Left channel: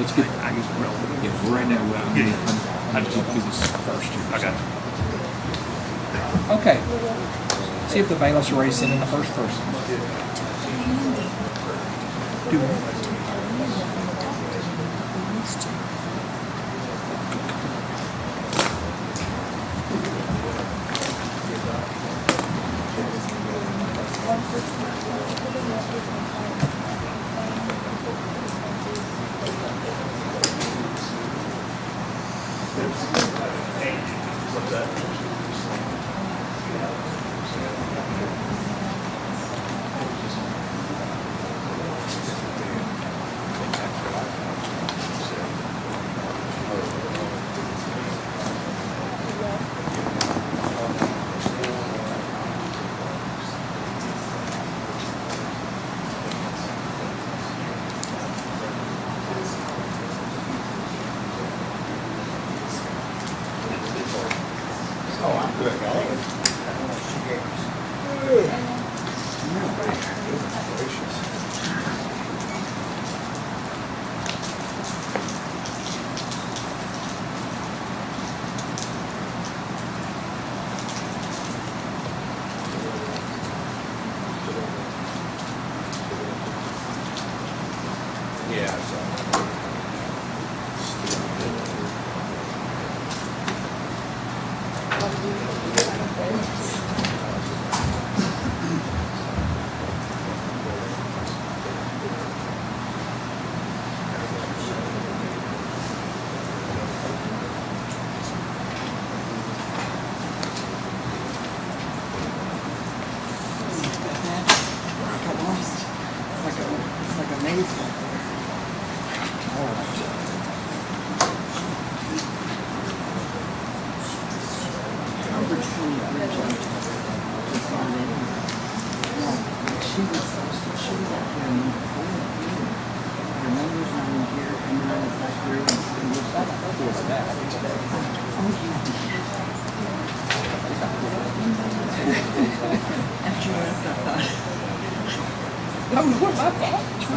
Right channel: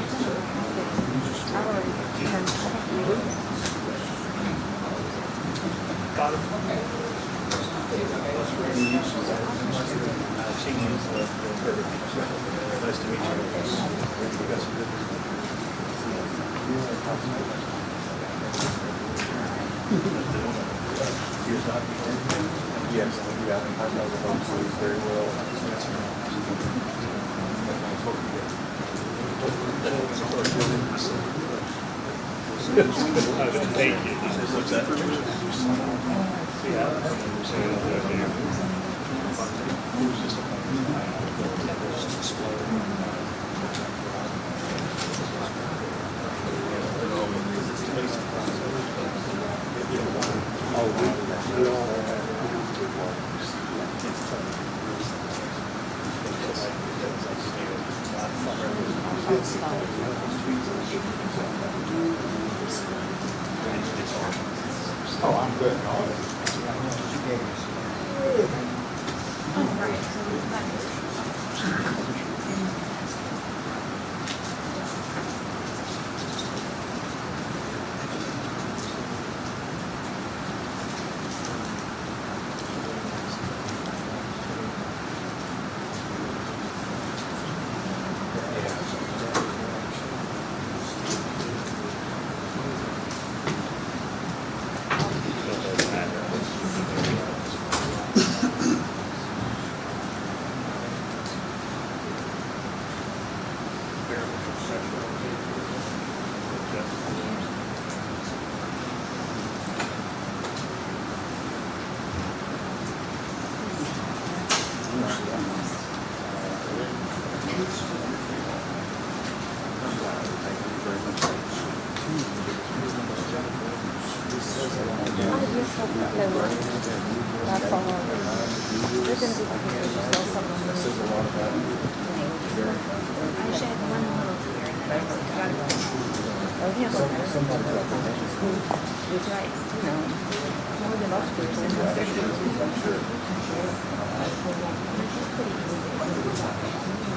Let's get it. I just put it on. Right now, we're getting. I just want to do this first. I got it. Okay. See if the bailiffs are already sending the first person. Oh, I'm good.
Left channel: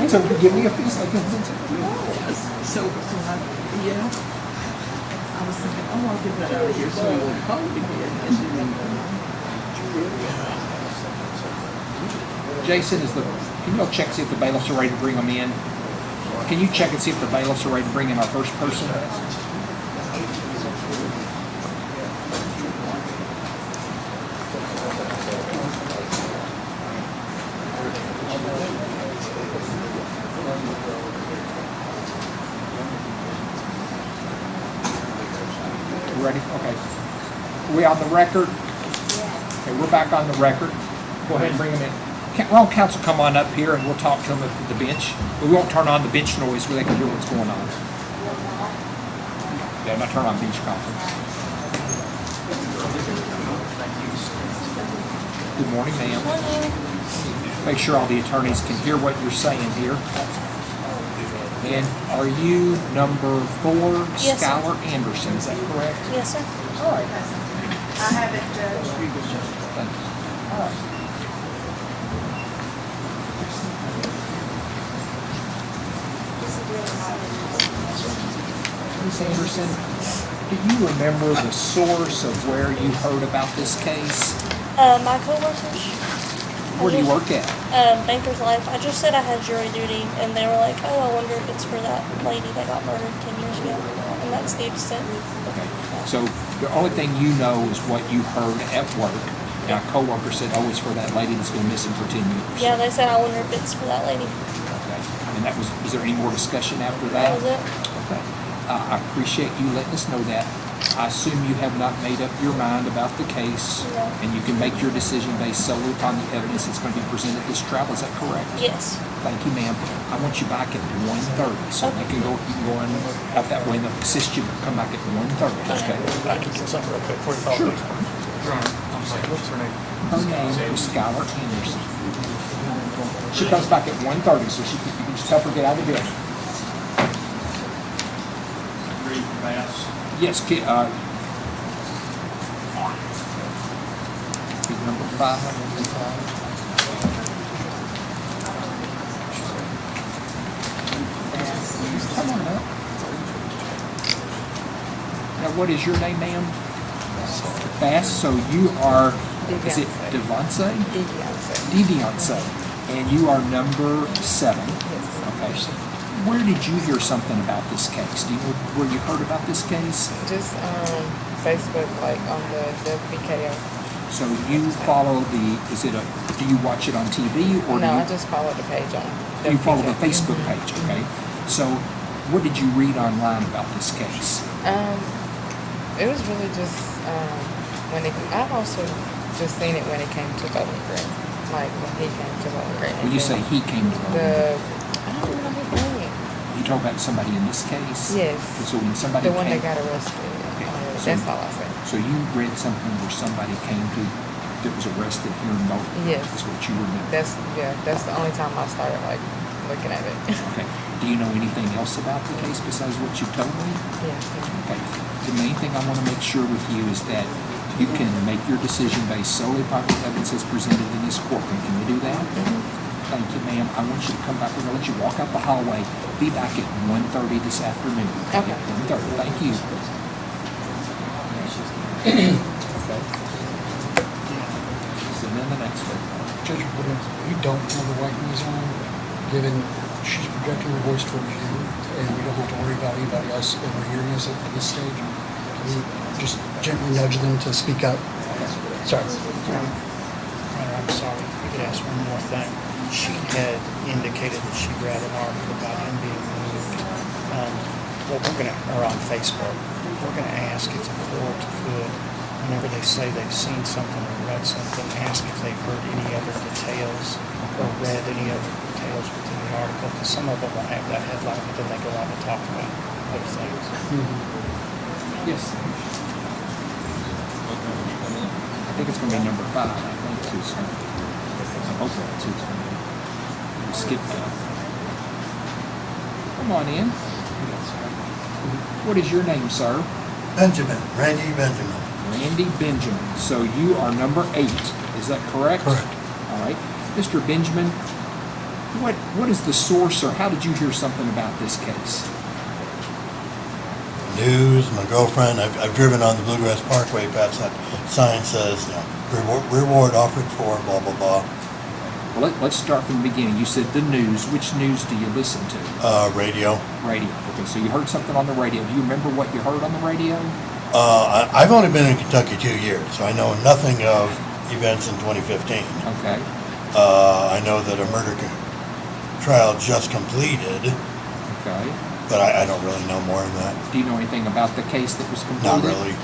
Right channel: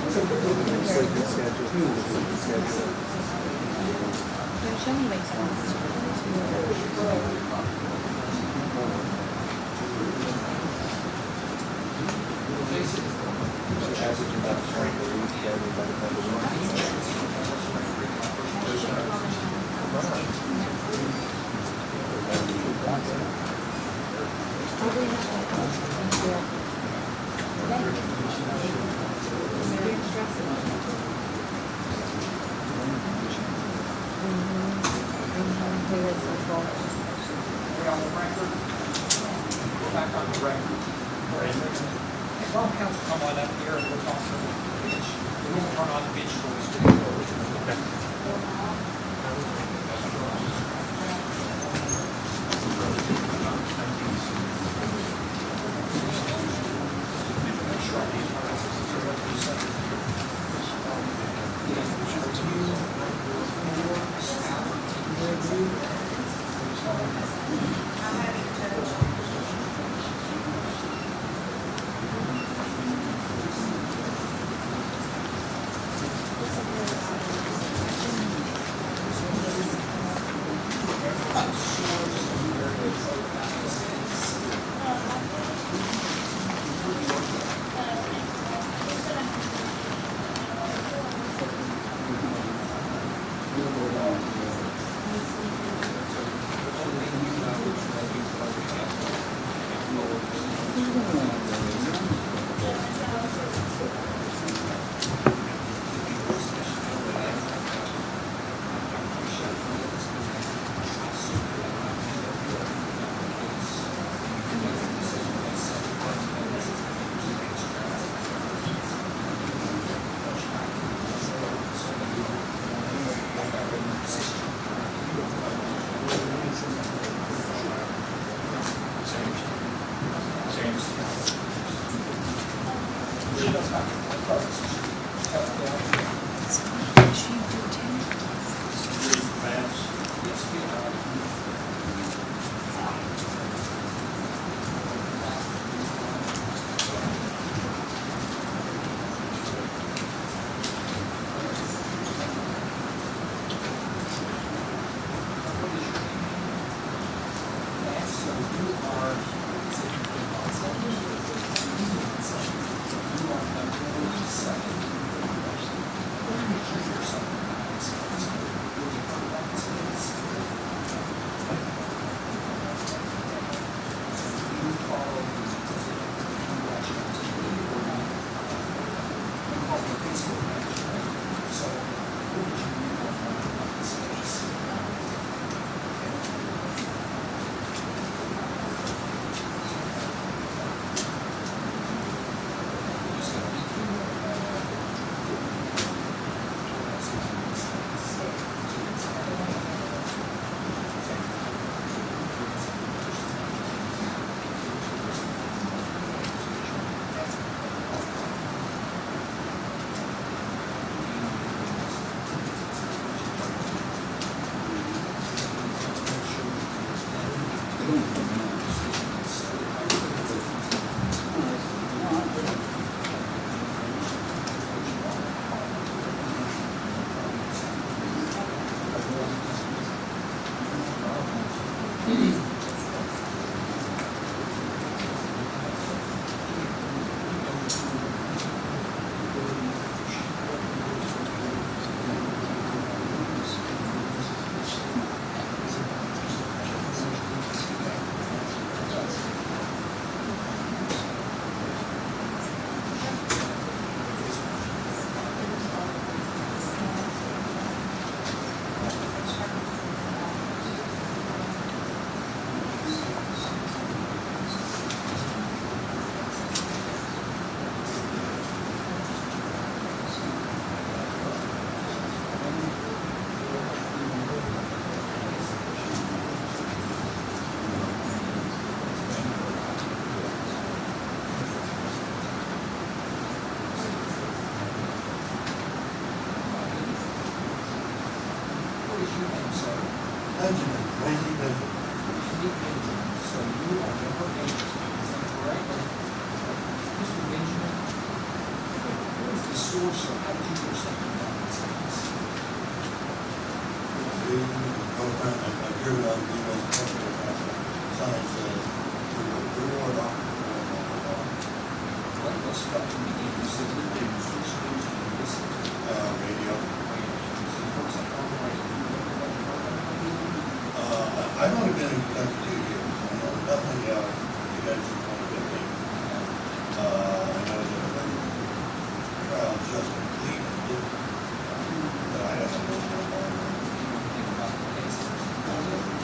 So give me a Jason, can you go check and see if the bailiffs are ready to bring them in? Can you check and see if the bailiffs are ready to bring in our first person? Ready? Okay. Are we on the record? Okay, we're back on the record. Go ahead and bring them in. Wrong counsel, come on up here and we'll talk to them at the bench. We won't turn on the bench noise so they can hear what's going on. No, not turn on bench conference. Good morning, ma'am. Make sure all the attorneys can hear what you're saying here. And are you number 4, Yes, Skylar Anderson? Is that correct? Yes, sir. All right. I haven't judged. Thank you. All right. Ms. Anderson, do you remember the source of where you heard about this case? My coworkers. Where do you work at? Baker's Life. I just said I had jury duty, and they were like, "Oh, I wonder if it's for that lady that got murdered 10 years ago." And that's the extent. So the only thing you know is what you heard at work. Now, a coworker said, "Oh, it's for that lady that's been missing for 10 years." Yeah, they said, "I wonder if it's for that lady." Okay. And that was there any more discussion after that? That was it. Okay. I appreciate you letting us know that. I assume you have not made up your mind about the case, No. and you can make your decision based solely upon the evidence that's going to be presented at this trial. Is that correct? Yes. Thank you, ma'am. I want you back at 1:30, so they can go in out that window, assist you, come back at 1:30, okay? Something real quick before you call me. What's her name? Her name is Skylar Anderson. She comes back at 1:30, so you can just help her get out of the building. Ready for pass? Yes, number 5. Come on up. Now, what is your name, ma'am? Bass. So you are, is it Devonce? Deviance. And you are number 7. Okay. Where did you hear something about this case? Where you heard about this case? Just on Facebook, like on the WPKO. So you follow do you watch it on TV or No, do I just followed the page on you follow the WPKO. Facebook page, okay? So what did you read online about this case? It was really just when it. I've also just seen it when it came to Bowling Green, like when he came to Bowling Green. When you say he came to I don't know his name. you talk about somebody in this case? Yes. So when somebody The one came, that got arrested. That's all I said. so you read something where somebody came to that was arrested here in Moulton? Yes. That's what you remember? That's the only time I started like looking at it. Okay. Do you know anything else about the case besides what you told me? Yeah. Okay. The main thing I want to make sure with you is that you can make your decision based solely upon the evidence that's presented in this court. Can you do that? Thank you, ma'am. I want you to come back. We're going to let you walk out the hallway. Be back at 1:30 this afternoon. Okay. 1:30. Thank you. And then the next one. Judge, we don't remember why he was on, given she's projecting her voice towards you, and we don't have to worry about anybody else in the hearings at this stage. We just gently nudge them to speak up. Sorry. I'm sorry, if you could ask one more thing. She had indicated that she'd rather argue about him being moved. Well, or on Facebook, we're gonna ask if the court could, whenever they say they've seen something or read something, ask if they've heard any other details or read any other details within the article, because some of them will have that headline, but then they go on to talk about other things. Yes. I think it's going to be number 5. Skip that. Come on in. What is your name, sir? Benjamin, Randy Benjamin. Randy Benjamin. So you are number 8. Is that correct? Correct. All right. Mr. Benjamin, what is the source or how did you hear something about this case? News, my girlfriend, I've driven on the Bluegrass Parkway past that sign says, reward offered for blah, blah, blah. Well, let's start from the beginning. You said the news. Which news do you listen to? Radio. Radio. Okay, so you heard something on the radio. Do you remember what you heard on the radio? I've only been in Kentucky 2 years, so I know nothing of events in 2015. Okay. I know that a murder trial just completed, Okay. but I don't really know more than that. Do you know anything about the case that was completed? Not really.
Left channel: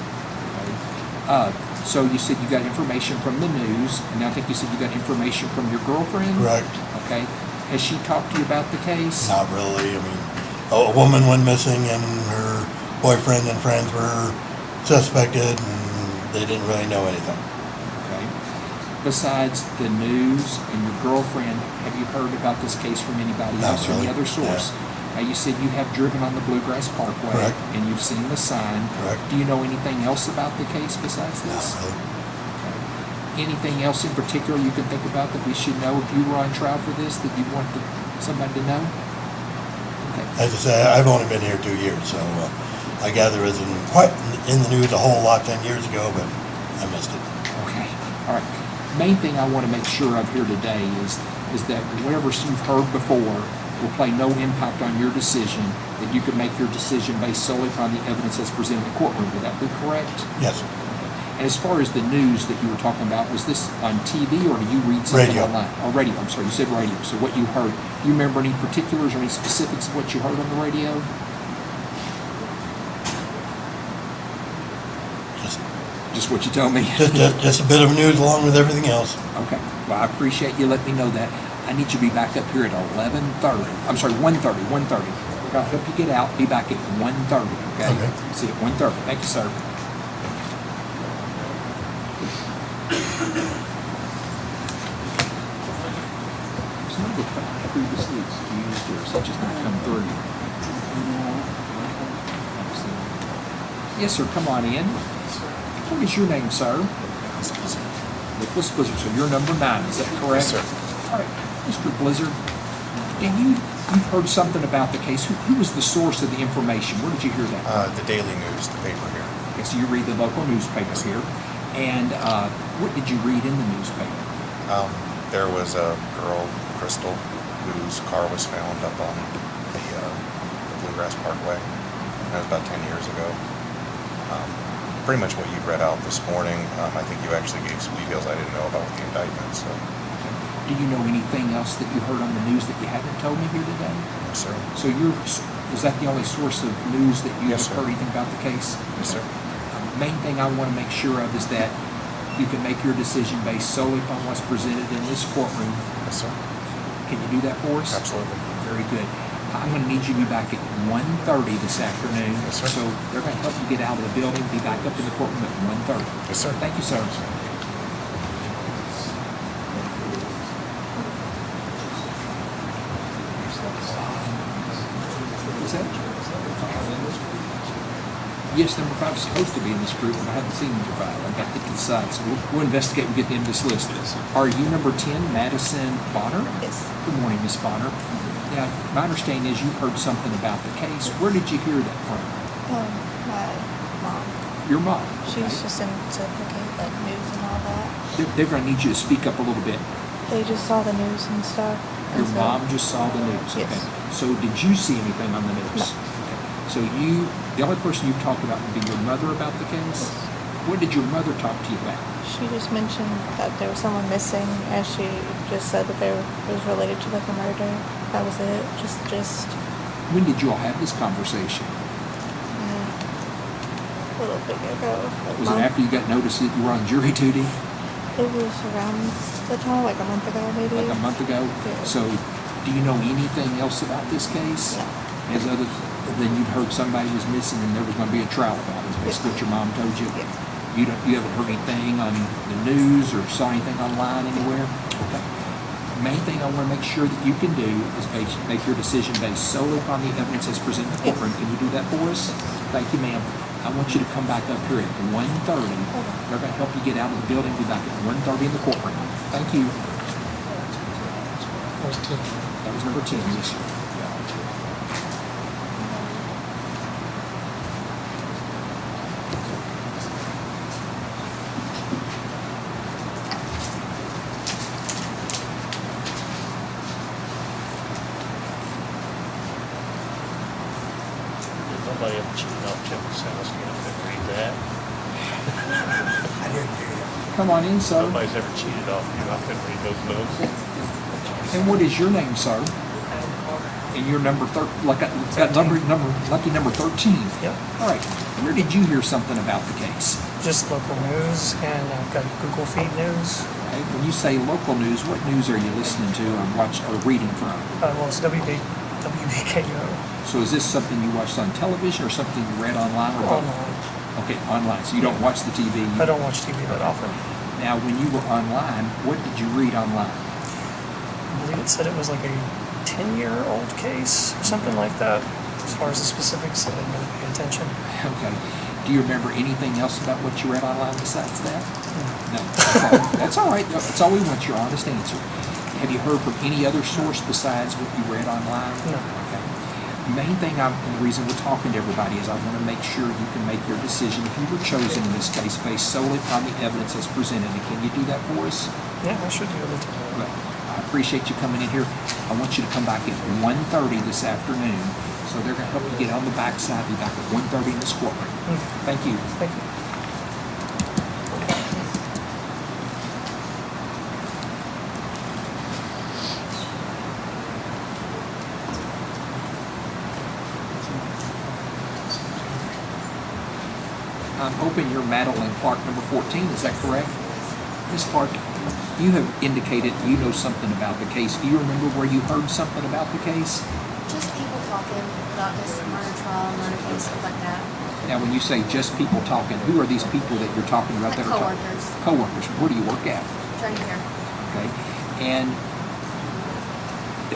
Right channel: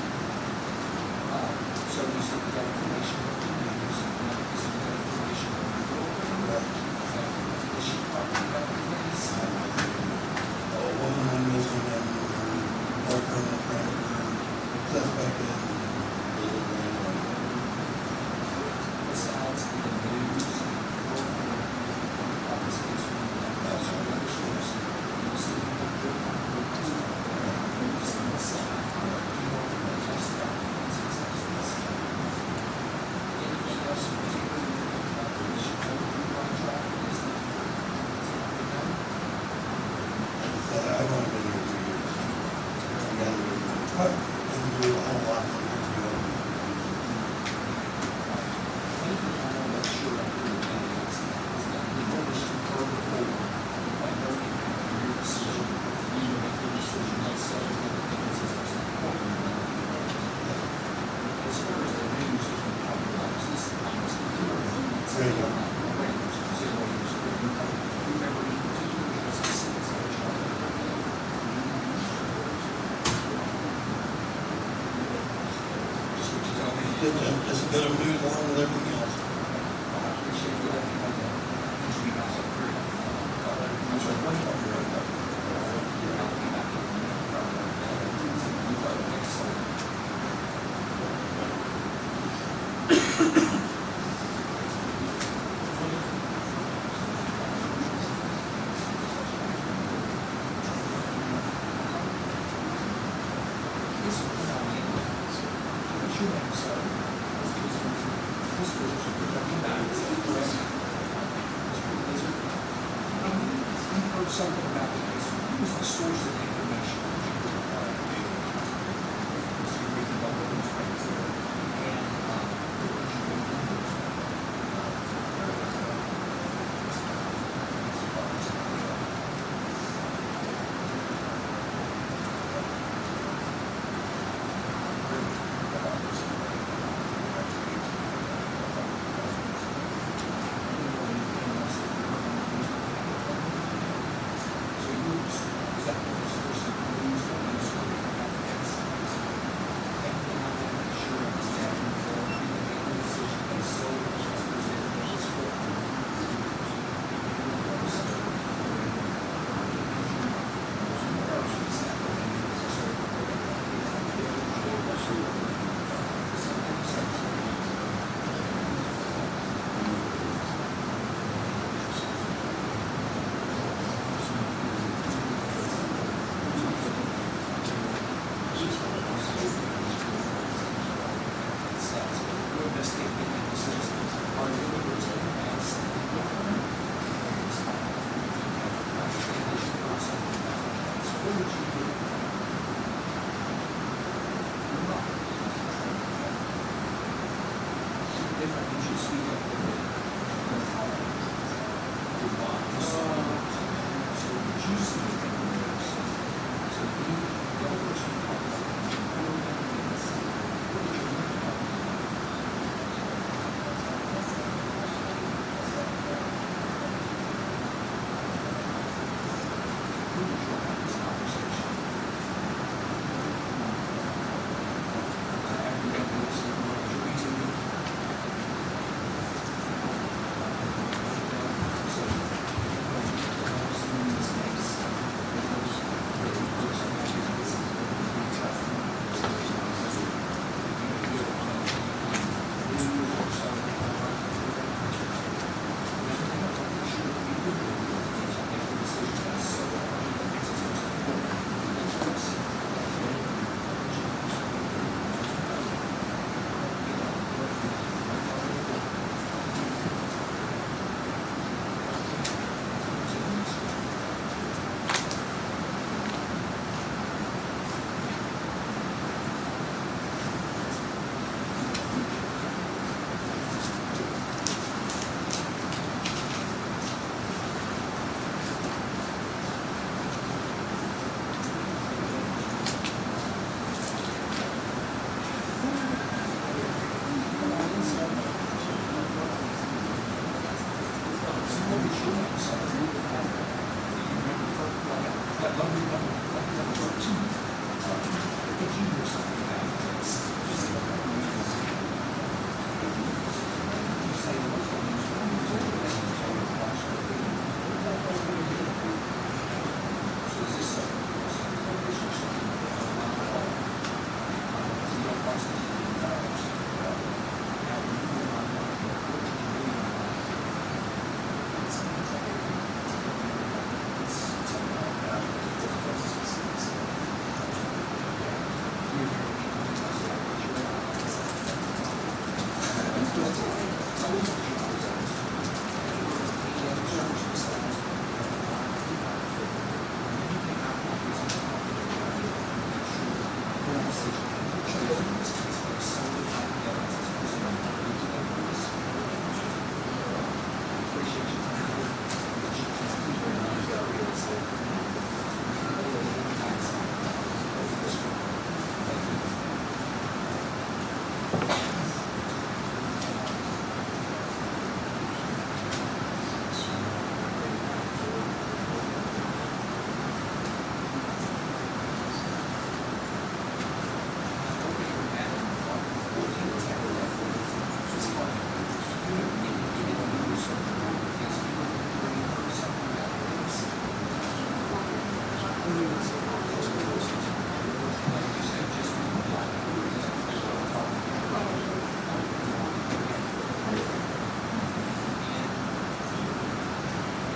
Okay. So you said you got information from the news, and I think you said you got information from your girlfriend? Correct. Okay. Has she talked to you about the case? Not really. I mean, a woman went missing and her boyfriend and friends were suspected and they didn't really know anything. Okay. Besides the news and your girlfriend, have you heard about this case from anybody Not else or any really. other source? Now, you said you have driven on the Bluegrass Parkway. Correct. And you've seen the sign. Correct. Do you know anything else about the case besides this? Not really. Anything else in particular you can think about that we should know if you were on trial for this that you want somebody to know? Okay. As I say, I've only been here 2 years, so I gather it wasn't quite in the news a whole lot 10 years ago, but I missed it. Okay. All right. Main thing I want to make sure of here today is that whatever you've heard before will play no impact on your decision, that you can make your decision based solely upon the evidence that's presented in the courtroom. Would that be correct? Yes, sir. And as far as the news that you were talking about, was this on TV or you read something Radio. online? Oh, radio. I'm sorry, you said radio. So what you heard, do you remember any particulars or any specifics of what you heard on the radio? Just what you told me. Just a bit of news along with everything else. Okay, well, I appreciate you letting me know that. I need you to be back up here at 11:30. I'm sorry, 1:30, 1:30. I'll help you get out, be back at 1:30, okay? Okay. See you at 1:30. Thank you, sir. Some of the previous weeks used here, such as 9:30. Yes, sir, come on in. What is your name, sir? Nicholas Blizzard. So you're number 9, is that correct? Yes, sir. All right, Mr. Blizzard, you've heard something about the case. Who was the source of the information? Where did you hear that? The Daily News, the paper here. Okay, so you read the local newspapers here. And what did you read in the newspaper? There was a girl, Crystal, whose car was found up on the Bluegrass Parkway. That was about 10 years ago. Pretty much what you read out this morning. I think you actually gave some details I didn't know about the indictment. So, Do you know anything else that you heard on the news that you haven't told me here today? sir. So is that the only source of news that you Yes, have sir. heard anything about the case? Yes, sir. Main thing I want to make sure of is that you can make your decision based solely on what's presented in this courtroom. Yes, sir. Can you do that for us? Absolutely. Very good. I'm going to need you to be back at 1:30 this afternoon. Yes, sir. So they're going to help you get out of the building, be back up in the courtroom at 1:30. Yes, sir. Thank you, sir. What's that? Yes, number 5 is supposed to be in this group, but I haven't seen number 5. I've got to decide, so we'll investigate and get them dislisted. Are you number 10, Madison Bonner? Yes. Good morning, Miss Bonner. Now, my understanding is you've heard something about the case. Where did you hear that from? My mom. Your mom. She's just in to look at like news and all that. They're going to need you to speak up a little bit. They just saw the news and stuff. Your and so- mom just saw the news. Yes. Okay. So did you see anything on the news? So the only person you talked about would be your mother about the case? What did your mother talk to you about? She just mentioned that there was someone missing, and she just said that it was related to like a murder. That was it. Just When did you all have this conversation? a little bit ago. Was it after you got notice that you were on jury duty? It was around the time, like a month ago, maybe. Like a month ago? Yeah. So do you know anything else about this case? As other than you heard somebody was missing and there was going to be a trial about it? That's what your mom told you? Yeah. You ever heard anything on the news or saw anything online anywhere? The main thing I want to make sure that you can do is make your decision based solely upon the evidence that's presented in the courtroom. Can you do that for us? Thank you, ma'am. I want you to come back up here at 1:30. We're going to help you get out of the building. Be back at 1:30 in the courtroom. Thank you. That was 10. That was number 2, please. Nobody ever cheated off Jim, so I was going to read that. Come on in, sir. Nobody's ever cheated off me. I couldn't read those books. And what is your name, sir? And you're number lucky number 13. Yep. All right. Where did you hear something about the case? Just local news, and I've got Google Feed News. Okay. When you say local news, what news are you listening to or watching or reading from? Well, it's WBKO. So is this something you watched on television or something you read online or both? Online. Okay, online. So you don't watch the TV. I don't watch TV that often. Now, when you were online, what did you read online? I believe it said it was like a 10-year-old case, or something like that. As far as the specifics, I didn't really pay attention. Okay. Do you remember anything else about what you read online besides that? No. That's all right. That's all we want, your honest answer. Have you heard from any other source besides what you read online? No. Okay. The main thing, the reason we're talking to everybody is I want to make sure you can make your decision if you were chosen in this case based solely on the evidence that's presented. And can you do that for us? Yeah, I should be able to. Well, I appreciate you coming in here. I want you to come back at 1:30 this afternoon. So they're going to help you get on the backside. Be back at 1:30 in this courtroom. Thank you. Thank you. I'm hoping you're Madeline Clark, number 14, is that correct? Ms. Clark, you have indicated you know something about the case. Do you remember where you heard something about the case? Just people talking about this murder trial, murder case, stuff like that. Now, when you say just people talking, who are these people that you're talking about that are talking? Coworkers. Coworkers. Where do you work at? Right here. Okay. And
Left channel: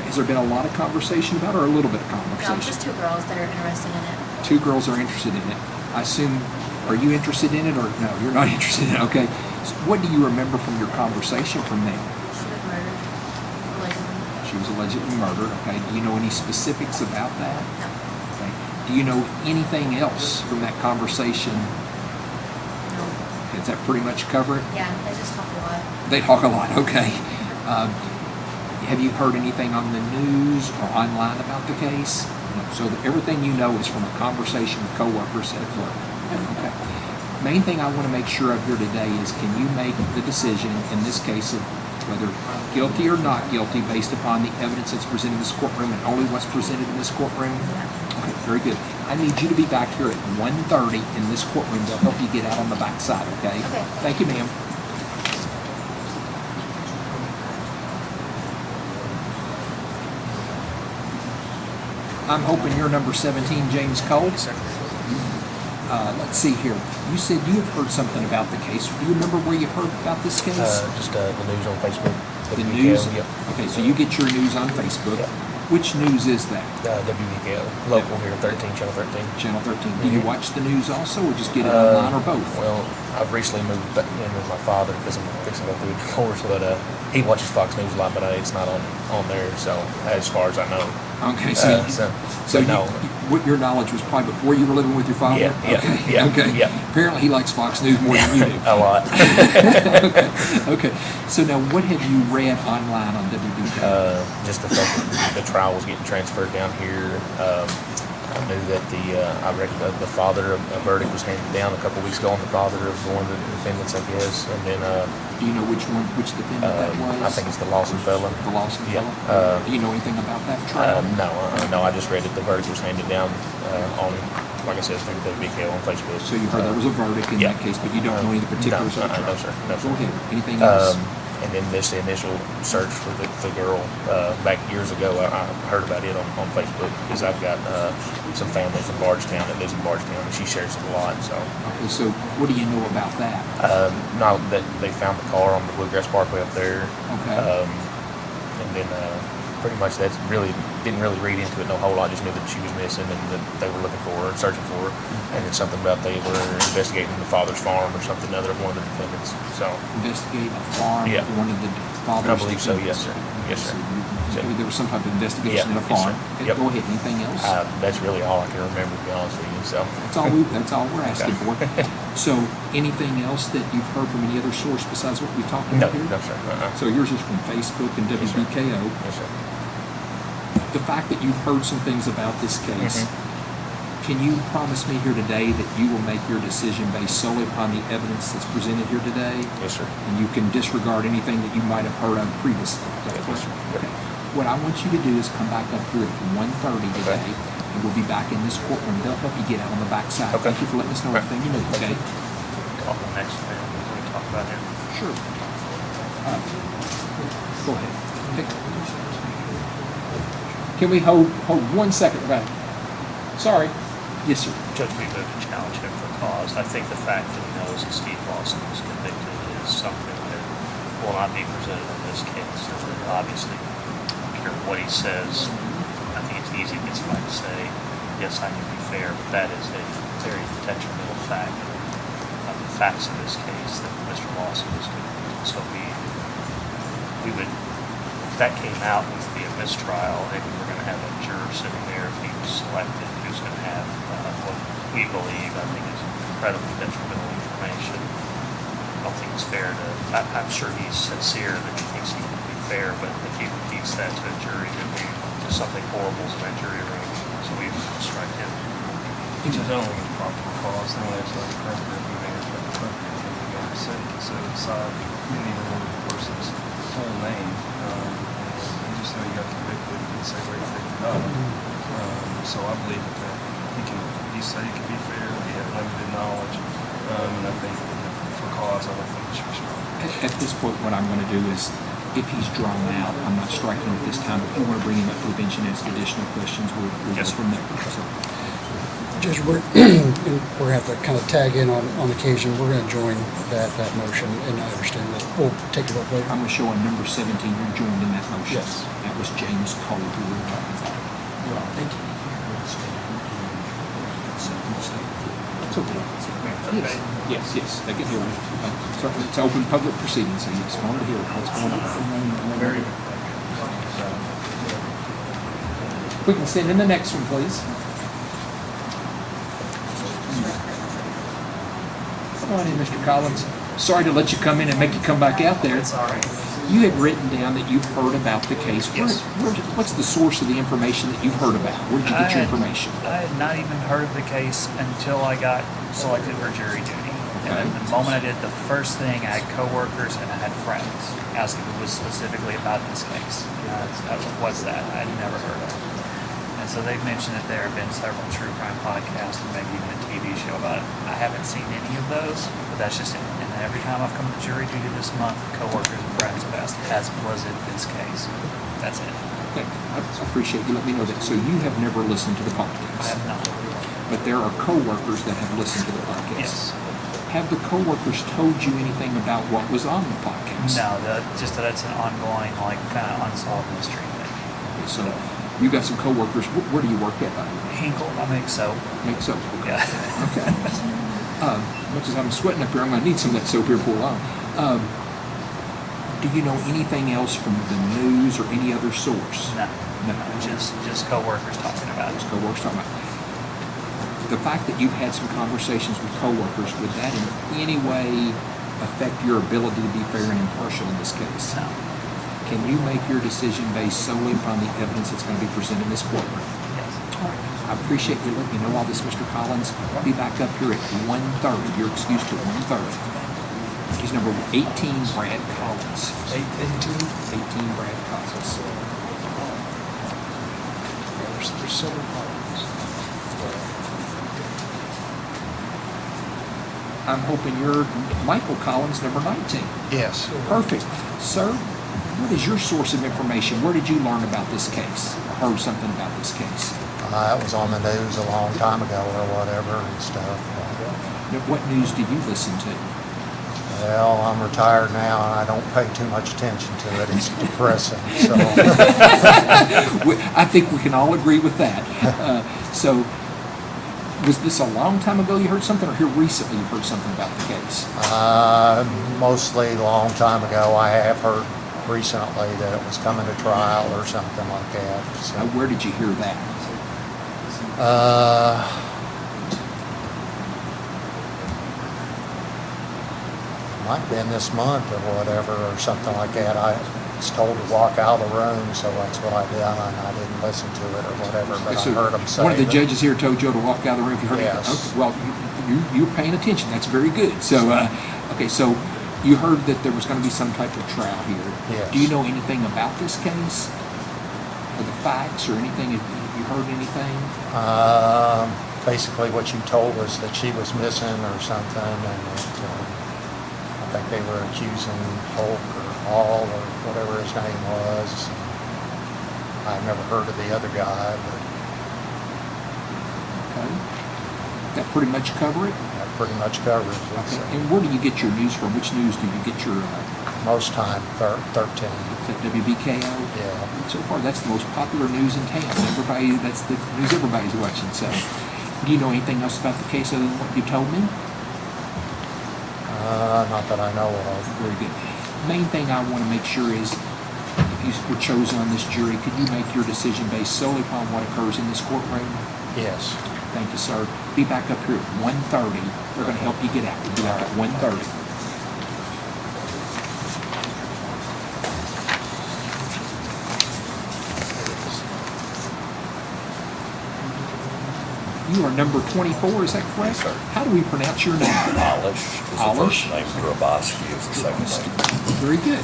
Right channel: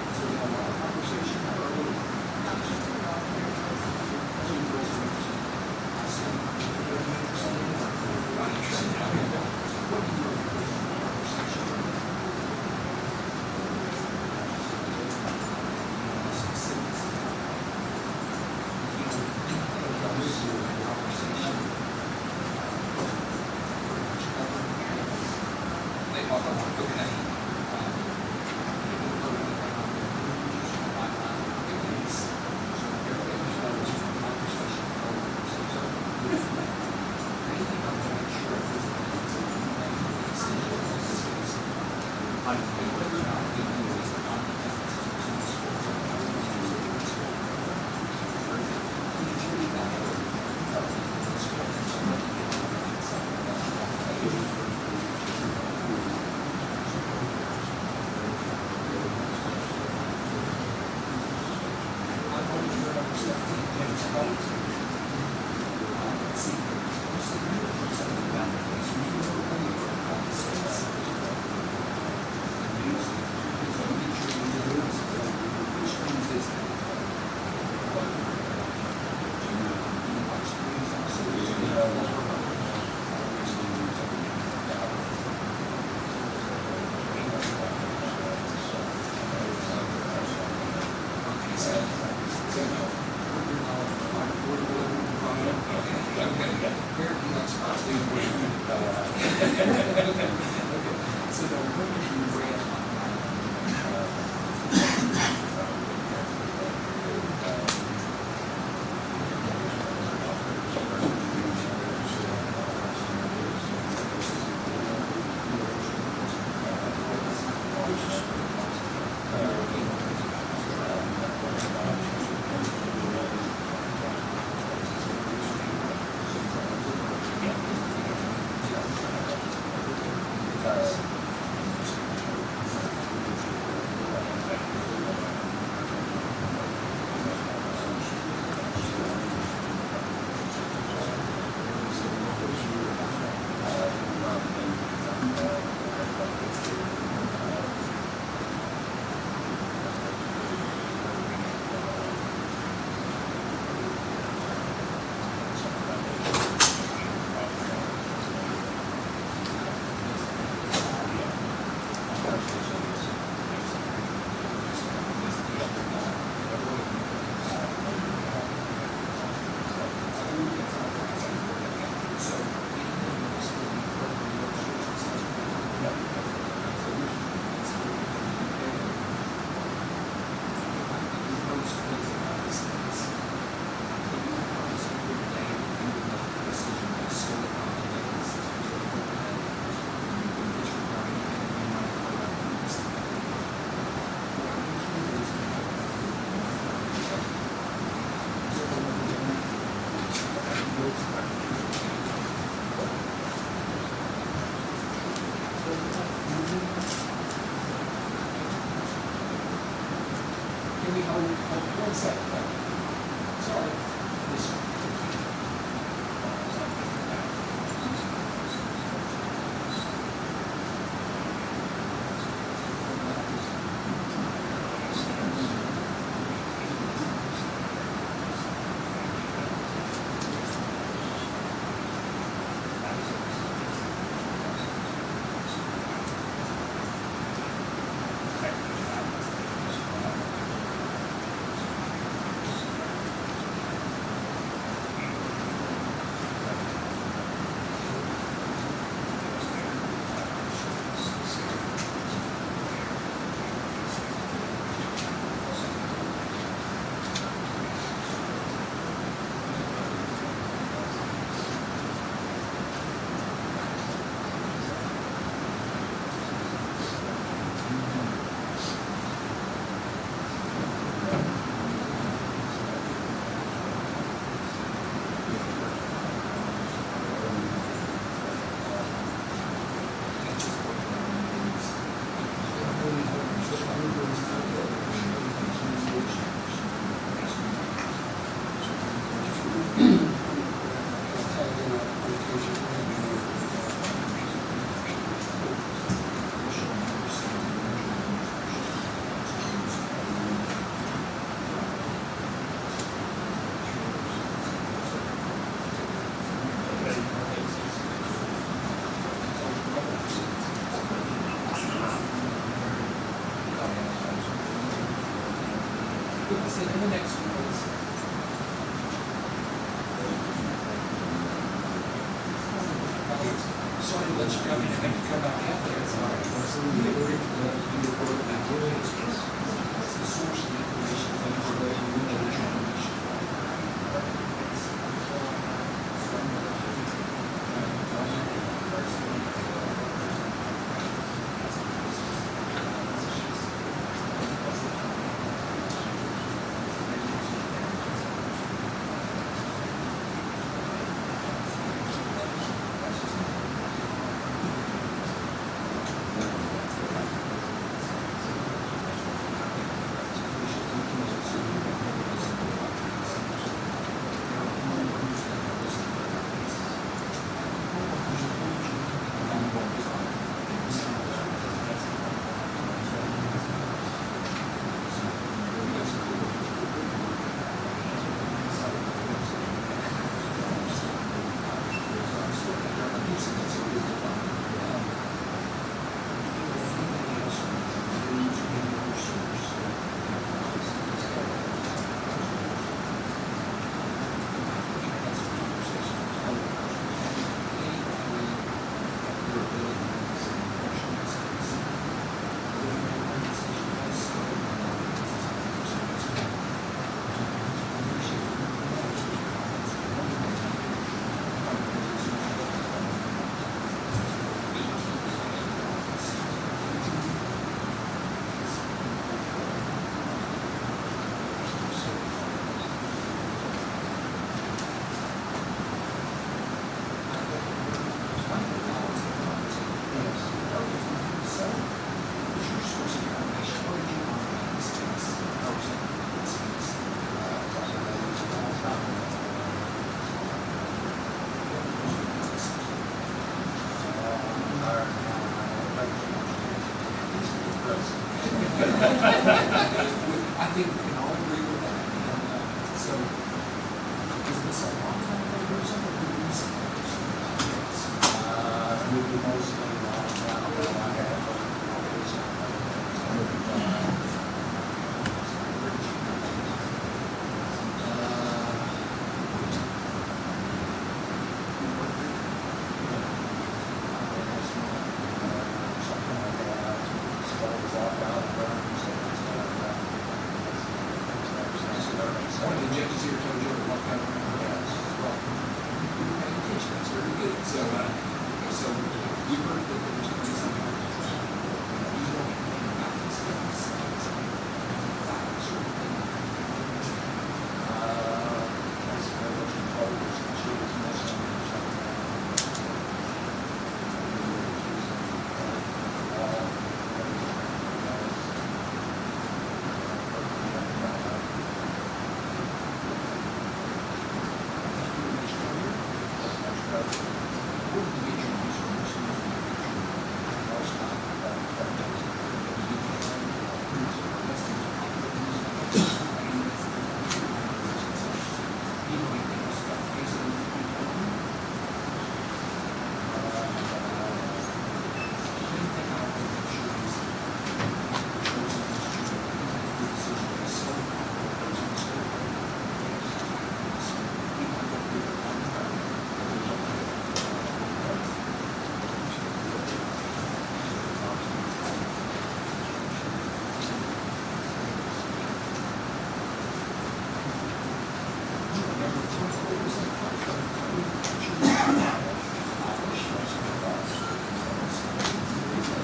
has there been a lot of conversation about it or a little bit of No, conversation? just two girls that are interested in it. Two girls are interested in it. I assume, are you interested in it or no, you're not interested in it? Okay. So what do you remember from your conversation from them? Murder. Allegedly. She was allegedly murdered. Okay. Do you know any specifics about that? No. Okay. Do you know anything else from that conversation? Does that pretty much cover it? Yeah, they just talk a lot. They talk a lot. Okay. Have you heard anything on the news or online about the case? So everything you know is from a conversation with coworkers at work. Okay. Main thing I want to make sure of here today is can you make the decision in this case of whether guilty or not guilty based upon the evidence that's presented in this courtroom and only what's presented in this courtroom? Very good. I need you to be back here at 1:30 in this courtroom to help you get out on the back side, okay? Thank you, ma'am. I'm hoping you're number 17, James Cole. Let's see here. You said you had heard something about the case. Do you remember where you heard about this case? Just the news on Facebook. The news? Yep. Okay, so you get your news on Facebook. Which news is that? WBKL, local here, 13, Channel 13. Channel 13. Do you watch the news also, or just get it online, or both? Well, I've recently moved back in with my father because I'm fixing to go through a divorce, but he watches Fox News a lot, but it's not on there, so as far as I know. Okay, so no. What your knowledge was probably before you were living with your father? Yeah. Apparently he likes Fox News more than you do. A lot. Okay. So now what have you read online on WBK? Just the fact that the trial was getting transferred down here. I knew that I read the father of the verdict was handed down a couple weeks ago on the father of one of the defendants, I guess. And then, do you know which defendant that was? I think it's the Lawson fella. The Lawson Yeah. fella? Do you know anything about that trial? No, I just read that the verdict was handed down on, like I said, it's the big deal on Facebook. So you heard there was a verdict in that case, but you don't know any particulars of it? No, sir. No, Go sir. ahead. Anything else? And then the initial search for the girl back years ago, I heard about it on Facebook because I've got some family from Bardstown that lives in Bardstown, and she shares it a lot. So, Okay, so what do you know about that? now that they found the car on the Bluegrass Parkway up there, Okay. and then pretty much that's didn't really read into it no whole lot. Just knew that she was missing and that they were looking for her, searching for her, and then something about they were investigating the father's farm or something other one of the defendants. So Investigate the farm? Yeah. One of the fathers? I believe so. Yes, sir. Yes, sir. So there was some type of investigation in a Yes, farm. sir. Okay, Yep. Go ahead. Anything else? That's really all I can remember, to be honest with you. So That's all we're asking for. So anything else that you've heard from any other source besides what we talked no, about here? no, sir. So yours is from Facebook and WBKO. Yes, sir. The fact that you've heard some things about this case, can you promise me here today that you will make your decision based solely on the evidence that's presented here today? Yes, sir. And you can disregard anything that you might have heard of previously? Yes, sir. Okay. What I want you to do is come back up here at 1:30 today, and we'll be back in this courtroom. They'll help you get out on the back side. Okay. Thank you for letting us know everything you know, okay? On the next minute, we're going to talk about it. Sure. Go ahead. Can we hold 1 second, Brad? Sorry. Yes, sir. Judge, we moved to challenge him for cause. I think the fact that he knows that Steve Lawson was convicted is something that will not be presented in this case. Obviously, I don't care what he says. I think it's easy for someone to say, yes, I can be fair, but that is a very contextual fact. The facts in this case that Mr. Lawson was convicted. So we would, if that came out, it would be a mistrial, and we're going to have a juror sitting there if he was selected who's going to have what we believe, I think, is incredibly detrimental information. I don't think it's fair to, I'm sure he's sincere and he thinks he can be fair, but if he repeats that to a jury, something horrible is in that jury room. So we've struck him. It's only a proper cause, the way it's set aside any of the person's full name. Just say you got convicted and say where you so I believe that he said he can be fair, he had limited knowledge of at this point, what I'm gonna do is, if he's drawn out, I'm not striking him this time. If you wanna bring him up for bench and ask additional questions, we'll go from there. Judge, we're gonna have to kind of tag in on occasion. We're gonna join that motion, and I understand that. We'll take a vote. I'm gonna show on number 17, you're joined in that motion. Yes. That was James Cole. Thank you. It's okay. Yes, they can hear you. It's open public proceedings, so it's going to hear what's going on. Very. We can send in the next one, please. Come on in, Mr. Collins. Sorry to let you come in and make you come back out there. It's all right. You had written down that you've heard about the case. Yes. What's the source of the information that you've heard about? Where did you get your information? I had not even heard of the case until I got selected for jury duty. And the moment I did, the first thing, I had coworkers and I had friends asking me specifically about this case. And what's that? I'd never heard of it. And so they've mentioned that there have been several true crime podcasts and maybe even a TV show about it. I haven't seen any of those, but that's just it. And every time I've come to jury duty this month, coworkers and friends have asked, as was it this case? That's it. Okay, I appreciate you letting me know that. So you have never listened to the podcast? I have not. But there are coworkers that have listened to the podcast? Yes. Have the coworkers told you anything about what was on the podcast? No, just that it's an ongoing, like, kind of unsolved mystery. So you got some coworkers. Where do you work at? Hinkle, I make soap. Make soap. Yeah. Okay. Because I'm sweating up here, I'm going to need some of that soap here for a while. Do you know anything else from the news or any other source? No. No. Just coworkers talking about it. Just coworkers talking about it. The fact that you've had some conversations with coworkers, would that in any way affect your ability to be fair and impartial in this case? No. Can you make your decision based solely upon the evidence that's going to be presented in this court? I appreciate you letting me know all this, Mr. Collins. I'll be back up here at 1:30. You're excused at 1:30. He's number 18, Brad Collins. 18 Brad Collins. There's 7 I'm hoping you're Michael Collins, number 19. Yes. Perfect. Sir, what is your source of information? Where did you learn about this case? Heard something about this case? It was on the news a long time ago or whatever and stuff. What news did you listen to? Well, I'm retired now and I don't pay too much attention to it. It's depressing. So. I think we can all agree with that. So, was this a long time ago you heard something, or here recently you heard something about the case? Mostly a long time ago. I have heard recently that it was coming to trial or something like that. So. Now, where did you hear that? Might have been this month or whatever or something like that. I was told to walk out of the room, so that's what I did. I didn't listen to it or whatever, but So I heard them say one of the that. judges here told Joe to walk out of the room. You heard Yes. Okay, well, you're paying attention. That's very good. So, okay, so you heard that there was going to be some type of trial here. Yes. Do you know anything about this case? Or the facts or anything? Have you heard anything? Basically what you told us that she was missing or something, and I think they were accusing Houck or Hall or whatever his name was. I've never heard of the other guy, but Okay. That pretty much cover it? that pretty much covers it. Okay. And where do you get your news from? Which news do you get your Most time, 13. the WBKO? Yeah. So far, that's the most popular news in town. That's the news everybody's watching. So, do you know anything else about the case other than what you told me? Not that I know of. Very good. Main thing I want to make sure is, if you were chosen on this jury, could you make your decision based solely upon what occurs in this courtroom? Yes. Thank you, sir. Be back up here at 1:30. They're going to help you get out. We'll be out at 1:30. You are number 24, is that correct? Sir. How do we pronounce your name? Alish is the Alish? first name, Grabowski is the second name. Very good.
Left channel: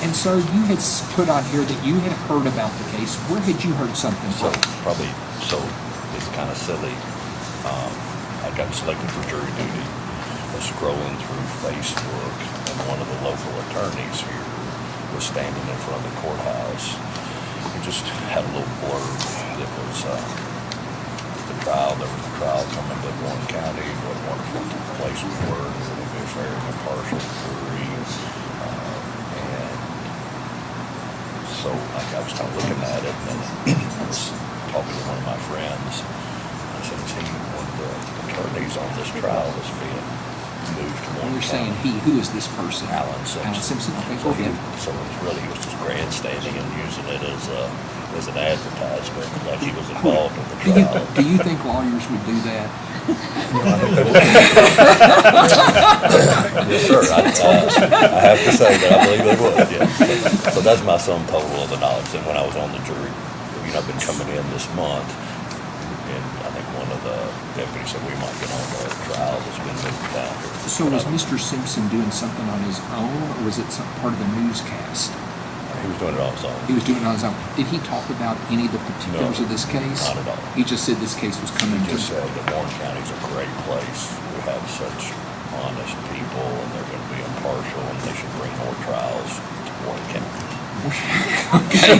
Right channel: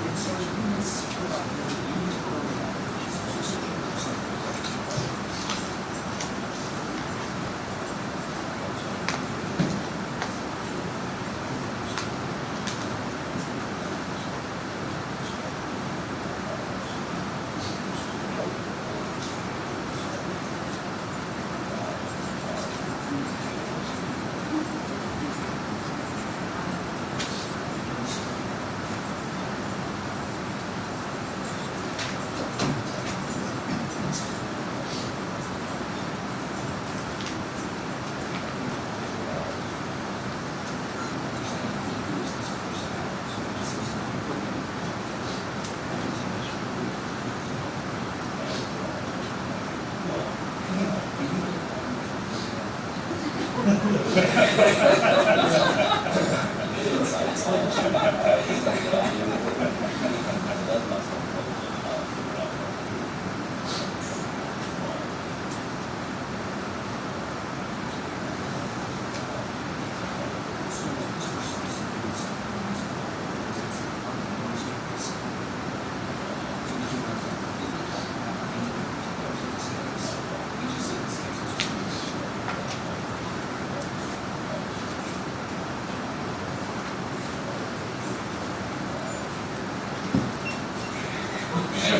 And so you had put on here that you had heard about the case. Where had you heard something So from? probably, so it's kind of silly. I got selected for jury duty. I was scrolling through Facebook, and one of the local attorneys who was standing in front of the courthouse. We just had a little blurb that was the trial. There was a trial coming to Warren County. What one of the places were going to be a fair and impartial jury. And so I was kind of looking at it, and I was talking to one of my friends. I said, "See, one of the attorneys on this trial is being moved to Warren You're saying County." he, who is this person? Alan Alan Simpson. Simpson, okay, So go ahead. so it really was just grandstanding and using it as an advertisement, like he was involved in the trial. Do you think lawyers would do that? Yes, sir. I have to say that I believe they would, yeah. So that's my sum total of the knowledge. And when I was on the jury, I've been coming in this month, and I think one of the deputies said we might get on our trial that's been moved back. So was Mr. Simpson doing something on his own, or was it some part of the newscast? He was doing it on his own. He was doing it on his own. Did he talk about any of the particulars of this case? Not at all. He just said this case was coming He to. just said that Warren County's a great place. We have such honest people, and they're going to be impartial, and they should bring more trials to Warren County. Okay.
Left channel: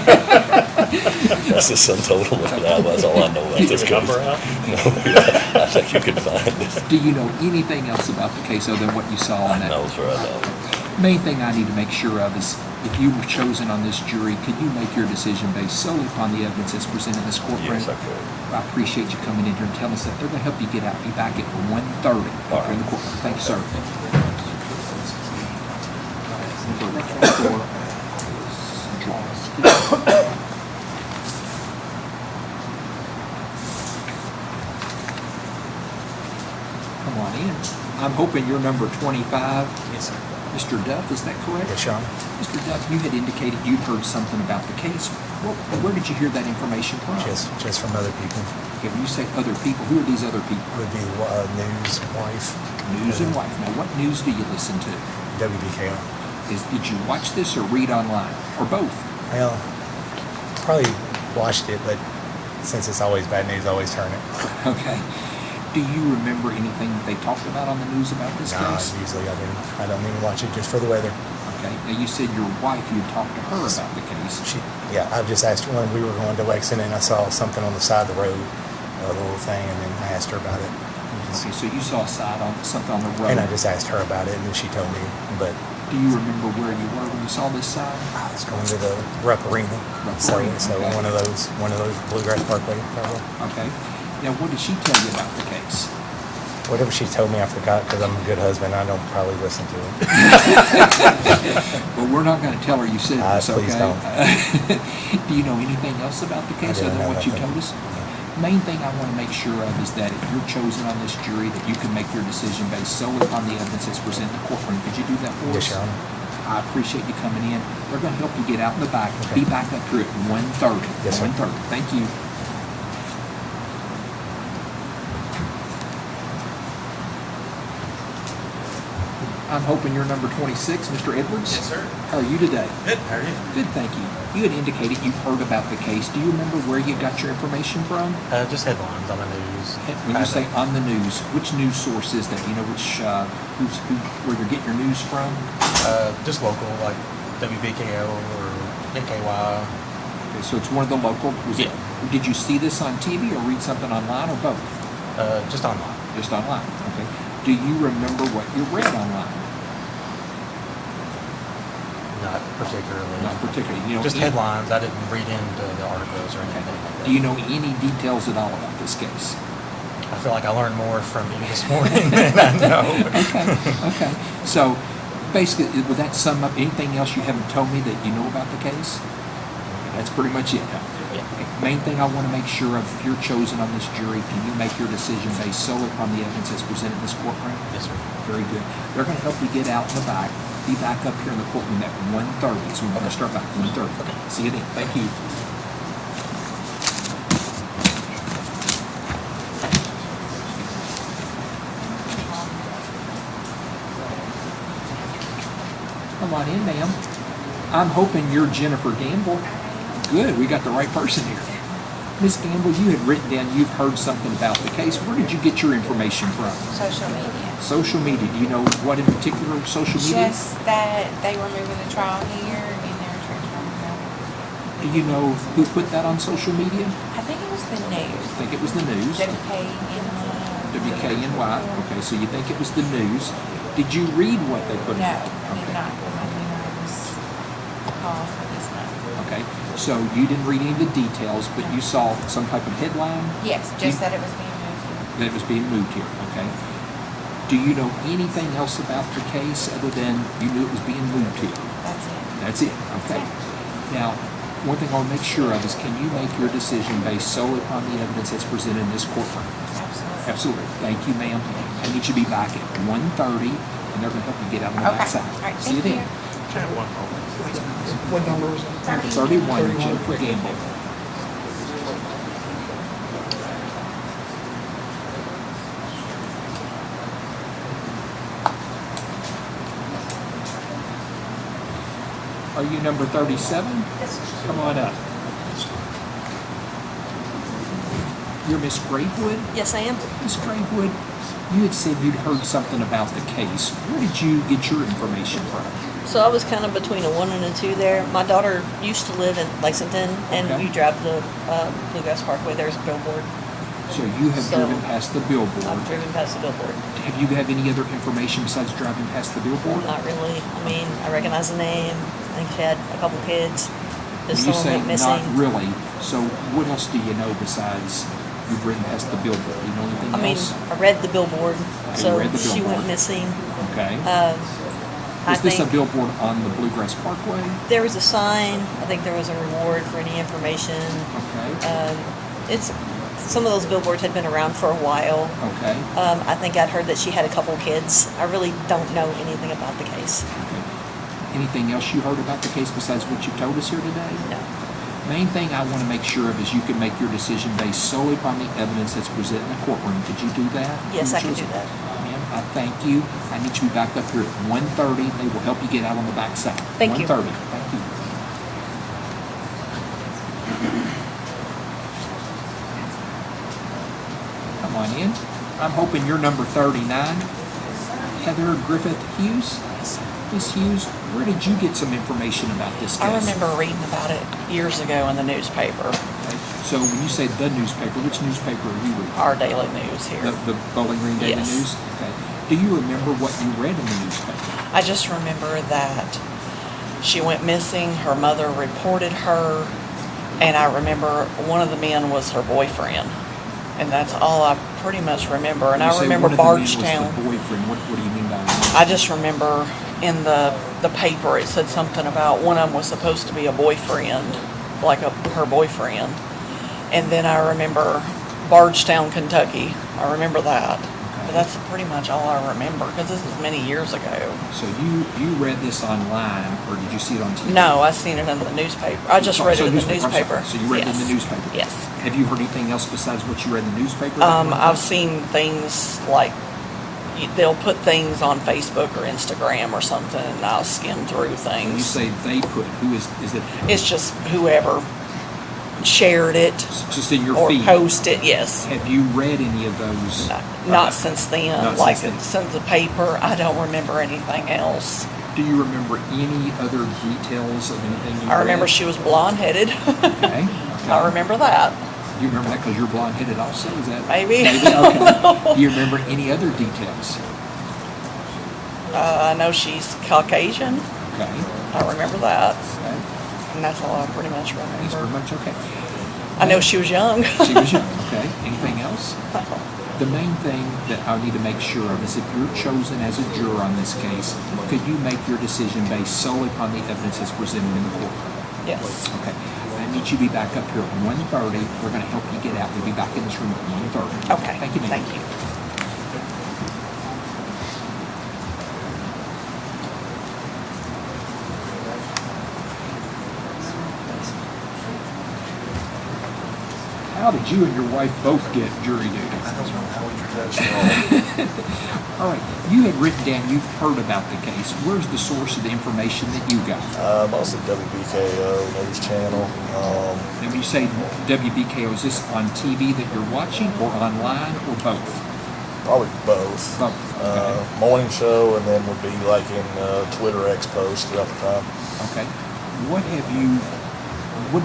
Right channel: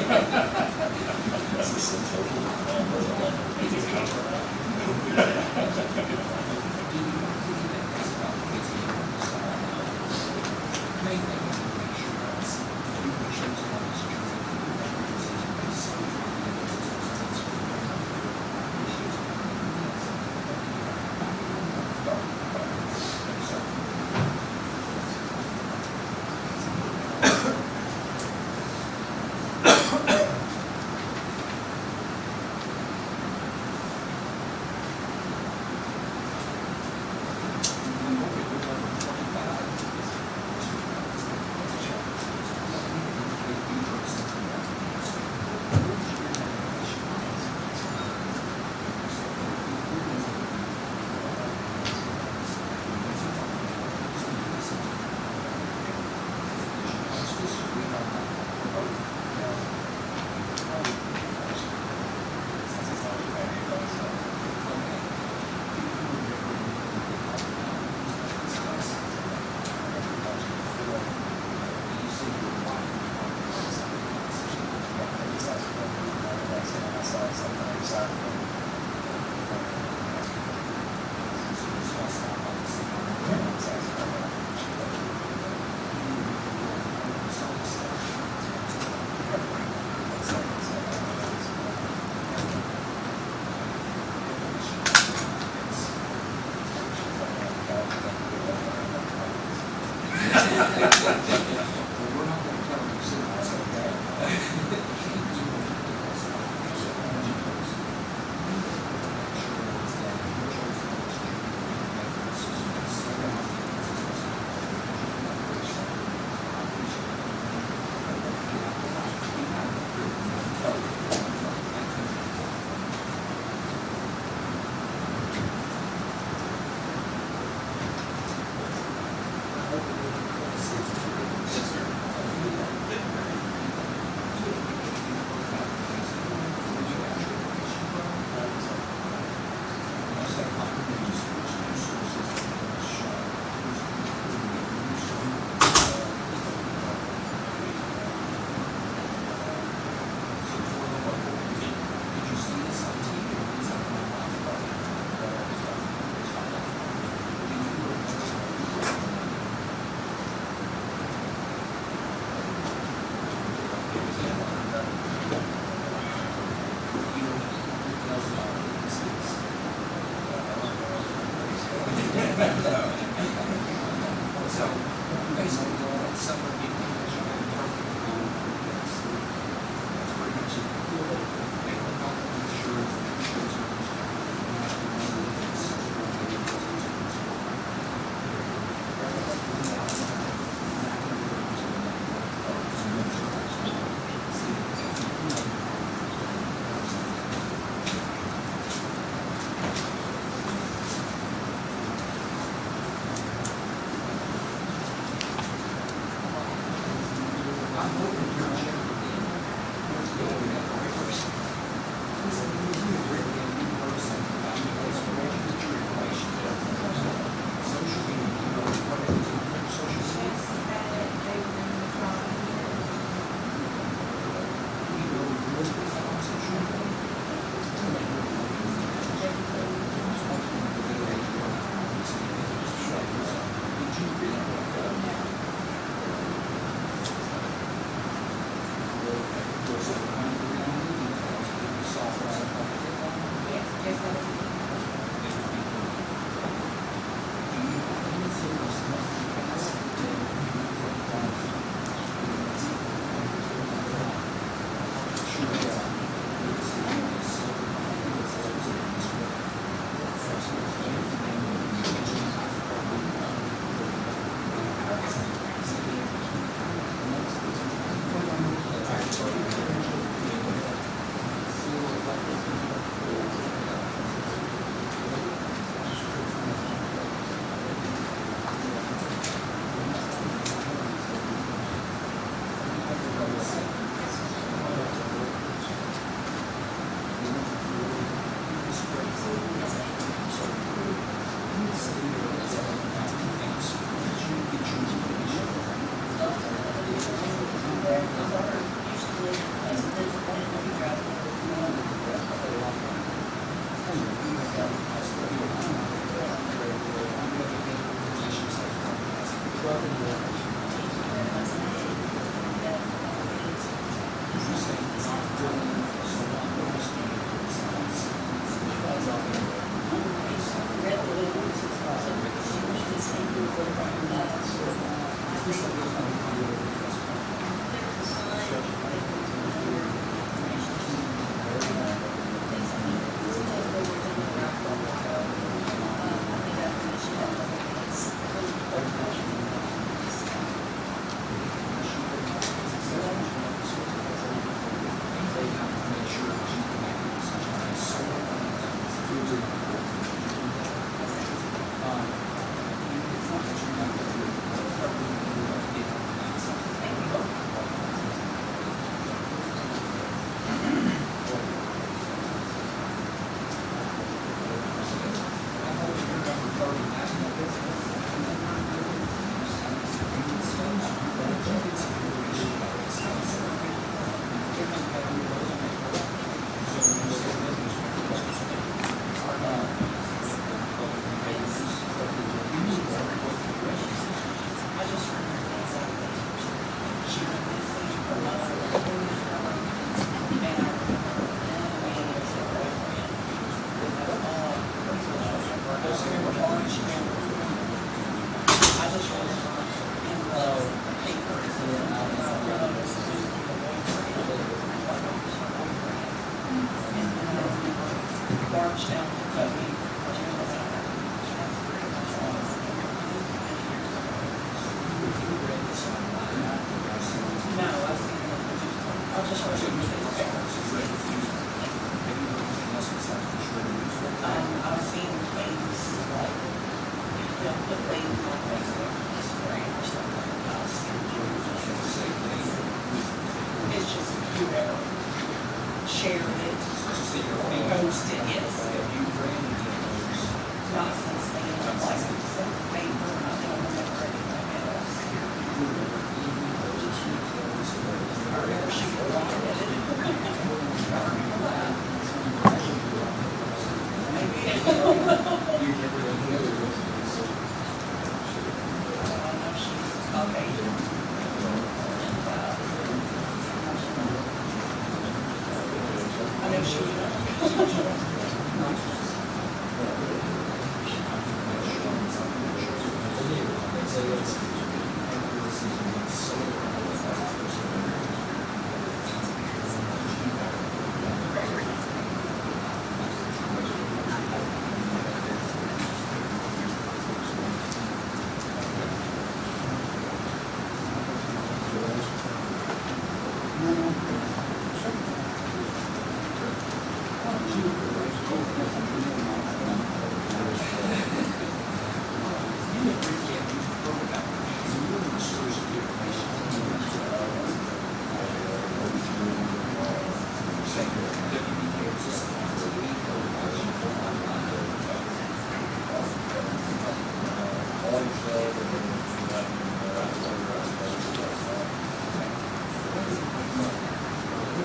That's the sum total of that. That's all I know about this case. Number out? No, yeah, I think you can find it. Do you know anything else about the case other than what you saw on that? No, sir, I don't. Main thing I need to make sure of is if you were chosen on this jury, can you make your decision based solely upon the evidence that's presented in this courtroom? Yes, I could. I appreciate you coming in here and telling us that. They're going to help you get out. Be back at 1:30 in the courtroom. Thank you, sir. Come on in. I'm hoping you're number 25. Yes, sir. Mr. Duff, is that correct? Yes, Sean. Mr. Duff, you had indicated you heard something about the case. Where did you hear that information from? Just from other people. Okay, when you say other people, who are these other people? Would be news, wife. News and what? Now, what news do you listen to? WBKL. Did you watch this or read online? Or both? Well, probably watched it, but since it's always bad news, I always turn it. Okay. Do you remember anything that they talked about on the news about this No, case? usually I don't even watch it just for the weather. Okay. Now, you said your wife, you talked to her about the case. I just asked her when we were going to Lexington, and I saw something on the side of the road, a little thing, and then I asked her about it. Okay, so you saw something on the road. And I just asked her about it, and she told me. But do you remember where you were when you saw this sign? I was going to the Rupp Arena, so Okay. one of those Bluegrass Parkway, probably. Okay. Now, what did she tell you about the case? Whatever she told me, I forgot because I'm a good husband. I don't probably listen to her. Well, we're not going to tell her you said this, okay? Please don't. Do you know anything else about the case other than what you told us? Main thing I want to make sure of is that if you're chosen on this jury, that you can make your decision based solely upon the evidence that's presented in the courtroom. Could you do that for us? Yes, Sean. I appreciate you coming in. We're going to help you get out in the back. Be back up here at 1:30. Yes, sir. 1:30. Thank you. I'm hoping you're number 26, Mr. Edwards. Yes, sir. How are you today? Good. How are you? Good, thank you. You had indicated you heard about the case. Do you remember where you got your information from? Just headlines on the news. When you say on the news, which news source is that? Do you know where you're getting your news from? Just local, like WBKL or NKY. Okay, so it's one of the local. Yeah. Did you see this on TV or read something online or both? Just online. Just online. Okay. Do you remember what you read online? Not particularly. Not particularly. You know, Just headlines. I didn't read into the articles or anything. Do you know any details at all about this case? I feel like I learned more from you this morning than I know. Okay. So basically, would that sum up anything else you haven't told me that you know about the case? That's pretty much it. Main thing I want to make sure of, if you're chosen on this jury, can you make your decision based solely upon the evidence that's presented in this courtroom? Yes, sir. Very good. They're going to help you get out in the back. Be back up here in the courtroom at 1:30. So we're going to start back at 1:30. See you then. Thank you. Come on in, ma'am. I'm hoping you're Jennifer Gamble. Good, we got the right person here. Ms. Gamble, you had written down you've heard something about the case. Where did you get your information from? Social media. Social media, do you know what in particular social media? Just that they were moving the trial here and they were transferring it over. Do you know who put that on social media? I think it was the news. I think it was the news. WKNY. Okay, so you think it was the news. Did you read what they put? No, I Okay. did not. Okay, so you didn't read any of the details, but you saw some type of headline? Yes, just that it was being moved. That it was being moved here, okay? Do you know anything else about the case other than you knew it was being moved here? That's it. That's it, okay. Now, one thing I'll make sure of is can you make your decision based solely upon the evidence that's presented in this courtroom? Absolutely. Absolutely. Thank you, ma'am. I need you to be back at 1:30, and they're going to help you get out on the Okay. backside. All right, See you thank then. you. What number is it? 31, Joe Gamble. Are you number 37? Come on up. You're Miss Grapewood? Yes, I am. Miss Grapewood, you had said you'd heard something about the case. Where did you get your information from? So I was kind of between a 1 and a 2 there. My daughter used to live in Lexington, and Okay. you drive the Bluegrass Parkway. There's a billboard. So you have So- driven past the billboard. I've driven past the billboard. Have you have any other information besides driving past the billboard? Not really. I mean, I recognize the name. I think she had a couple kids. When Just you someone say went missing. not really, so what else do you know besides you bring past the billboard? You know anything I mean, else? I read the billboard, You so read the she billboard. went missing. Okay. I Is this a think billboard on the Bluegrass Parkway? there was a sign. I think there was a reward for any information. Okay. It's some of those billboards had been around for a while. Okay. I think I'd heard that she had a couple kids. I really don't know anything about the case. Anything else you heard about the case besides what you told us here today? No. Main thing I want to make sure of is you can make your decision based solely upon the evidence that's presented in the courtroom. Could you do that? Yes, I can do that. I thank you. I need you to be back up here at 1:30. They will help you get out on the back side. Thank you. 1:30. Come on in. I'm hoping you're number 39. Heather Griffith Hughes. Miss Hughes, where did you get some information about this case? I remember reading about it years ago in the newspaper, Okay. So when you say the newspaper, which newspaper are you reading? our daily news here. The Bowling Green Daily Yes. News? Okay. Do you remember what you read in the newspaper? I just remember that she went missing, her mother reported her, and I remember one of the men was her boyfriend. And that's all I pretty much remember. And You I say remember one of the men was Bardstown. the boyfriend. What do you mean by that? I just remember in the paper it said something about one of them was supposed to be a boyfriend, like her boyfriend. And then I remember Bardstown, Kentucky. I remember that. But that's pretty much all I remember because this is many years ago. So you read this online or did you see it on TV? No, I seen it in the newspaper. I just read it in the I'm sorry. newspaper. So you read it in Yes. the newspaper? Yes. Have you heard anything else besides what you read in the newspaper? I've seen things like they'll put things on Facebook or Instagram or something, and I'll skim through When you things. say they put, who is it? It's just whoever shared it It's just in your or feed. posted. Yes. Have you read any of those? Not since then. Not Like since then. since the paper, I don't remember anything else. Do you remember any other details of anything you I remember read? she was blonde-headed. Okay. I remember that. You remember that because you're blonde-headed also? Is that Maybe. Okay. Do you remember any other details? I know she's Caucasian. Okay. I remember that. Okay. And that's all I pretty much That's pretty remember. much okay. I know she was young. She was young. Okay. Anything else? The main thing that I need to make sure of is if you're chosen as a juror on this case, could you make your decision based solely upon the evidence that's presented in the court? Yes. Okay. I need you to be back up here at 1:30. We're going to help you get out. We'll be back in this room at 1:30. Okay. Thank you. Thank you. How did you and your wife both get jury duty? All right. You had written down you've heard about the case. Where's the source of the information that you got? Also WBKO News Channel. If you say WBKO, is this on TV that you're watching or online or both? Probably both. Morning show, and then would be like in Twitter X posts throughout the time. Okay. What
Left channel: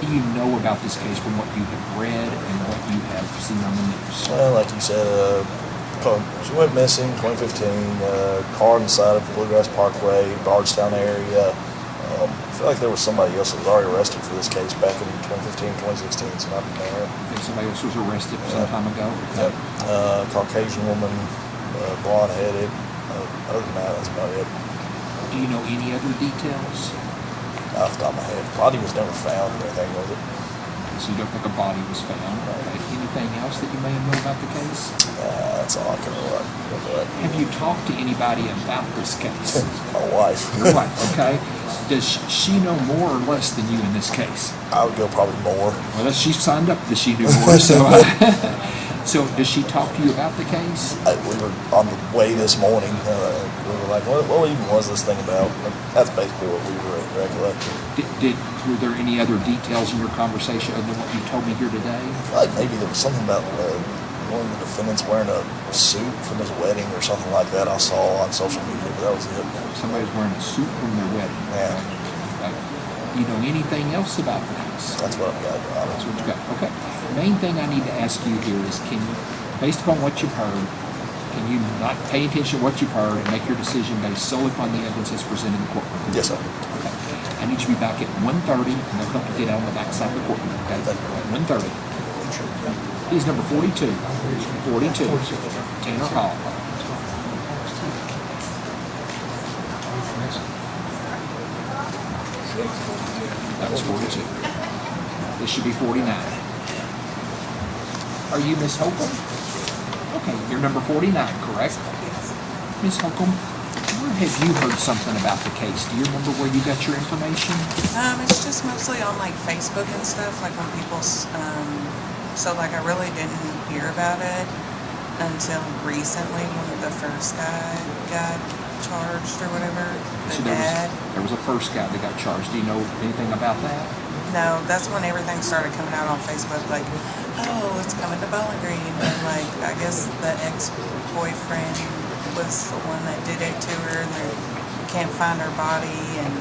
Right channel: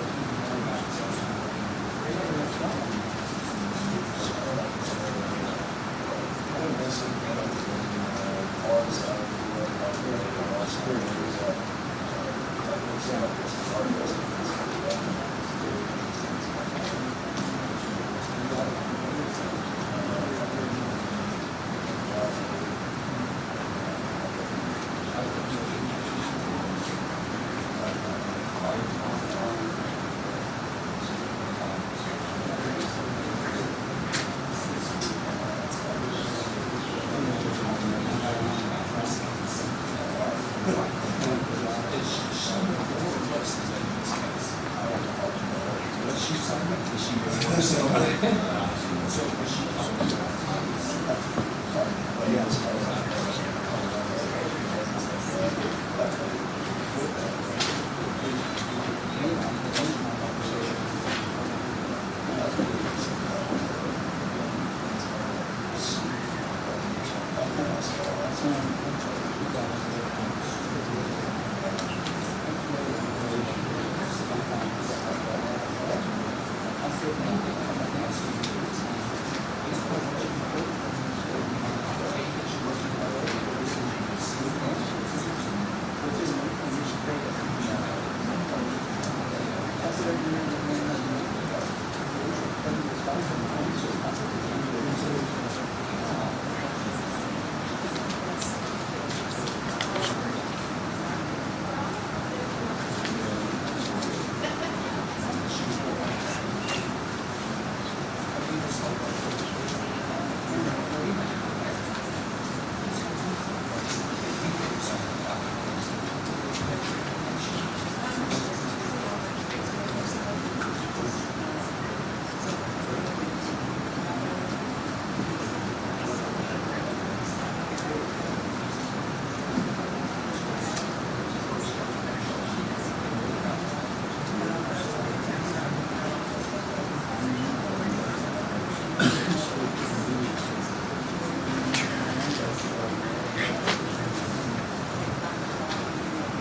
do you know about this case from what you have read and what you have seen on the news? Well, like you said, she went missing 2015. Car on the side of the Bluegrass Parkway in Bardstown area. I feel like there was somebody else that was already arrested for this case back in 2015, 2016. It's not there. Somebody else was arrested some time ago. Yep. Caucasian woman, blonde-headed. Other than that, that's about it. Do you know any other details? Off the top of my head, body was never found. Anything with it. So you don't think a body was found. Okay. Anything else that you may know about the case? That's all I can remember. Have you talked to anybody about this case? My wife. Your wife, okay. Does she know more or less than you in this case? I would go probably more. Well, she signed up that she knew more, so. So does she talk to you about the case? We were on the way this morning. We were like, what even was this thing about? But that's basically what we really recollected. Were there any other details in your conversation other than what you told me here today? Maybe there was something about one of the defendants wearing a suit from his wedding or something like that. I saw on social media, but that was it. Somebody's wearing a suit from their wedding. Yeah. Okay. Do you know anything else about this? That's what I got. That's what you got. Okay. The main thing I need to ask you here is, based upon what you've heard, can you not pay attention to what you've heard and make your decision based solely upon the evidence that's presented in court? Yes, sir. I need you to be back at 1:30, and I'm going to get out on the backside of the court. Okay? 1:30. He's number 42. 42. Tanner Hall. That was 42. This should be 49. Are you Miss Holcomb? Okay, you're number 49, correct? Miss Holcomb, where have you heard something about the case? Do you remember where you got your information? It's just mostly on like Facebook and stuff, like when people, so like I really didn't hear about it until recently when the first guy got charged or whatever, So the dad. there was a first guy that got charged. Do you know anything about that? No, that's when everything started coming out on Facebook, like, oh, it's coming to Bowling Green, and like, I guess the ex-boyfriend was the one that did it to her, and they can't find her body, and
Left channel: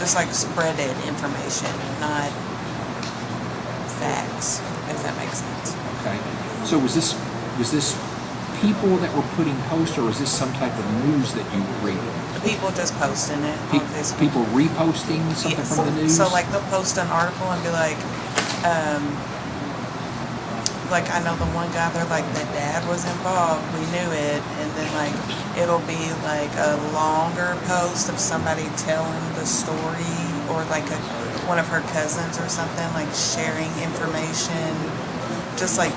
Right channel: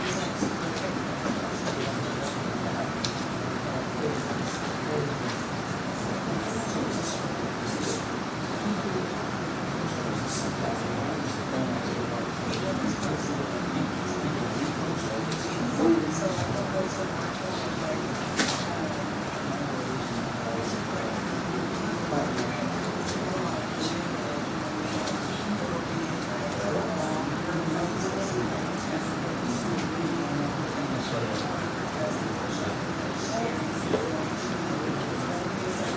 just like spreaded information, not facts, if that makes sense. Okay. So was this people that were putting posts, or was this some type of news that you were reading? People just posting it on Facebook. People reposting something Yes. from the news? So like they'll post an article and be like I know the one guy, they're like, the dad was involved, we knew it, and then like it'll be like a longer post of somebody telling the story, or like one of her cousins or something, like sharing information, just like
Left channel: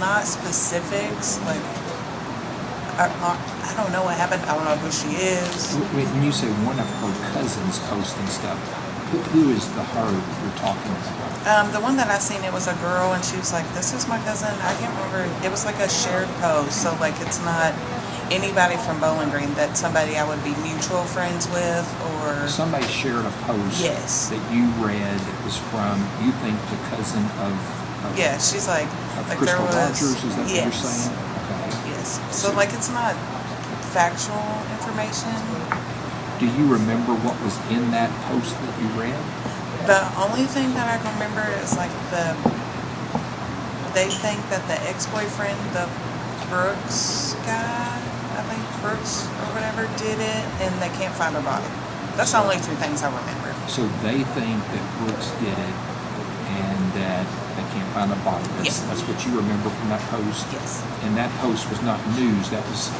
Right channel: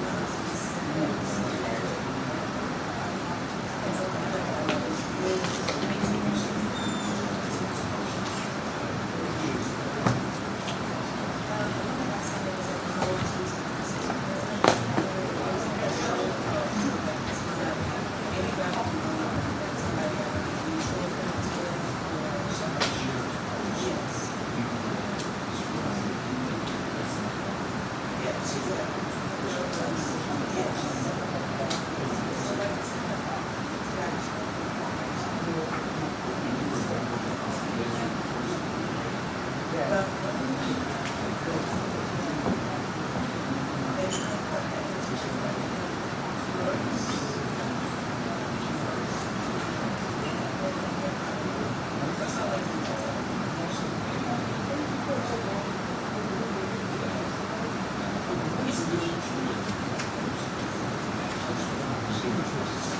not specifics, like I don't know what happened. I don't know who she is. When you say one of her cousins posting stuff, who is the her you're talking about? The one that I seen, it was a girl, and she was like, "This is my cousin." I can't remember. It was like a shared post, so like it's not anybody from Bowling Green, that somebody I would be mutual friends with, or Somebody shared a post Yes. that you read that was from, you think, the cousin of yeah, she's like there Crystal was Rogers, is that what you're yes, saying? Okay. yes. So like it's not factual information. Do you remember what was in that post that you read? The only thing that I can remember is like they think that the ex-boyfriend, the Brooks guy, I think Brooks or whatever, did it, and they can't find her body. That's the only two things I remember. So they think that Brooks did it and that they can't find the body. That's what you remember from that post? Yes. And that post was not news, that was...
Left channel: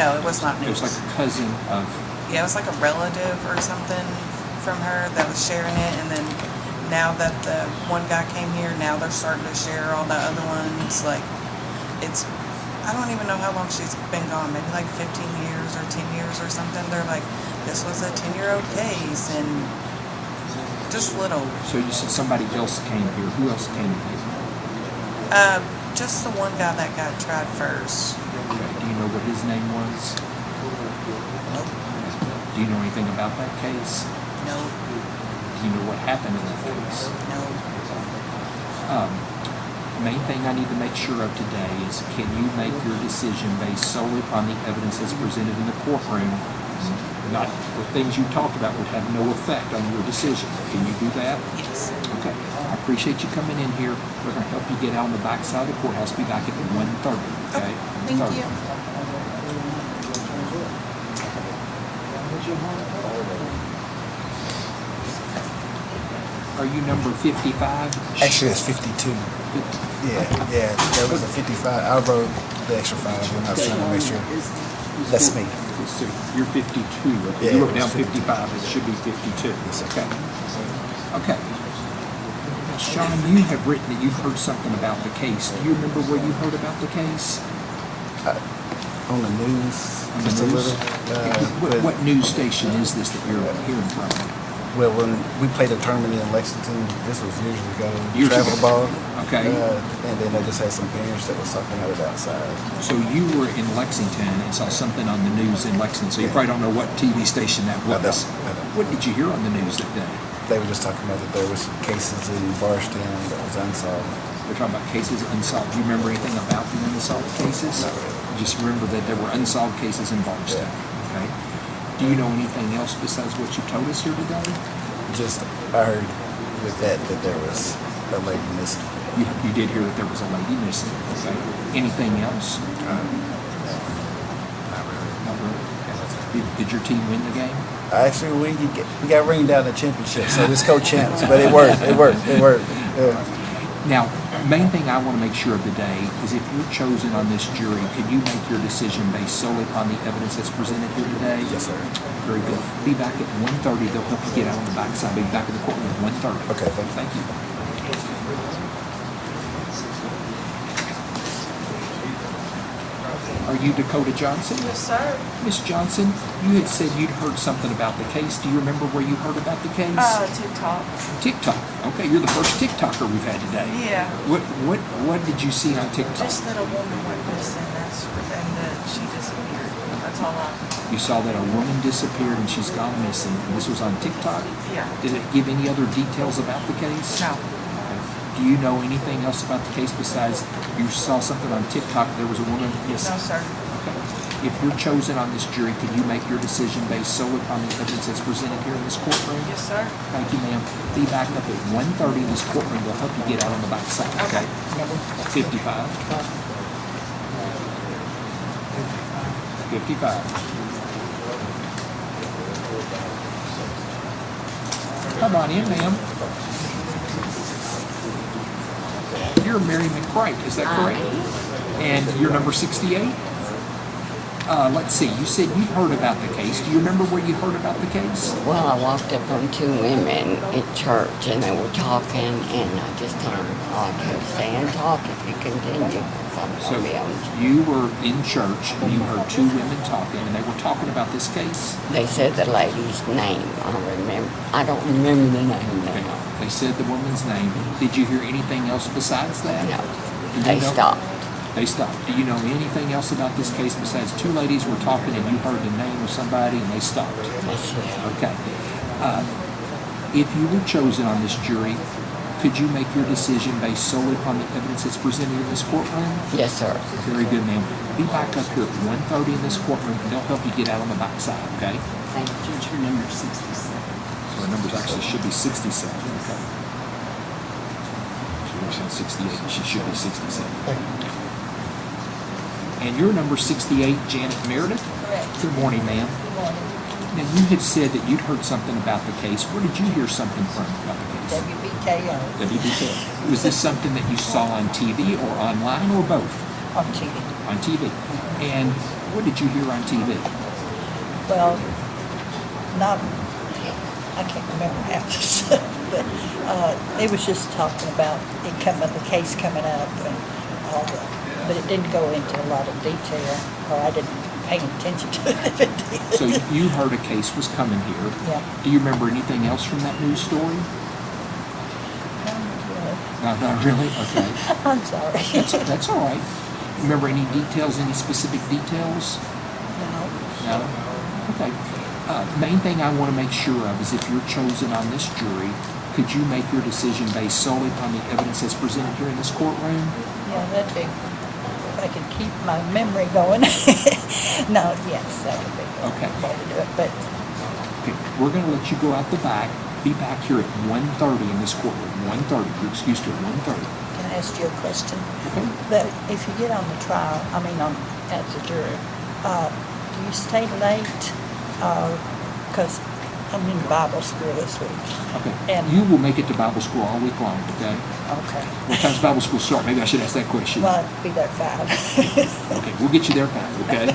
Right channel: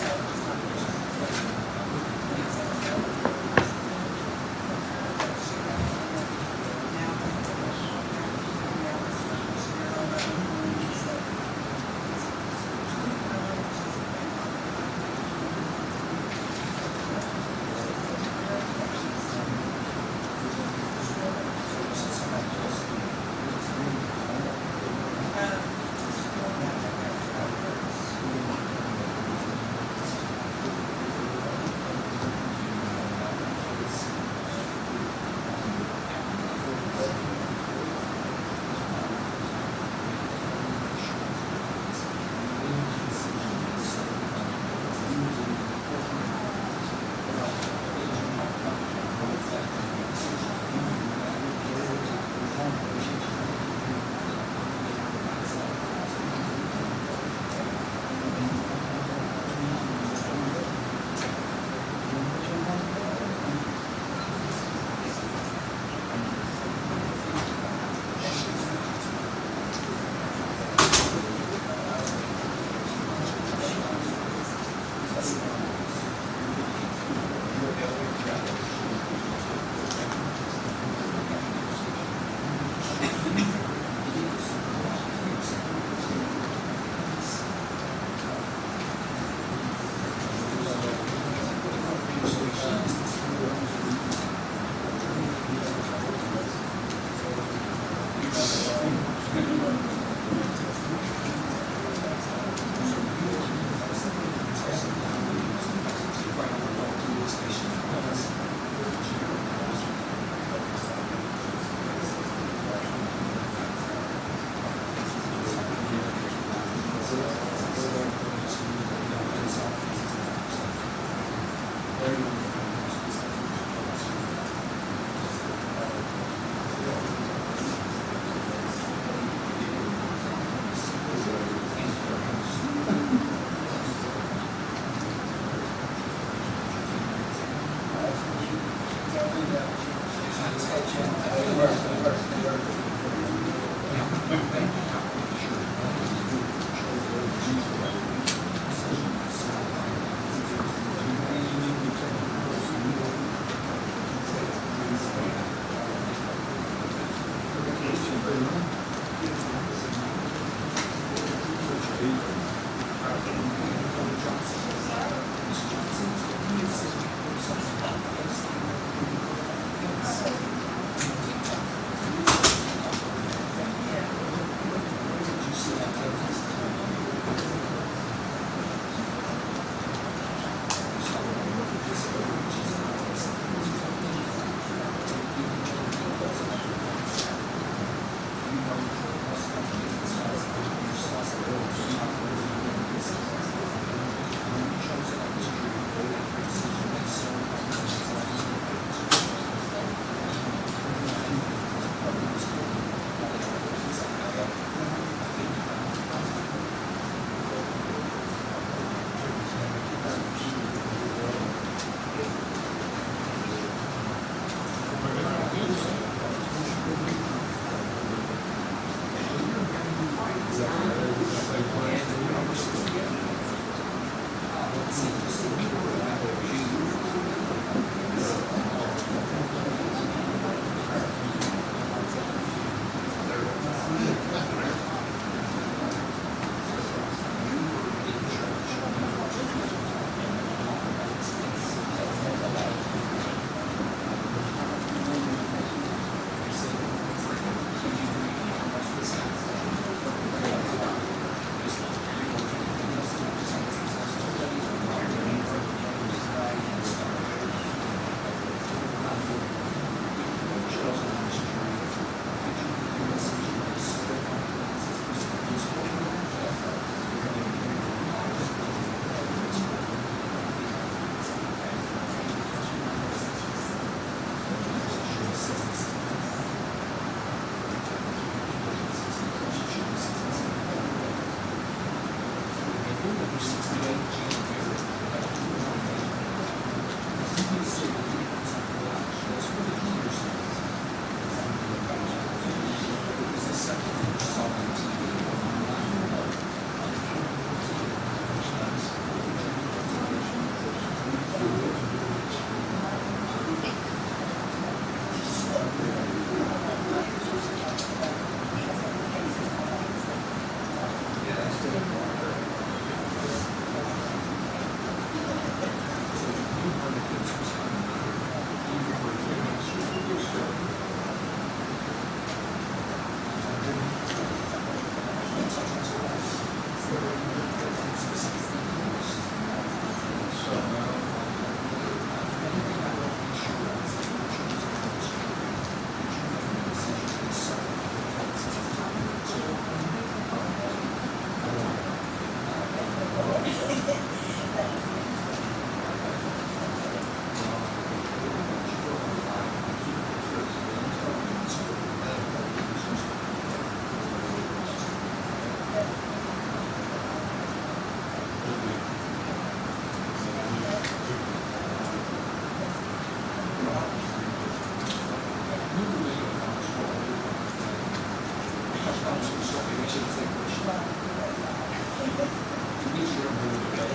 No, it was not It news. was like a cousin of... Yeah, it was like a relative or something from her that was sharing it, and then now that the one guy came here, now they're starting to share all the other ones. Like, it's, I don't even know how long she's been gone, maybe like 15 years or 10 years or something. They're like, this was a 10-year-old case, and just little. So you said somebody else came here. Who else came here? Just the one guy that got tried first. Do you know what his name was? Do you know anything about that case? No. Do you know what happened in the case? No. main thing I need to make sure of today is, can you make your decision based solely on the evidence that's presented in the courtroom? Not the things you talked about would have no effect on your decision. Can you do that? Yes. Okay. I appreciate you coming in here. We're going to help you get out on the back side of the courthouse. Be back at 1:30. Okay? Thank you. Are you number 55? Actually, it's 52. Yeah, there was a 55. I wrote the extra 5. I was trying to make sure. That's me. So you're 52. But Yeah, you look it's down 50. 55. It should be 52. Okay. Okay. Sean, you have written that you've heard something about the case. Do you remember where you heard about the case? On the news. On the just a news? little. What news station is this that you're hearing from? Well, when we played a tournament in Lexington, this was years ago. Years Travel ago. ball. Okay. And then they just had some parents that was talking about it outside. So you were in Lexington and saw something on the news in Lexington. So you probably don't know what TV station that I was. don't. What did you hear on the news that day? They were just talking about that there was some cases in Barstown that was unsolved. We're talking about cases unsolved. Do you remember anything about the unsolved cases? Just remember that there were unsolved cases in Barstow. Okay. Do you know anything else besides what you told us here today? Just, I heard with that there was a lady missing. You did hear that there was a lady missing. Okay. Anything else? Did your team win the game? Actually, we got ringed out the championship, so this co-champs, but it worked. Yeah. Now, main thing I want to make sure of today is if you're chosen on this jury, can you make your decision based solely on the evidence that's presented here today? Yes, sir. Very good. Be back at 1:30. They'll help you get out on the backside. Be back in the courtroom at 1:30. Okay. Thank you. Are you Dakota Johnson? Yes, sir. Miss Johnson, you had said you'd heard something about the case. Do you remember where you heard about the case? TikTok. TikTok. Okay, you're the first TikToker we've had today. Yeah. What did you see on TikTok? Just that a woman went missing and that she disappeared. That's all I. You saw that a woman disappeared and she's gone missing. This was on TikTok? Yeah. Did it give any other details about the case? No. Do you know anything else about the case besides you saw something on TikTok? There was a woman. Yes. No, sir. If you're chosen on this jury, can you make your decision based solely upon the evidence that's presented here in this courtroom? Yes, sir. Thank you, ma'am. Be back up at 1:30 in this courtroom. They'll help you get out on the back side, okay? Number 55. 55. Come on in, ma'am. You're Mary McBride, is that correct? And you're number 68? Let's see, you said you heard about the case. Do you remember where you heard about the case? Well, I walked up on two women in church and they were talking and I just told them, oh, you stay and talk if you continue. So you were in church and you heard two women talking and they were talking about this case? They said the lady's name. I don't remember the name. They said the woman's name. Did you hear anything else besides that? No. They stopped. They stopped. Do you know anything else about this case besides two ladies were talking and you heard the name of somebody and they stopped? Okay. If you were chosen on this jury, could you make your decision based solely upon the evidence that's presented in this courtroom? Yes, sir. Very good, ma'am. Be back up here at 1:30 in this courtroom and they'll help you get out on the back side, okay? Thank you. Your number 67. So the numbers actually should be 67. She mentioned 68. She should be 67. And you're number 68, Janet Meredith? Good morning, ma'am. Good morning. Now, you had said that you'd heard something about the case. Where did you hear something from about the case? WBKO. WBKO. Was this something that you saw on TV or online or both? On TV. On TV. And what did you hear on TV? Well, I can't remember half the stuff, but it was just talking about the case coming up and all that. But it didn't go into a lot of detail, or I didn't pay attention to it. So you heard a case was coming here. Yeah. Do you remember anything else from that news story? Not really? Okay. I'm sorry. That's all right. Remember any details, any specific details? No? Okay. Main thing I want to make sure of is if you're chosen on this jury, Could you make your decision based solely upon the evidence that's presented here in this courtroom? Yeah, that'd be, if I could keep my memory going. No, yes, that would be Okay. the way to do it, but Okay, we're gonna let you go out the back, be back here at 1:30 in this courtroom, 1:30, you're excused here at 1:30. can I ask you a question? Okay. But if you get on the trial, as a juror, do you stay late? Because I'm in Bible school this week. Okay. And, You will make it to Bible school all week long, okay? okay, What time's Bible school start? Maybe I should ask that question. well, I'd be there at 5. Okay, we'll get you there back, okay?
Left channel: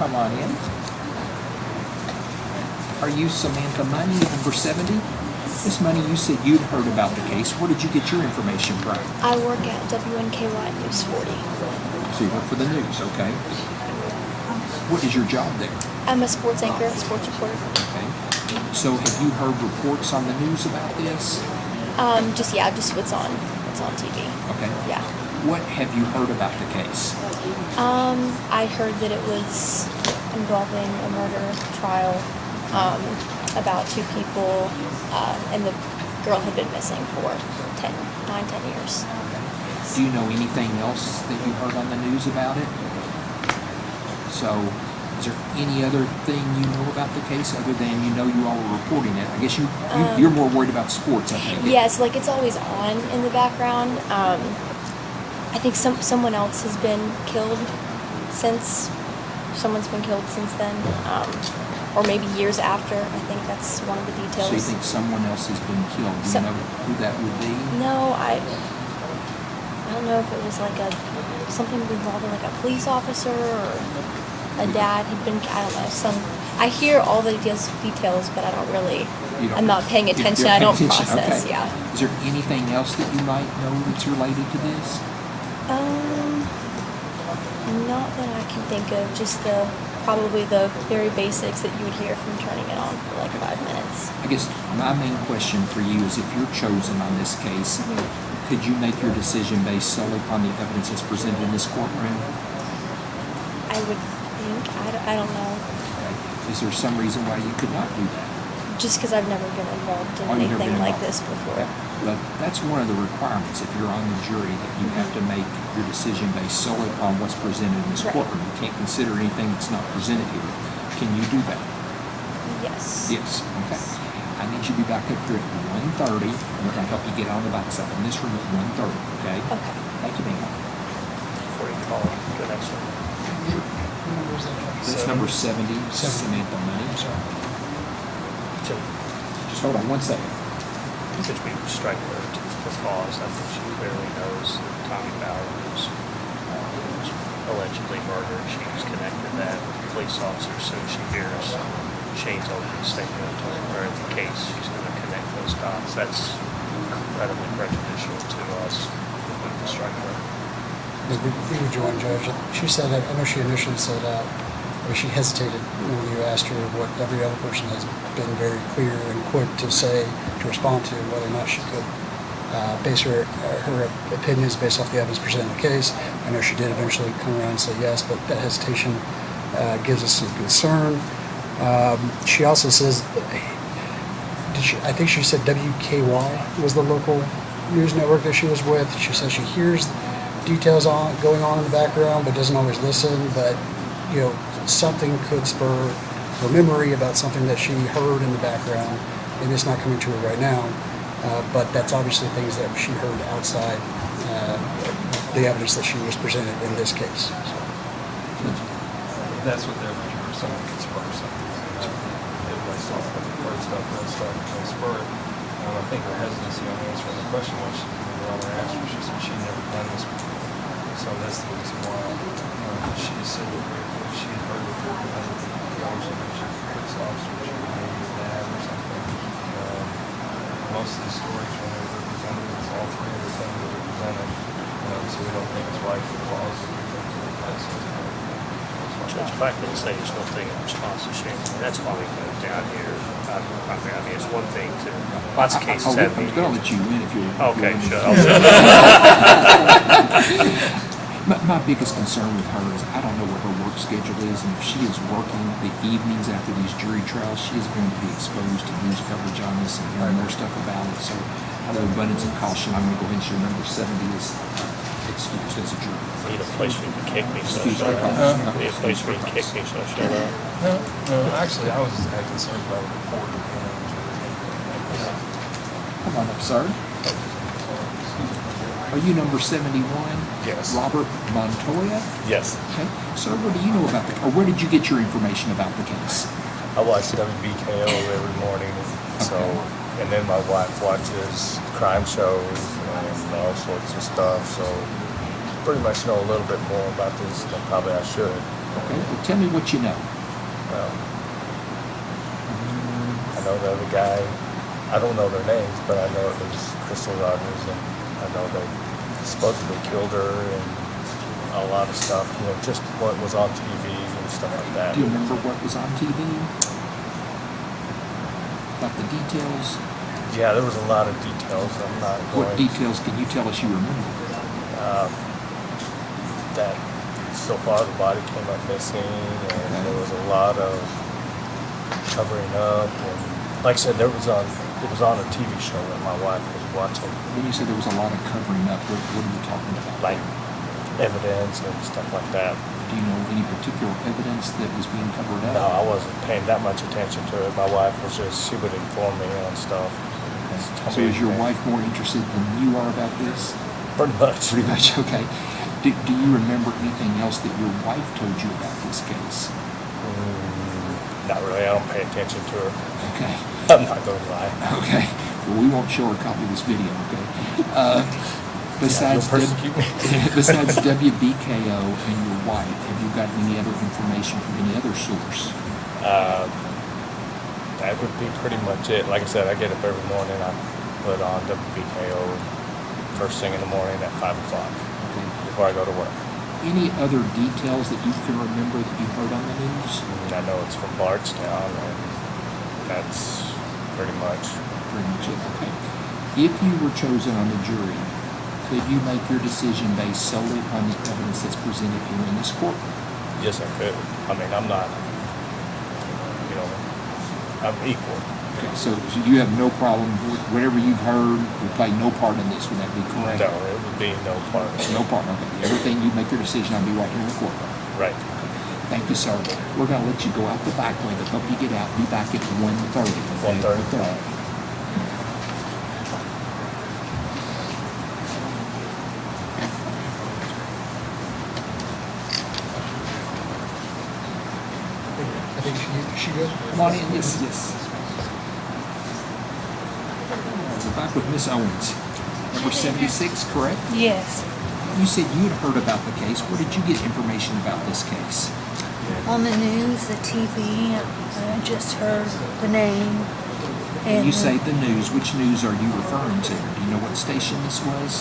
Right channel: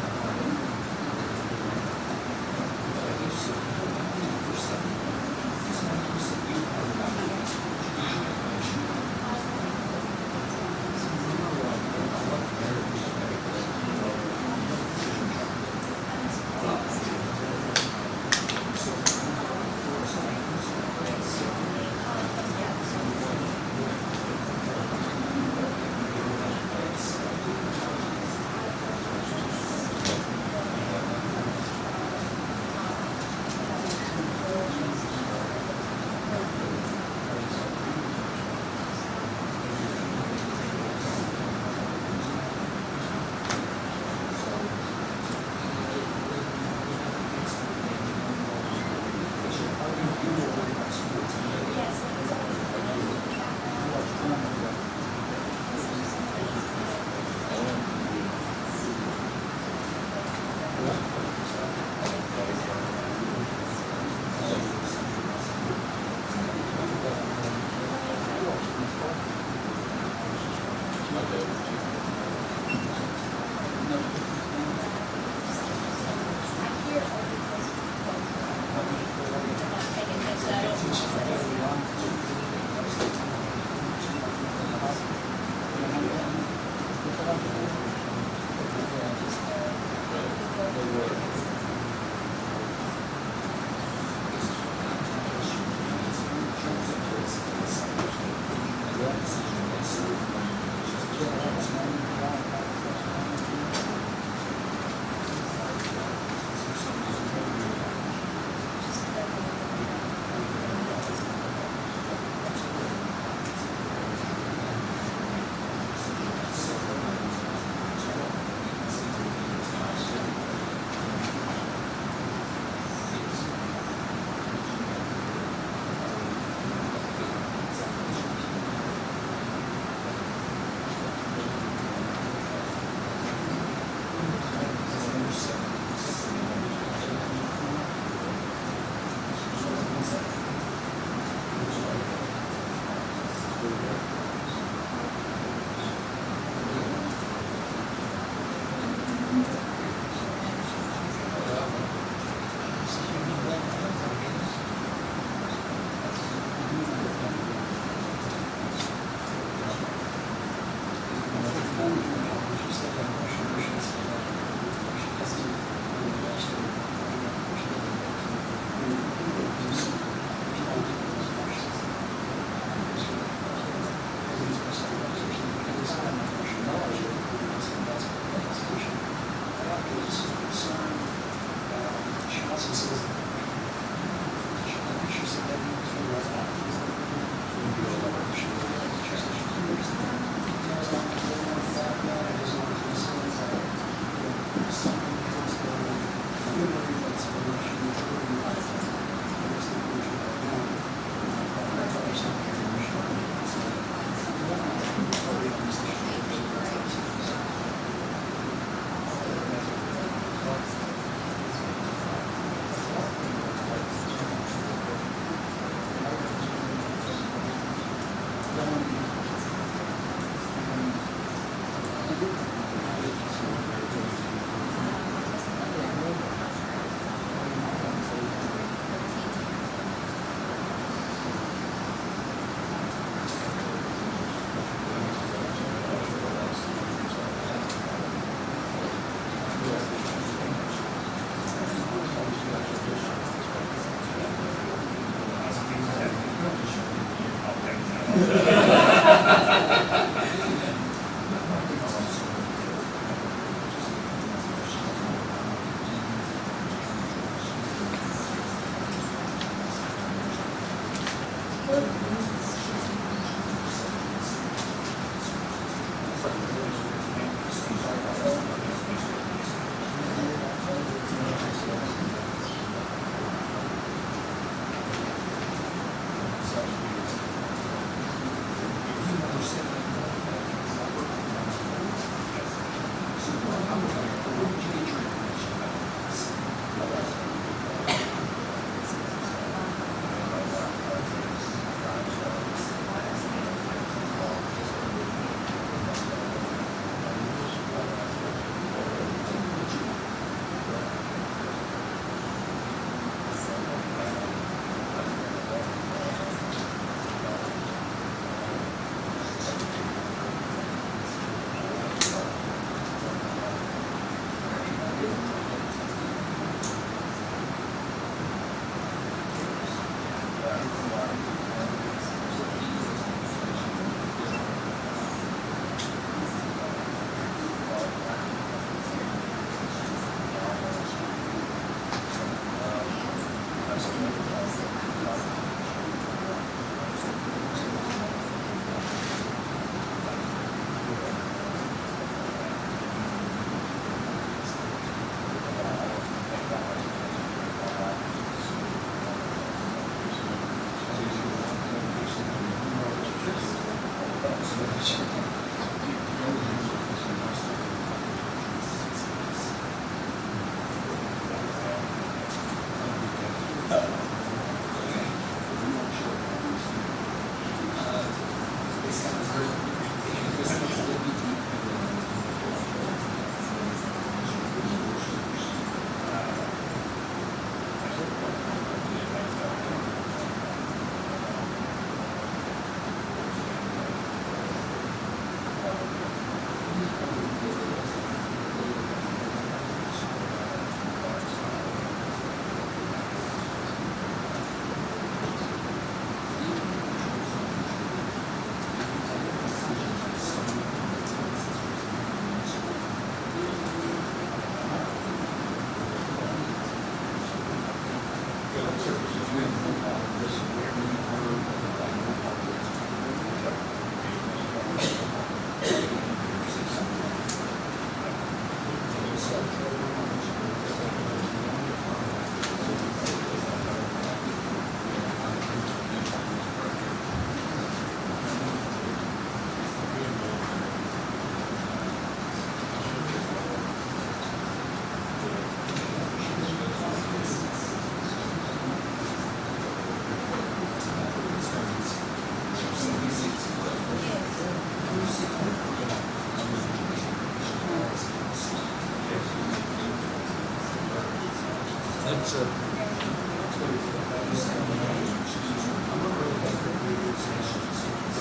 Come on in. Are you Samantha Money, number 70? Miss Money, you said you'd heard about the case. Where did you get your information from? I work at WNKY News 40. So you work for the news, okay? What is your job there? I'm a sports anchor, sports reporter. Okay. So have you heard reports on the news about this? Just what's on TV. Okay. Yeah. What have you heard about the case? I heard that it was involving a murder trial, about 2 people, and the girl had been missing for 10 years. Do you know anything else that you heard on the news about it? So, is there any other thing you know about the case other than you know you all were reporting it? I guess you're more worried about sports, I think. Yes, like it's always on in the background. I think someone else has been killed since then, or maybe years after. I think that's one of the details. So you think someone else has been killed? Do you know who that would be? No, I don't know if it was like something involving like a police officer or a dad who'd been, I don't know, I hear all the details, but I don't really, I'm not paying attention. I don't process, okay. yeah. Is there anything else that you might know that's related to this? Not that I can think of, just probably the very basics that you would hear from turning it on for like 5 minutes. I guess my main question for you is if you're chosen on this case, could you make your decision based solely upon the evidence that's presented in this courtroom? I would think, I don't know, Is there some reason why you could not do that? just because I've never been involved in You've never anything been like involved. this before. But that's one of the requirements if you're on the jury, that you have to make your decision based solely upon what's presented in this Right. courtroom. You can't consider anything that's not presented here. Can you do that? Yes. Yes. Okay. I need you to be back up here at 1:30. You're going to have to get on the backside in this room at 1:30, okay? Okay. Thank you, ma'am. It's number 70, Samantha Money. Just hold on 1 second. Could be restrained because I think she really knows Tommy Bowers was allegedly murdered. She was connected to that police officer, so she hears Shane's opening statement or the case. She's going to connect those dots. That's incredibly prejudicial to us. The joint judge, she said, I know she initially said, she hesitated when you asked her what every other person has been very clear and quick to say, to respond to whether or not she could base her opinions based off the evidence presented in the case. I know she did eventually come around and say yes, but that hesitation gives us some concern. She also says, I think she said WKY was the local news network that she was with. She says she hears details going on in the background, but doesn't always listen. But something could spur her memory about something that she heard in the background. Maybe it's not coming to her right now, but that's obviously things that she heard outside the evidence that she was presented in this case. That's what they're looking for, some of these person. I think her hesitancy in answering the question when she she'd never done this before. So that's the reason why she said she heard it from police officers. Most of the stories it's all from everything we represented. So we don't think it's right for the life of The fact that it's there's one thing in response to Shane, and that's why we went down here. It's one thing to, lots of cases have been. I'll let you win if you. Okay, sure. My biggest concern with her is I don't know what her work schedule is, and if she is working the evenings after these jury trials, she is going to be exposed to news coverage on this and learn more stuff about it. So, with abundance of caution, I'm going to go ahead and share number 70 is excused as a jury. Need a place where you can kick me, so. Excuse me. Need a place where you can kick me, so. No, actually, I was just kind of concerned about the court. Come on up, sir. Are you number 71? Yes. Robert Montoya? Yes. Okay. Sir, what do you know about or where did you get your information about the case? I watch WBKO every morning, so, and then my wife watches crime shows and all sorts of stuff, so pretty much know a little bit more about this than probably I should. Okay. Well, tell me what you know. I know the other guy, I don't know their names, but I know it was Crystal Rogers, and I know they supposedly killed her and a lot of stuff, just what was on TV and stuff like that. Do you remember what was on TV? About the details? Yeah, there was a lot of details. I'm not What going, details can you tell us you remember? that so far the body came up missing, and there was a lot of covering up, and like I said, it was on a TV show that my wife was watching. When you say there was a lot of covering up, what are you talking about? Like evidence and stuff like that. Do you know any particular evidence that was being covered up? No, I wasn't paying that much attention to it. My wife was just, she would inform me on stuff. So is your wife more interested than you are about this? Pretty much. Pretty much, okay. Do you remember anything else that your wife told you about this case? Not really. I don't pay attention to it. Okay. I'm not going to lie. Okay. Well, we won't show her a copy of this video, okay? Besides besides WBKO and your wife, have you got any other information from any other source? That would be pretty much it. Like I said, I get up every morning. I put on WBKO first thing in the morning at 5 o'clock before I go to work. Any other details that you can remember that you heard on the news? I know it's from Bardstown, and that's pretty much it, okay. If you were chosen on the jury, could you make your decision based solely on the evidence that's presented in this court? Yes, I could. I mean, I'm not, I'm equal. So you have no problem, whatever you've heard would play no part in this, would that be correct? No, it would be no part of it. No problem. Everything you make your decision, I'll be right here in the court. Right. Thank you, sir. We're gonna let you go out the back window, help you get out, be back at 1:30. 1:30. I think she goes. Come on in, yes. Back with Miss Owens. Number 76, correct? Yes. You said you had heard about the case. Where did you get information about this case? On the news, the TV, I just heard the name. When you say the news, which news are you referring to? Do you know what station this was?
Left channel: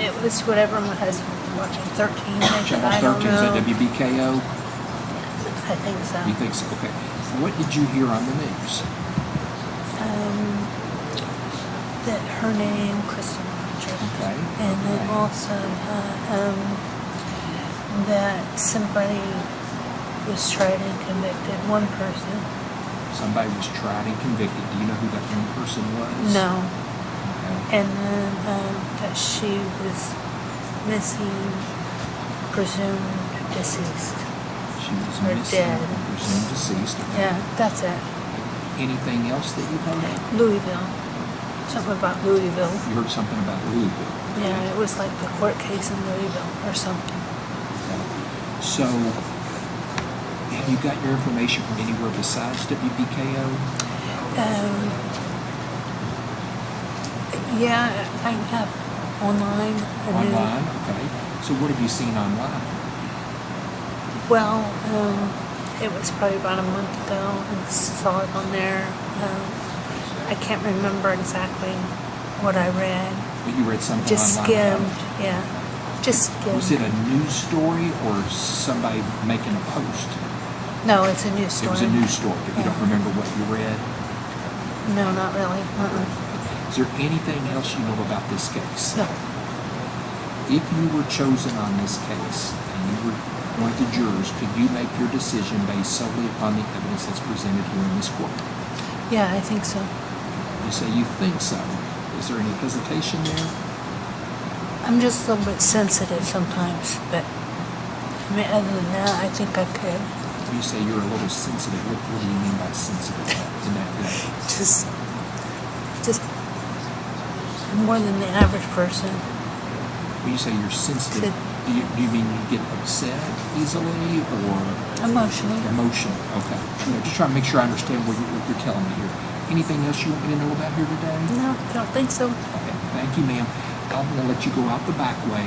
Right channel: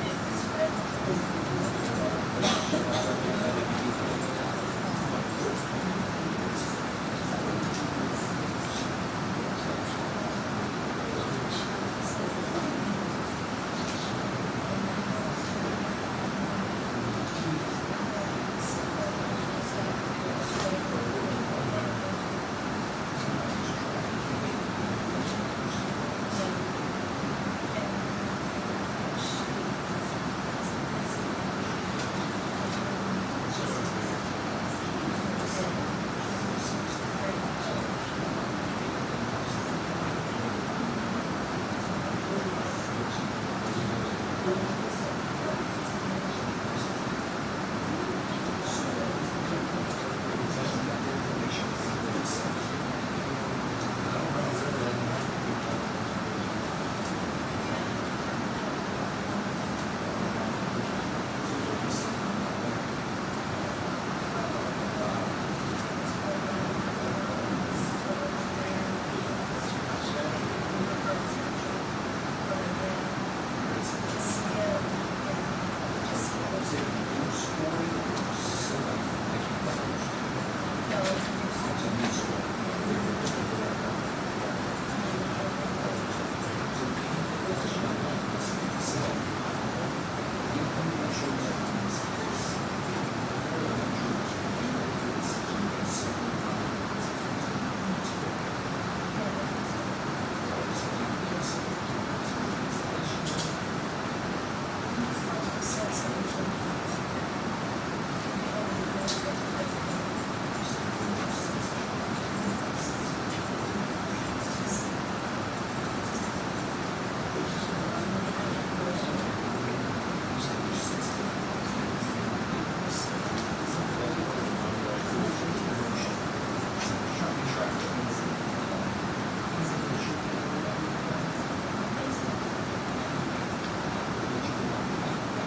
It was whatever my husband was watching, 13, Channel I don't 13, is that know. WBKO? I think so. You think so? Okay. What did you hear on the news? That her name, Crystal Rogers. Okay. And then also that somebody was tried and convicted, one person. Somebody was tried and convicted. Do you know who that young person was? No. Okay. And then that she was missing, presumed deceased. She was Or missing, dead. presumed deceased. Yeah, that's it. Anything else that you heard? Louisville. Something about Louisville. You heard something about Louisville. Yeah, it was like the court case in Louisville or something. So, have you got your information from anywhere besides WBKO? Yeah, I have online. Online? Okay. So what have you seen online? Well, it was probably about a month ago. I saw it on there. I can't remember exactly what I read. You read something Just online? skimmed, yeah. Just skimmed. Was it a news story or somebody making a post? No, it's a news story. It was a news story, but you don't remember what you read? No, not really. Is there anything else you know about this case? No. If you were chosen on this case, and you were one of the jurors, could you make your decision based solely upon the evidence that's presented here in this court? Yeah, I think so. You say you think so. Is there any hesitation there? I'm just a little bit sensitive sometimes, but I mean, other than that, I think I could. You say you're a little sensitive. What do you mean by sensitive in that way? Just more than the average person. When you say you're sensitive, do you mean you get upset easily or? Emotional. Emotional, okay. I'm just trying to make sure I understand what you're telling me here. Anything else you want me to know about here today? No, I don't think so. Okay, thank you, ma'am. I'm going to let you go out the back way.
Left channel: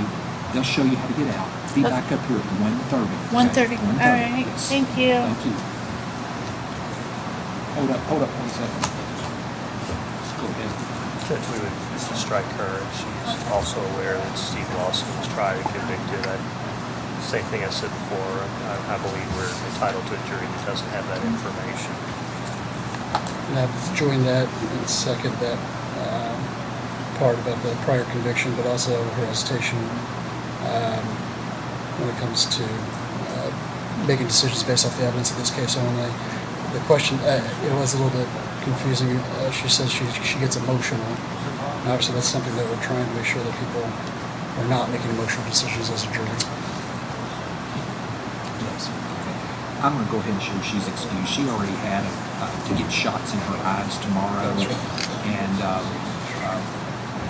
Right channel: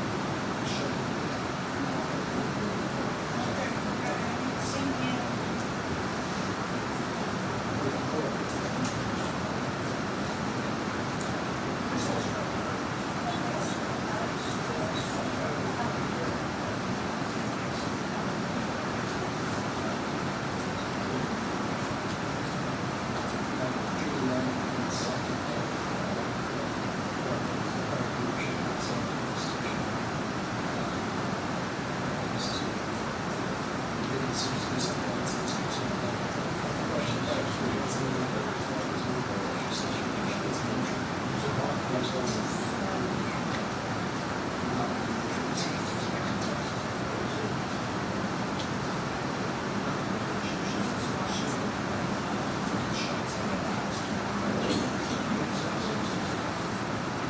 They'll show you how to get out. Be back up here at 1:30. 1:30. All right. Thank you. Thank you. Hold up 1 second. Go ahead. Judge, we would strike her. She's also aware that Steve Lawson was tried and convicted. Same thing I said before. I believe we're entitled to a jury that doesn't have that information. And I would join that and second that part about the prior conviction, but also her hesitation when it comes to making decisions based off the evidence in this case only. The question, it was a little bit confusing. She says she gets emotional. Obviously, that's something that we're trying to make sure that people are not making emotional decisions as a jury. I'm going to go ahead and show she's excused. She already had to get shots in her eyes tomorrow, and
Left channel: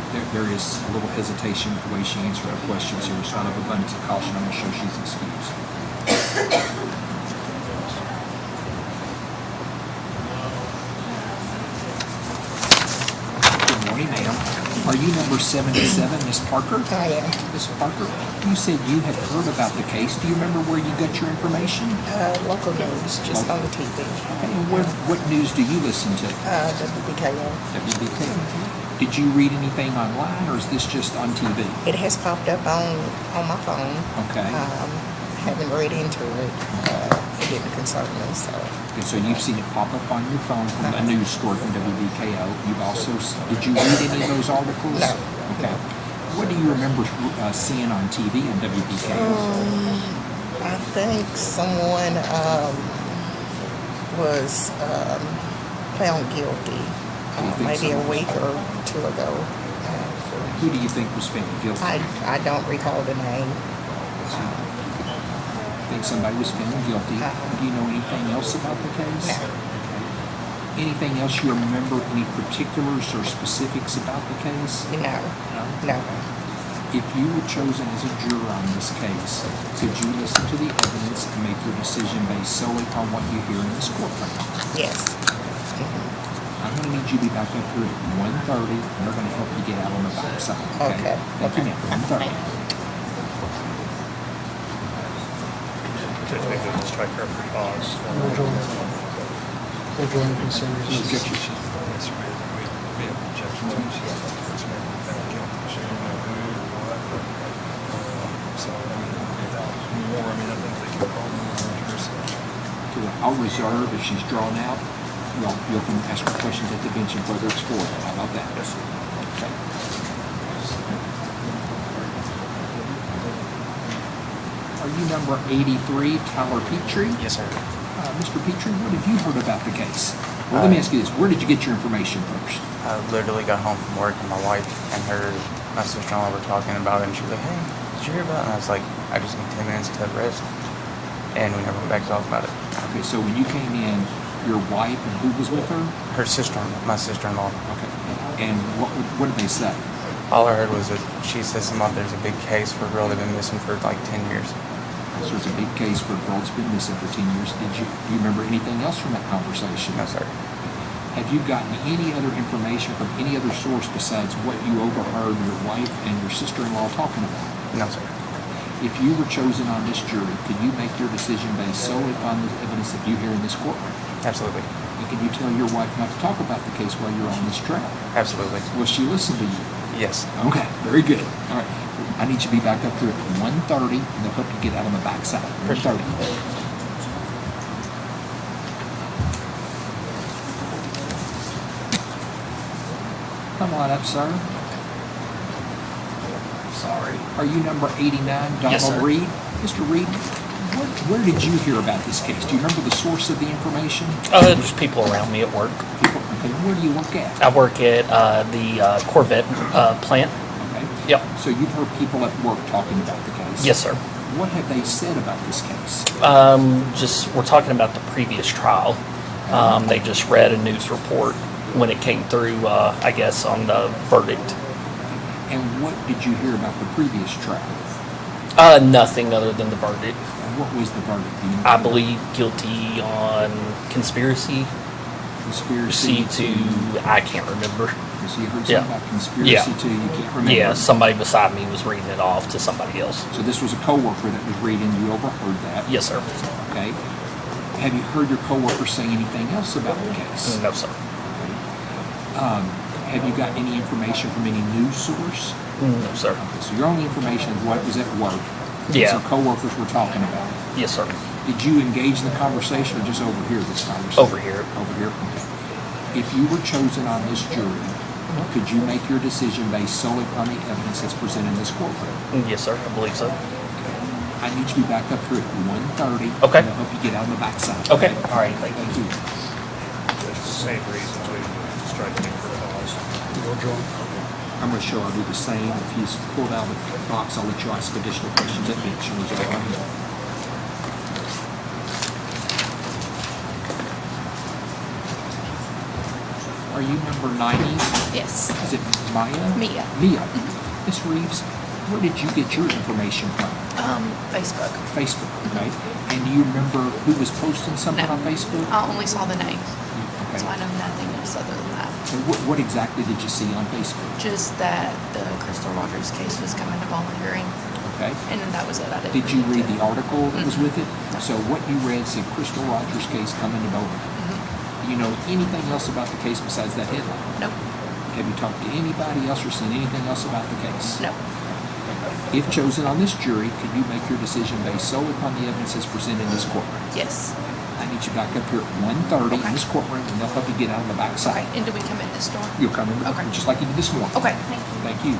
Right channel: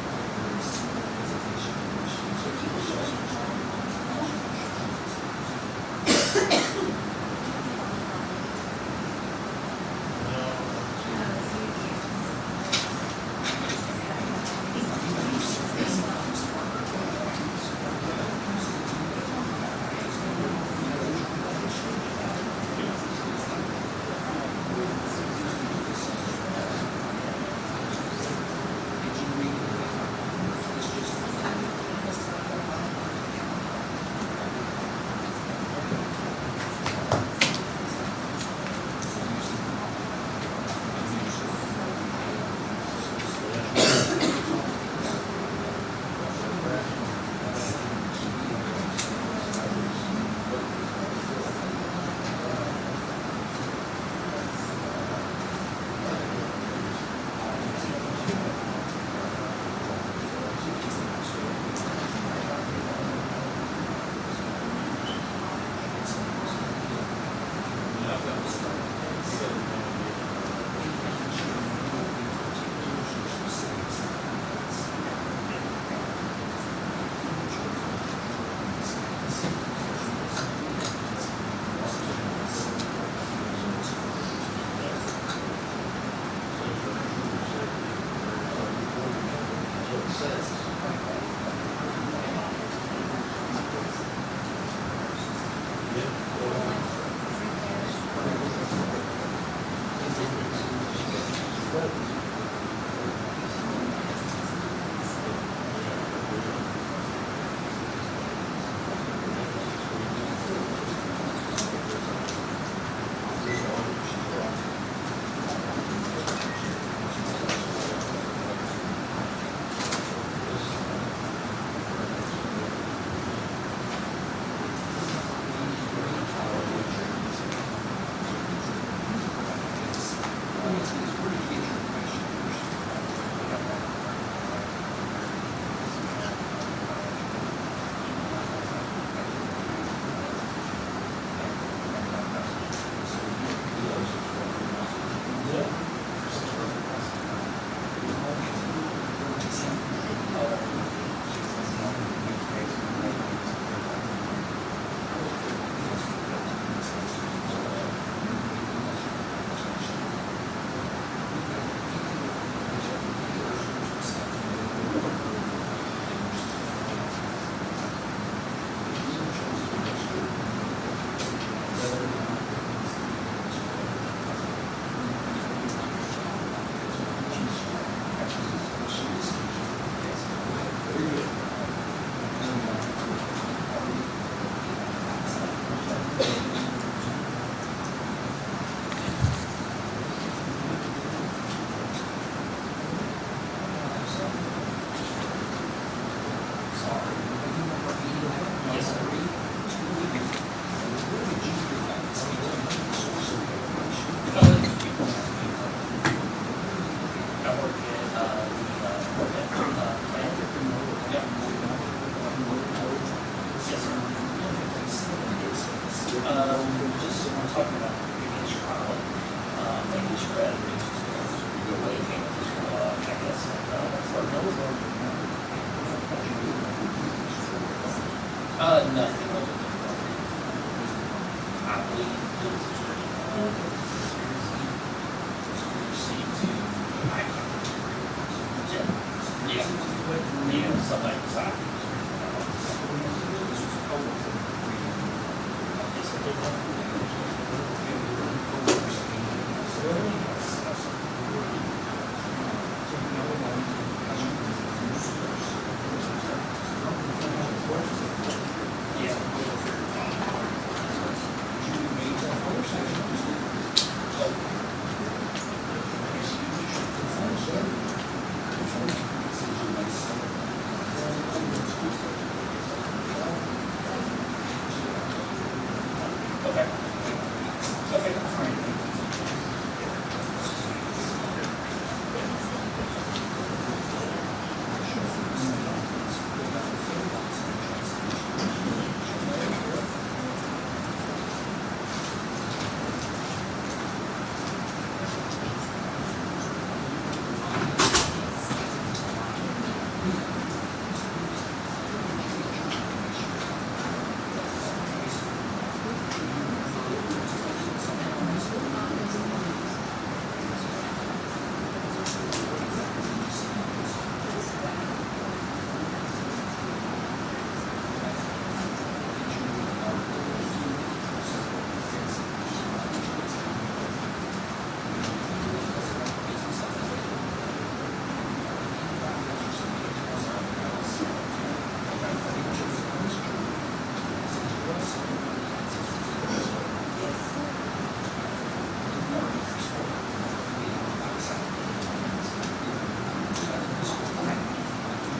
there are various little hesitation in the way she answered her questions here. So out of abundance of caution, I'm going to show she's excused. Good morning, ma'am. Are you number 77, Miss Parker? I am. Miss Parker, you said you had heard about the case. Do you remember where you got your information? Local news, just on the TV. And what news do you listen to? WBKO. WBKO. Did you read anything online, or is this just on TV? It has popped up on my phone. Okay. Haven't read into it. It didn't concern me, so. Okay, so you've seen it pop up on your phone from a news story from WBKO. You've also, did you read any of those articles? No. Okay. What do you remember seeing on TV in WBKO? I think someone was found guilty maybe a week or two ago. Who do you think was found guilty? I don't recall the name. I think somebody was found guilty. Do you know anything else about the case? No. Anything else you remember, any particulars or specifics about the case? No. If you were chosen as a juror on this case, could you listen to the evidence and make your decision based solely upon what you hear in this courtroom? Yes. I'm going to need you to be back up here at 1:30, and we're going to help you get out on the back side. Okay. Okay. 1:30. Judge, we would strike her for cause. I'll reserve if she's drawn out. You can ask her questions at the bench and whether it's for her. How about that? Okay. Are you number 83, Tyler Petrie? Yes, sir. Mr. Petrie, what have you heard about the case? Well, let me ask you this. Where did you get your information first? I literally got home from work and my wife and my sister-in-law were talking about it, and she was like, hey, did you hear about it? And I was like, I just need 10 minutes to rest. And we never went back to talk about it. Okay, so when you came in, your wife and who was with her? Her sister, my sister-in-law. Okay. And what did they say? All I heard was that she says there's a big case for a girl that's been missing for like 10 years. So it's a big case for a girl that's been missing for 10 years. Do you remember anything else from that conversation? No, sir. Have you gotten any other information from any other source besides what you overheard your wife and your sister-in-law talking about? No, sir. If you were chosen on this jury, could you make your decision based solely on the evidence that you hear in this courtroom? Absolutely. And can you tell your wife not to talk about the case while you're on this trial? Absolutely. Will she listen to you? Yes. Okay, very good. All right. I need you to be back up here at 1:30, and they'll help you get out on the back side. 1:30. Come on up, sir. Sorry. Are you number 89, Donald Yes, sir. Reed? Mr. Reed, Where did you hear about this case? Do you remember the source of the information? Just people around me at work. Okay, where do you work at? I work at the Corvette plant. Okay. Yep. So you've heard people at work talking about the case? Yes, sir. What have they said about this case? Just we're talking about the previous trial. They just read a news report when it came through, I guess, on the verdict. And what did you hear about the previous trial? Nothing other than the verdict. What was the verdict? I believe guilty on conspiracy. Conspiracy to, I can't remember. So you heard Yeah. something about conspiracy Yeah. to, you can't remember? Yeah, somebody beside me was reading it off to somebody else. So this was a coworker that was reading, you overheard that? Yes, sir. Okay. Have you heard your coworker say anything else about the case? No, sir. Have you got any information from any news source? No, sir. So your only information is what was at work? Yeah. Some coworkers were talking about it. Yes, sir. Did you engage in the conversation or just overhear this conversation? Over here. Over here. If you were chosen on this jury, could you make your decision based solely on the evidence that's presented in this courtroom? Yes, sir. I believe so. I need you to be back up here at 1:30. Okay. And I hope you get on the backside. Okay. All right. Thank you. Same reason we tried to make the cause. I'm going to show her do the same. If he's pulled out of the box, I'll let you ask additional questions. That big shows it right here. Are you number 90? Yes. Is it Maya? Mia. Mia. Miss Reeves, where did you get your information from? Facebook. Facebook, okay. And do you remember who was posting something on Facebook? I only saw the names, Okay. so I know nothing else other than that. And what exactly did you see on Facebook? Just that the Crystal Rogers case was coming to volunteering, Okay. and then that was it. I didn't. Did you read the article that was with it? So what you read said Crystal Rogers case coming to Bowman. Do you know anything else about the case besides that headline? No. Have you talked to anybody else or seen anything else about the case? No. If chosen on this jury, could you make your decision based solely upon the evidence that's presented in this courtroom? Yes. I need you back up here at 1:30 in this courtroom, and they'll help you get out on the back side. And do we come in this door? You'll come in, Okay. just like you did this morning. Okay. Thank you.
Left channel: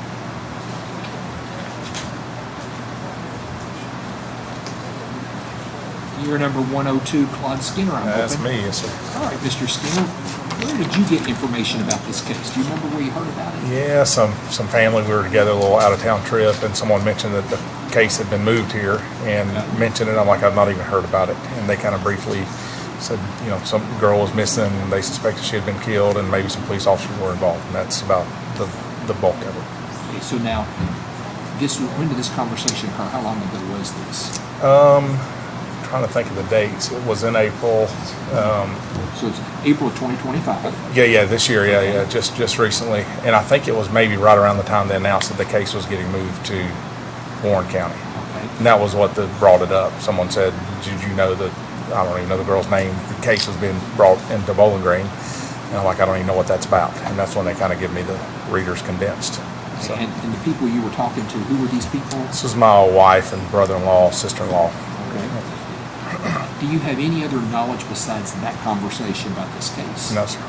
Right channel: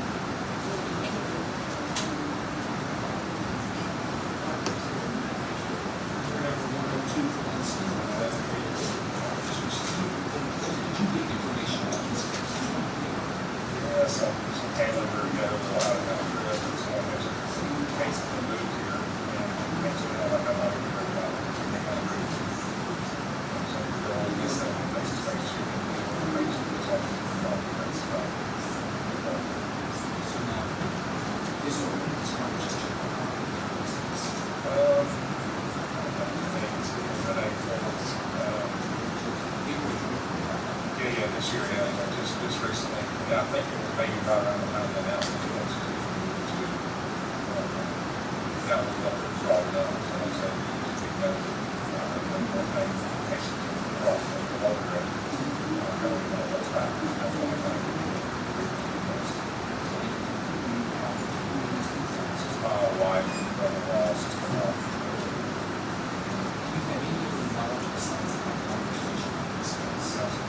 You're number 102, Claude Skinner, I'm That's hoping. me, yes, sir. All right, Mr. Skinner, where did you get information about this case? Do you remember where you heard about it? Yeah, some family, we were together, a little out-of-town trip, and someone mentioned that the case had been moved here, and mentioned it, I'm like, I've not even heard about it. And they kind of briefly said, you know, some girl was missing, they suspected she had been killed, and maybe some police officers were involved, and that's about the bulk of it. Okay, so now, when did this conversation occur? How long ago was this? Trying to think of the dates. It was in April. So it's April of 2025. Yeah, this year, yeah, just recently. And I think it was maybe right around the time they announced that the case was getting moved to Warren County. And that was what brought it up. Someone said, did you know that, I don't even know the girl's name, the case was being brought into Bowling Green. And I'm like, I don't even know what that's about. And that's when they kind of give me the Reader's Condensed. So, And the people you were talking to, who were these people? this is my wife and brother-in-law, sister-in-law. Do you have any other knowledge besides that conversation about this case? No, sir.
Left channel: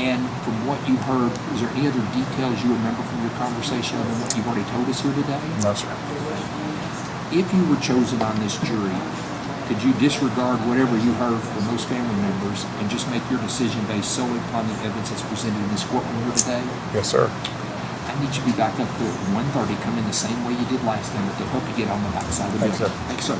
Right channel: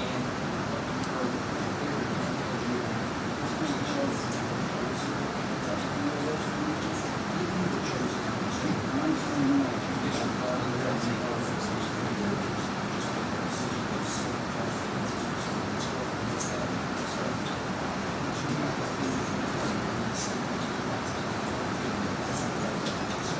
And from what you heard, is there any other details you remember from your conversation than what you've already told us here today? No, sir. If you were chosen on this jury, could you disregard whatever you heard from those family members and just make your decision based solely upon the evidence that's presented in this courtroom here today? Yes, sir. I need you to be back up here at 1:30, come in the same way you did last time, to help you get on the backside of the Thanks, building. sir. Thanks, sir.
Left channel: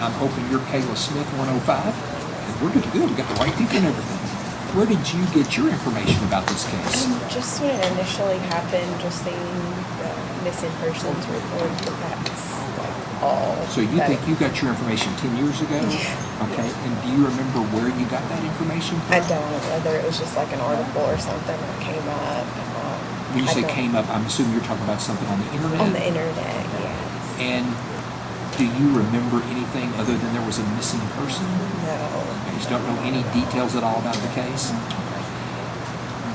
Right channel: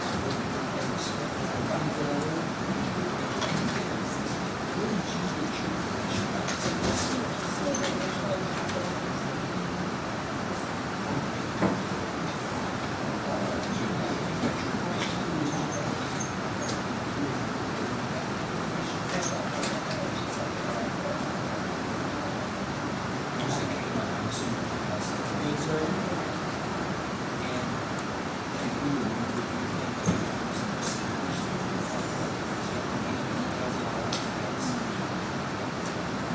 I'm hoping you're Kayla Smith, 105. We're good to go. We got the right people and everything. Where did you get your information about this case? Just when it initially happened, just seeing the missing persons report, that's all. So you think you got your information 10 years ago? Okay. And do you remember where you got that information from? I don't know whether it was just like an article or something that came up. When you I say don't- came up, I'm assuming you're talking about something on the internet? On the internet, yeah. And do you remember anything other than there was a missing person? No. You don't know any details at all about the case?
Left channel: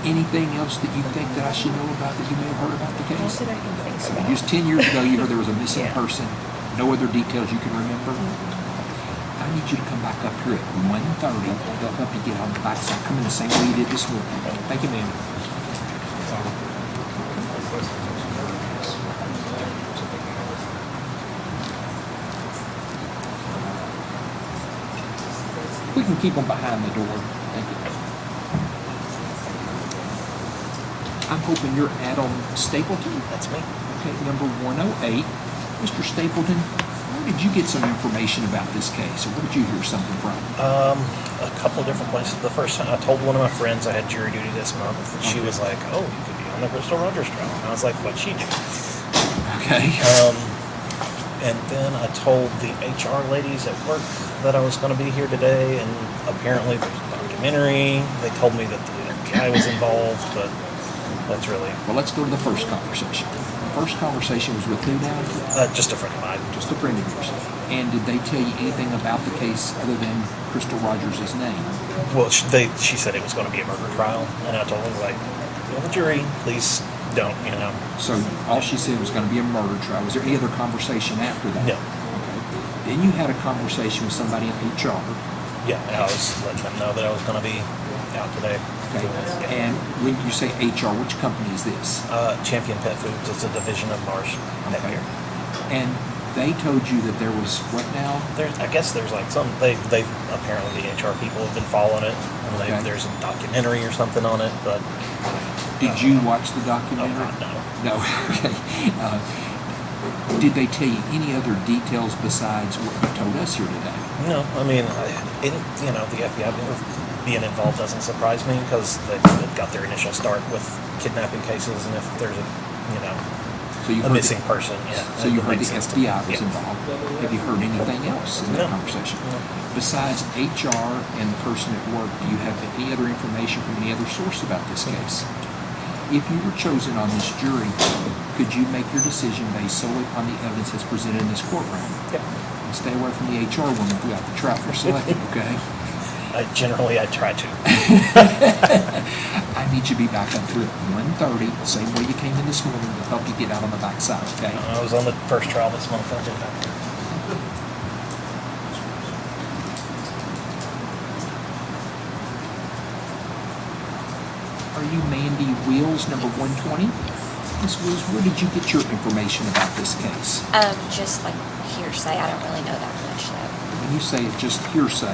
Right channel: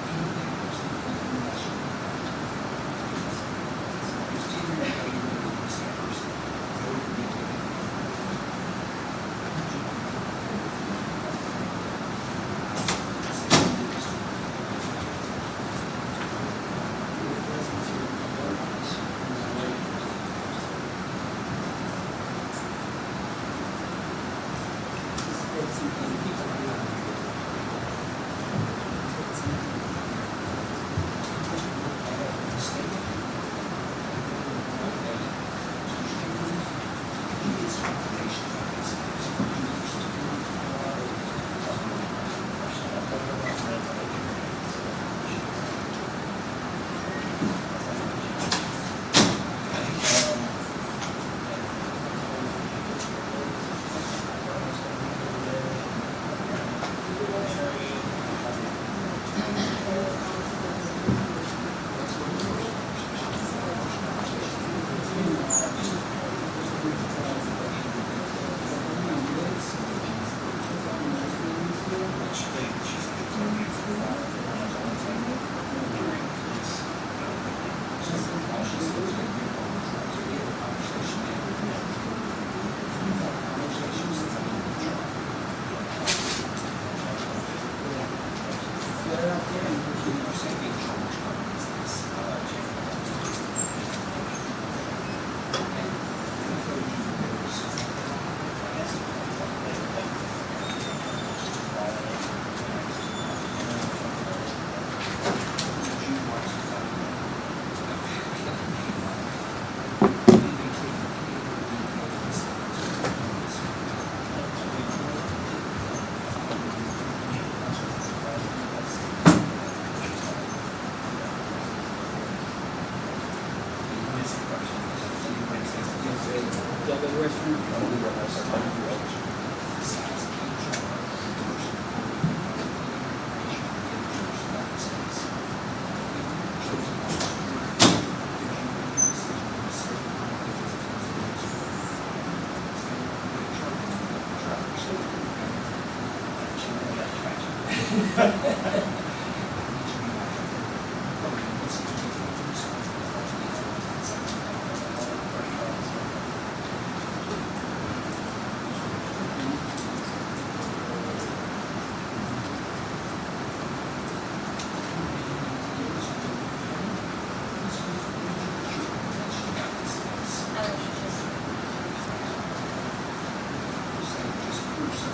Anything else that you think that I should know about that you may have heard about the case? Not that I can think about. Just 10 years ago, you heard there was a missing Yeah. person. No other details you can remember? I need you to come back up here at 1:30. They'll help you get on the backside. Come in the same way you did this morning. Thank you, ma'am. We can keep them behind the door. Thank you. I'm hoping you're Adam Stapleton. That's me. Okay, number 108. Mr. Stapleton, where did you get some information about this case, or where did you hear something from? A couple of different places. The first time I told one of my friends I had jury duty this month. She was like, "Oh, you could be on the Crystal Rogers trial." And I was like, "What she do?" Okay. And then I told the HR ladies at work that I was going to be here today, and apparently there's a documentary. They told me that the FBI was involved, but that's really... Well, let's go to the first conversation. The first conversation was with who now? Just a friend of mine. Just a friend of yours. And did they tell you anything about the case other than Crystal Rogers' name? Well, she said it was going to be a murder trial, and I told them, like, "The jury, please don't, you know." So all she said was going to be a murder trial. Was there any other conversation after that? No. Then you had a conversation with somebody in HR. Yeah, I was letting them know that I was going to be out today. Okay. And when you say HR, which company is this? Champion Pet Foods. It's a division of Marsh. Okay. And they told you that there was what now? I guess there's like some, they apparently the HR people have been following it. And Okay. There's a documentary or something on it, but. Did you watch the documentary? No. Okay. Did they tell you any other details besides what you told us here today? No, I mean, the FBI being involved doesn't surprise me because they got their initial start with kidnapping cases, and if there's a missing person, yeah. So you heard the FBI was involved. Have you heard anything else in that conversation? Besides HR and the person at work, do you have any other information from any other source about this case? If you were chosen on this jury, could you make your decision based solely upon the evidence that's presented in this courtroom? Yeah. Stay away from the HR woman throughout the trial for selecting, okay? I try to. I need you to be back up here at 1:30, the same way you came in this morning, to help you get out on the backside, okay? I was on the first trial this month. I did that. Are you Mandy Wheels, number 120? Ms. Wheels, where did you get your information about this case? Just like hearsay. I don't really know that much. When you say it just hearsay,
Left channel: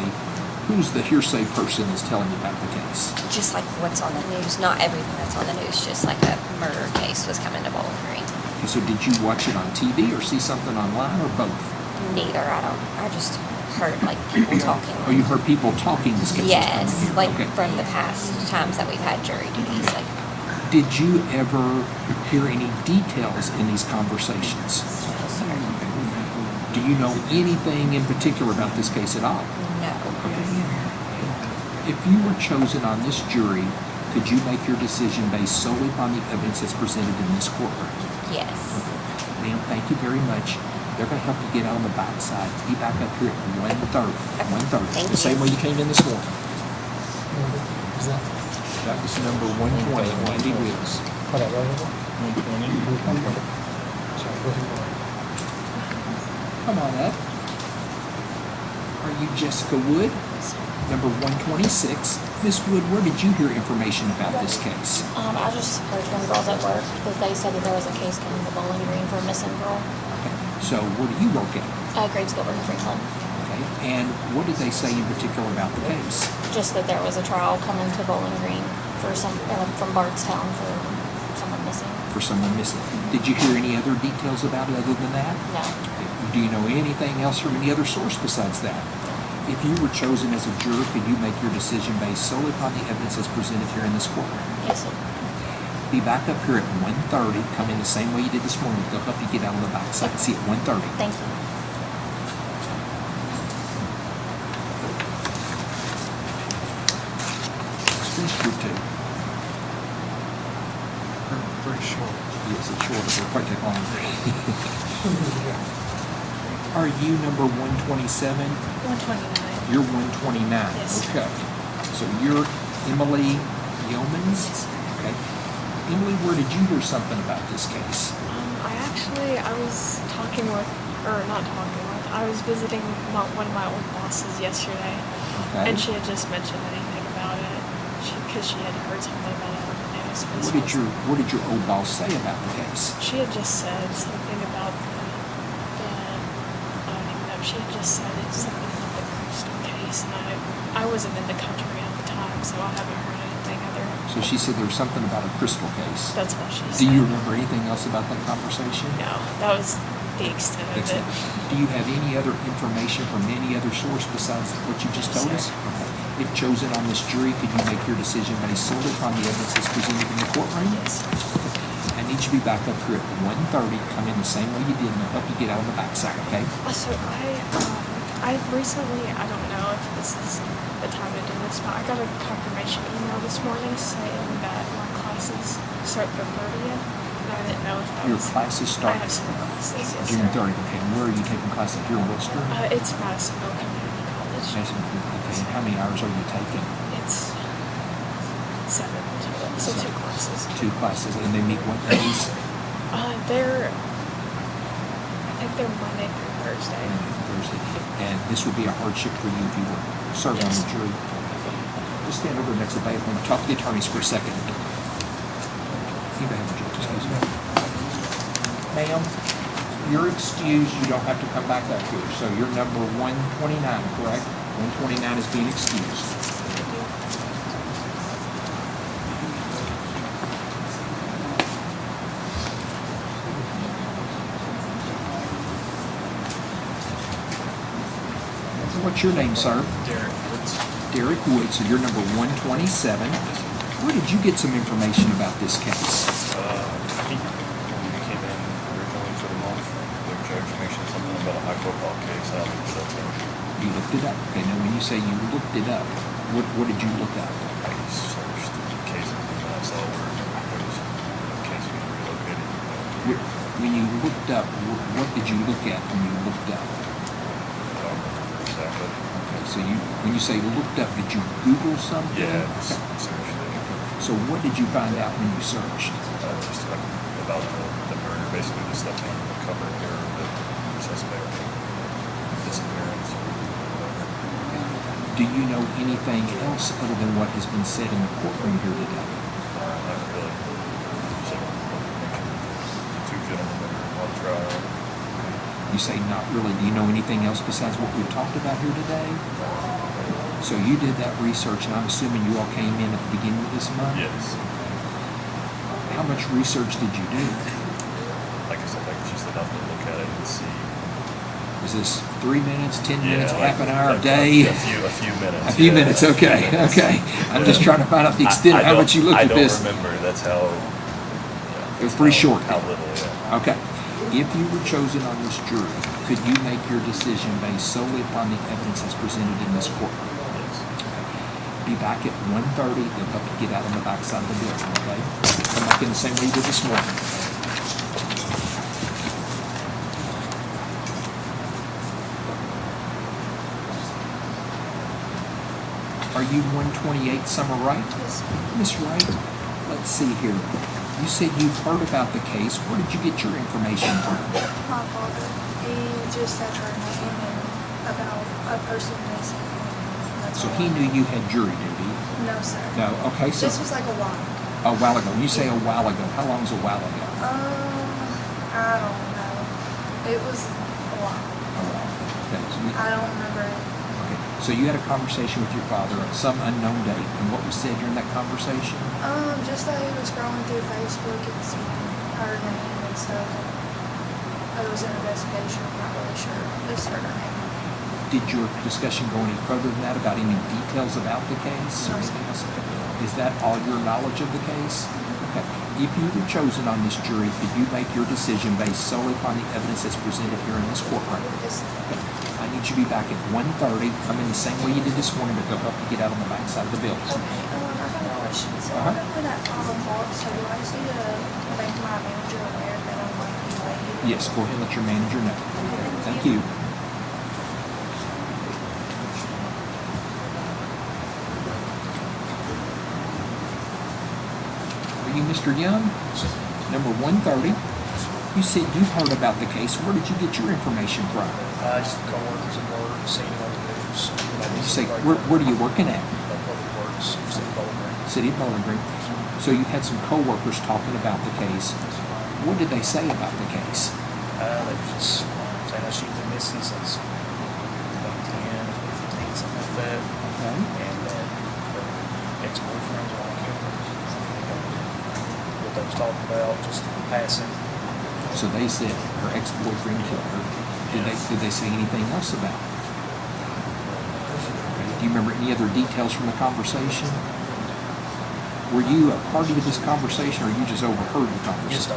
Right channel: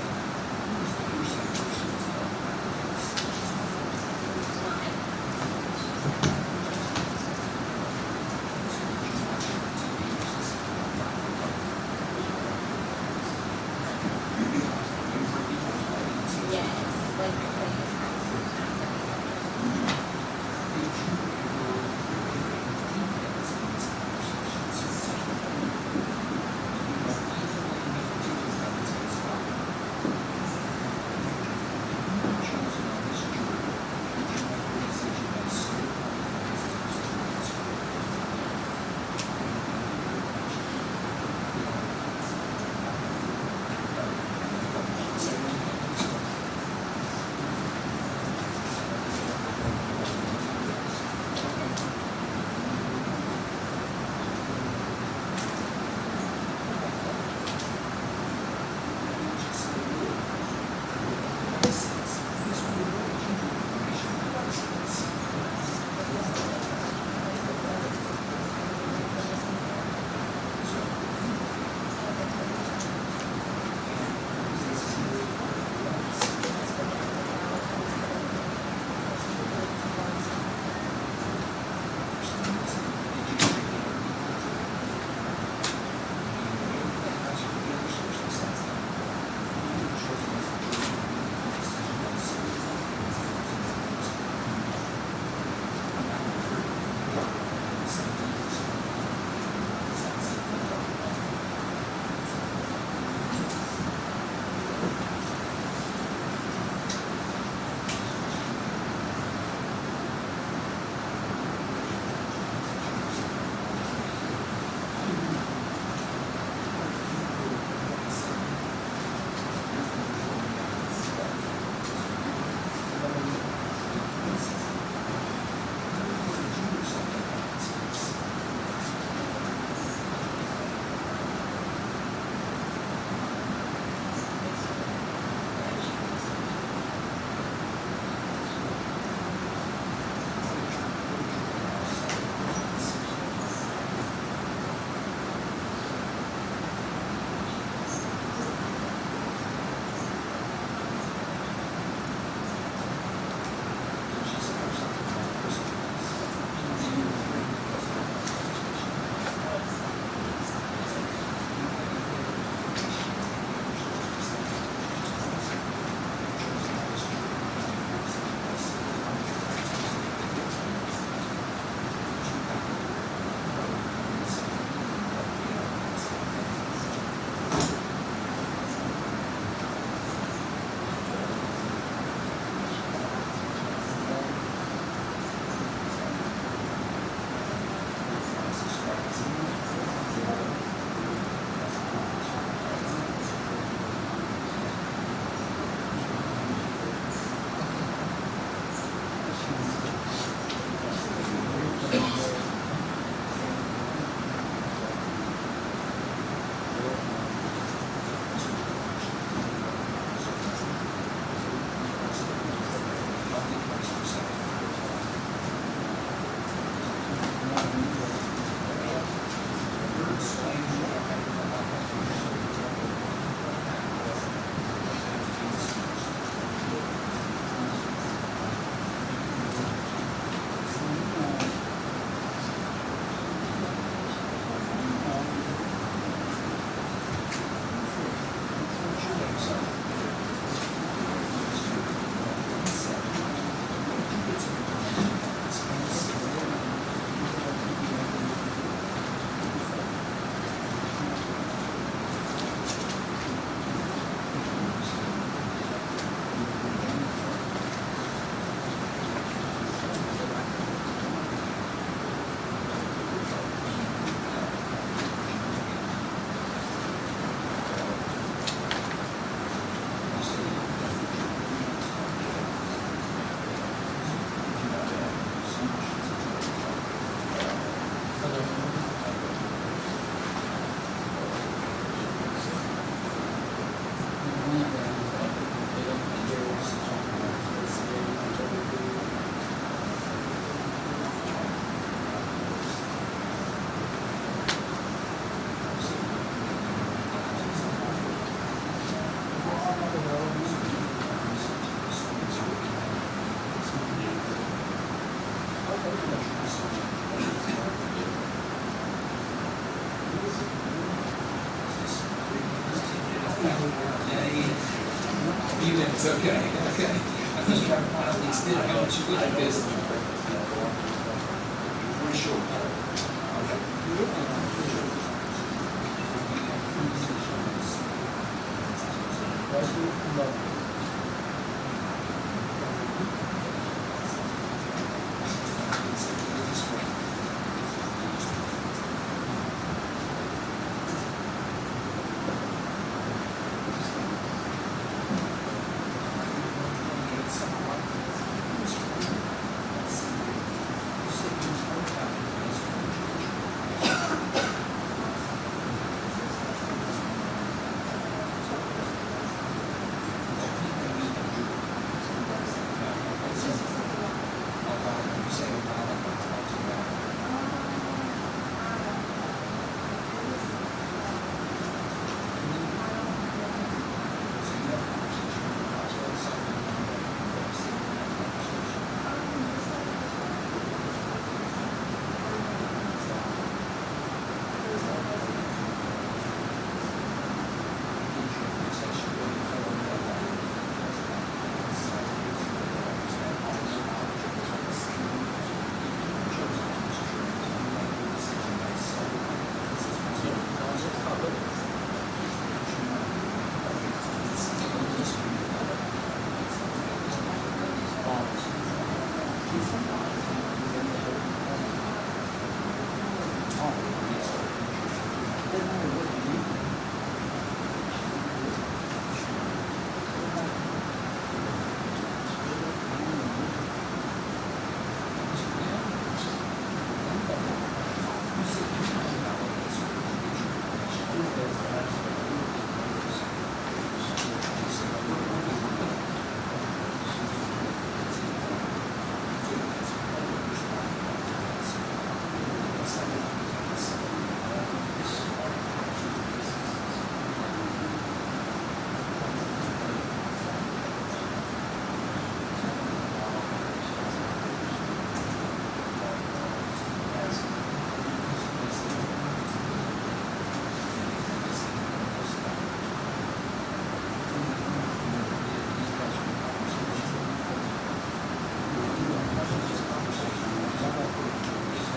who's the hearsay person that's telling you about the case? Just like what's on the news. Not everything that's on the news. Just like a murder case was coming to Bowling Green. And so did you watch it on TV or see something online or both? Neither. I just heard like people talking. Oh, you heard people talking this case? Yes, like from the past times that we've had jury duties. Did you ever hear any details in these conversations? Do you know anything in particular about this case at all? No. If you were chosen on this jury, could you make your decision based solely upon the evidence that's presented in this courtroom? Yes. Ma'am, thank you very much. They're going to have to get on the backside. Be back up here at 1:30. 1:30. The same way you came in this morning. That was number 120, Mandy Wheels. Come on up. Are you Jessica Wood? Number 126. Miss Wood, where did you hear information about this case? I just heard from girls at work that they said that there was a case coming to Bowling Green for a missing girl. So where do you work at? Grade school in Franklin. Okay. And what did they say in particular about the case? Just that there was a trial coming to Bowling Green for from Bardstown for someone missing. For someone missing. Did you hear any other details about it other than that? No. Do you know anything else from any other source besides that? If you were chosen as a juror, could you make your decision based solely upon the evidence that's presented here in this courtroom? Yes, sir. Be back up here at 1:30. Come in the same way you did this morning. They'll help you get out on the backside. See you at 1:30. Thank you. Who's group two? Pretty short. Yes, it's short. It'll probably take longer. Are you number 127? 129. You're 129. Yes. Okay. So you're Emily Yeomans? Okay. Emily, where did you hear something about this case? I was talking with, or not talking with, I was visiting one of my old bosses yesterday, Okay. and she had just mentioned anything about it, because she had heard something about it. What did your old boss say about the case? She had just said something about she had just said something about the Brewster case, and I wasn't in the country at the time, so I haven't heard anything other. So she said there was something about a crystal case. That's what she Do said. you remember anything else about that conversation? No, that was the extent of it. Excellent. Do you have any other information from any other source besides what you just told us? If chosen on this jury, could you make your decision based solely upon the evidence that's presented in the courtroom? I need you to be back up here at 1:30. Come in the same way you did and help you get out of the backside, okay? Also, I've recently, I don't know if this is the time I did this, but I got a confirmation email this morning saying that my classes start from 30th. I didn't know if that Your was. classes start I have some classes. Yes, June sir. 30th. And where are you taking classes here in Louisville? It's Madison College. And how many hours are you taking? It's 7, so 2 classes. 2 classes. And they meet what days? I think they're Monday through Thursday. And this would be a hardship for you if you were serving on the jury. Just stand over next to the and talk to the attorneys for a second. Ma'am, you're excused. You don't have to come back up here. So you're number 129, correct? 129 is being excused. What's your name, sir? Derek Woods. Derek Woods, so you're number 127. Where did you get some information about this case? We came in for the month. There was information something about a high profile case out in the You looked it up. Okay, now when you say you looked it up, what did you look up? When you looked up, what did you look at when you looked up? So when you say looked up, did you Google something? Yeah. So what did you find out when you searched? About the murder, basically the stuff that really covered the suspect disappearance. Do you know anything else other than what has been said in the courtroom here today? You say not really. Do you know anything else besides what we talked about here today? So you did that research, and I'm assuming you all came in at the beginning of this month? Yes. How much research did you do? Like I said, there was just enough to look at it and see. Was this 3 minutes, 10 minutes, like half an hour, a day? A few minutes. A few minutes, okay, okay. I'm just trying to find out the extent of how much you looked at this. I don't remember. That's how. It was pretty short. How little, yeah. Okay. If you were chosen on this jury, could you make your decision based solely upon the evidence that's presented in this courtroom? Be back at 1:30 to help you get out on the backside of the building, okay? Come back in the same way you did this morning. Are you 128 Summer Wright? Miss Wright, let's see here. You said you heard about the case. Where did you get your information from? My father, he just had heard about a person missing. So he knew you had jury duty? No, sir. No, okay, so. This was like a while. A while ago. When you say a while ago, how long is a while ago? I don't know. It was a while. Okay, I don't remember anything. so you had a conversation with your father at some unknown date, and what was said during that conversation? Just that it was scrolling through Facebook and seeing her name and stuff. It was an investigation. I'm not really sure. It's her name. Did your discussion go any further than that about any details about the case? Is that all your knowledge of the case? Okay. If you were chosen on this jury, could you make your decision based solely upon the evidence that's presented here in this courtroom? I need you to be back at 1:30. Come in the same way you did this morning to go up and get out on the backside of the building. Yes, go ahead and let your manager know. Thank you. Are you Mr. Young? Number 130. You said you heard about the case. Where did you get your information from? I used to call it to work, seeing on the news. You say, where are you working at? City of Bowling. So you had some co-workers talking about the case. What did they say about the case? They just tell us you can miss this and something like that. Okay. And they said her ex-boyfriend did her. Did they say anything else about it? Do you remember any other details from the conversation? Were you a party to this conversation, or you just overheard the conversation?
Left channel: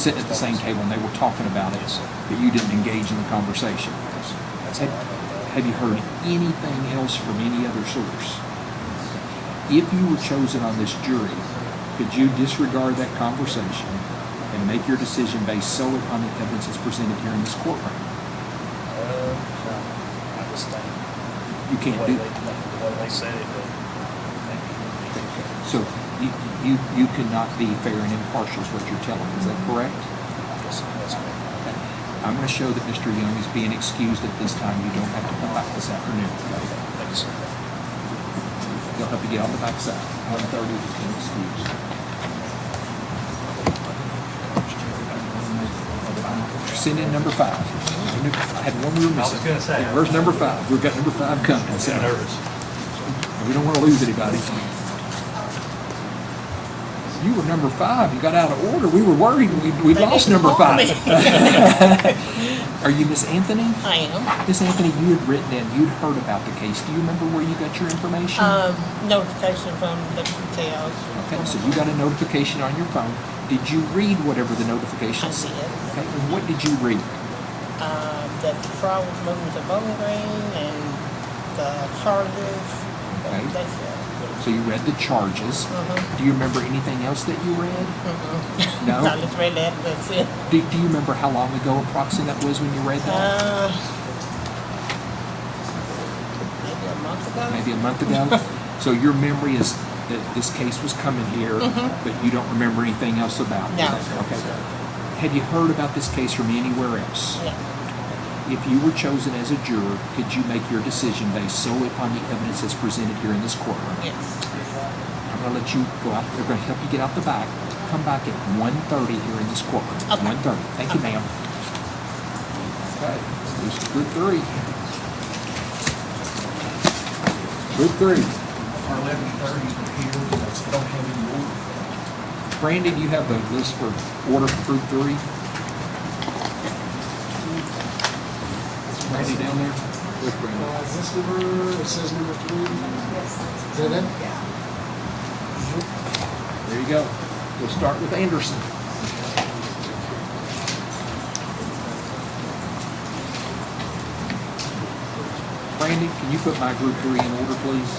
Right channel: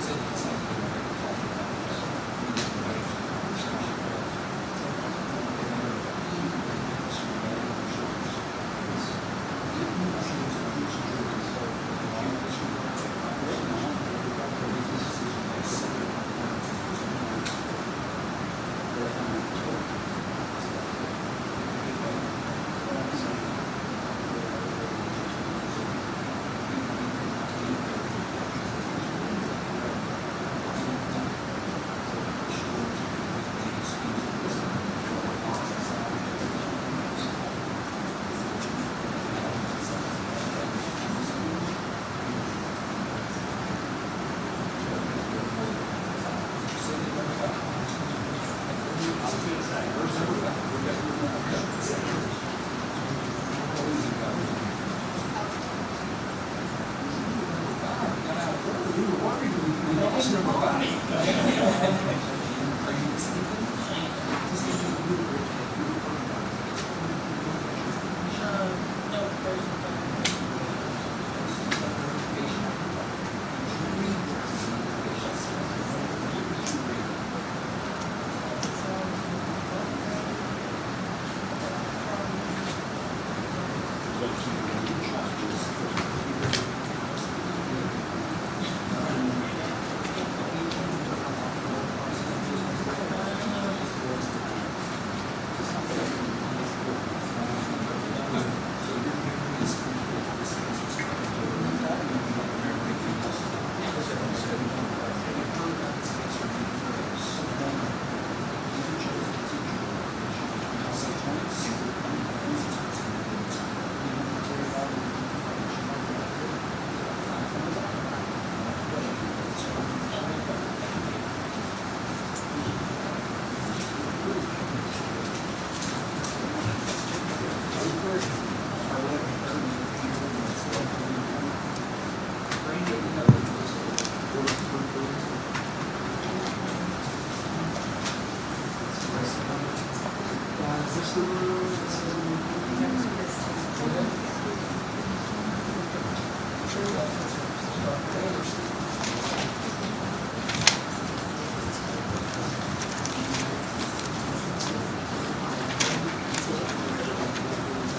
Sitting at the same table and they were talking about it, but you didn't engage in the conversation. Have you heard anything else from any other source? If you were chosen on this jury, could you disregard that conversation and make your decision based solely on the evidence that's presented here in this courtroom? You can't do that. So you cannot be fair and impartial is what you're telling me. Is that correct? I'm going to show that Mr. Young is being excused at this time. You don't have to come back this afternoon. They'll have to get all the backs up. Send in number 5. I had one room. I was going to say. Where's number 5? We've got number 5 coming. I'm nervous. We don't want to lose anybody. You were number 5. You got out of order. We were worried. We lost number 5. Are you Miss Anthony? I am. Miss Anthony, you had written in. You'd heard about the case. Do you remember where you got your information? Notification from the details. Okay, so you got a notification on your phone. Did you read whatever the notification said? Okay, and what did you read? That the trial was moving to voting range and the charges. Okay. That's it. So you read the charges. Do you remember anything else that you read? No? I just read that. That's it. Do you remember how long ago approximately that was when you read that? Maybe a month ago. So your memory is that this case was coming here, but you don't remember anything else about it? No. Okay. Had you heard about this case from anywhere else? No. If you were chosen as a juror, could you make your decision based solely upon the evidence that's presented here in this courtroom? Yes. I'm going to let you go out. They're going to help you get out the back. Come back at 1:30 here in this courtroom. Okay. 1:30. Thank you, ma'am. Okay. This is group 3. Group 3. Randy, do you have a list for order for group 3? Randy down there? This number, it says number 3. Is that it? There you go. We'll start with Anderson. Randy, can you put my group 3 in order, please?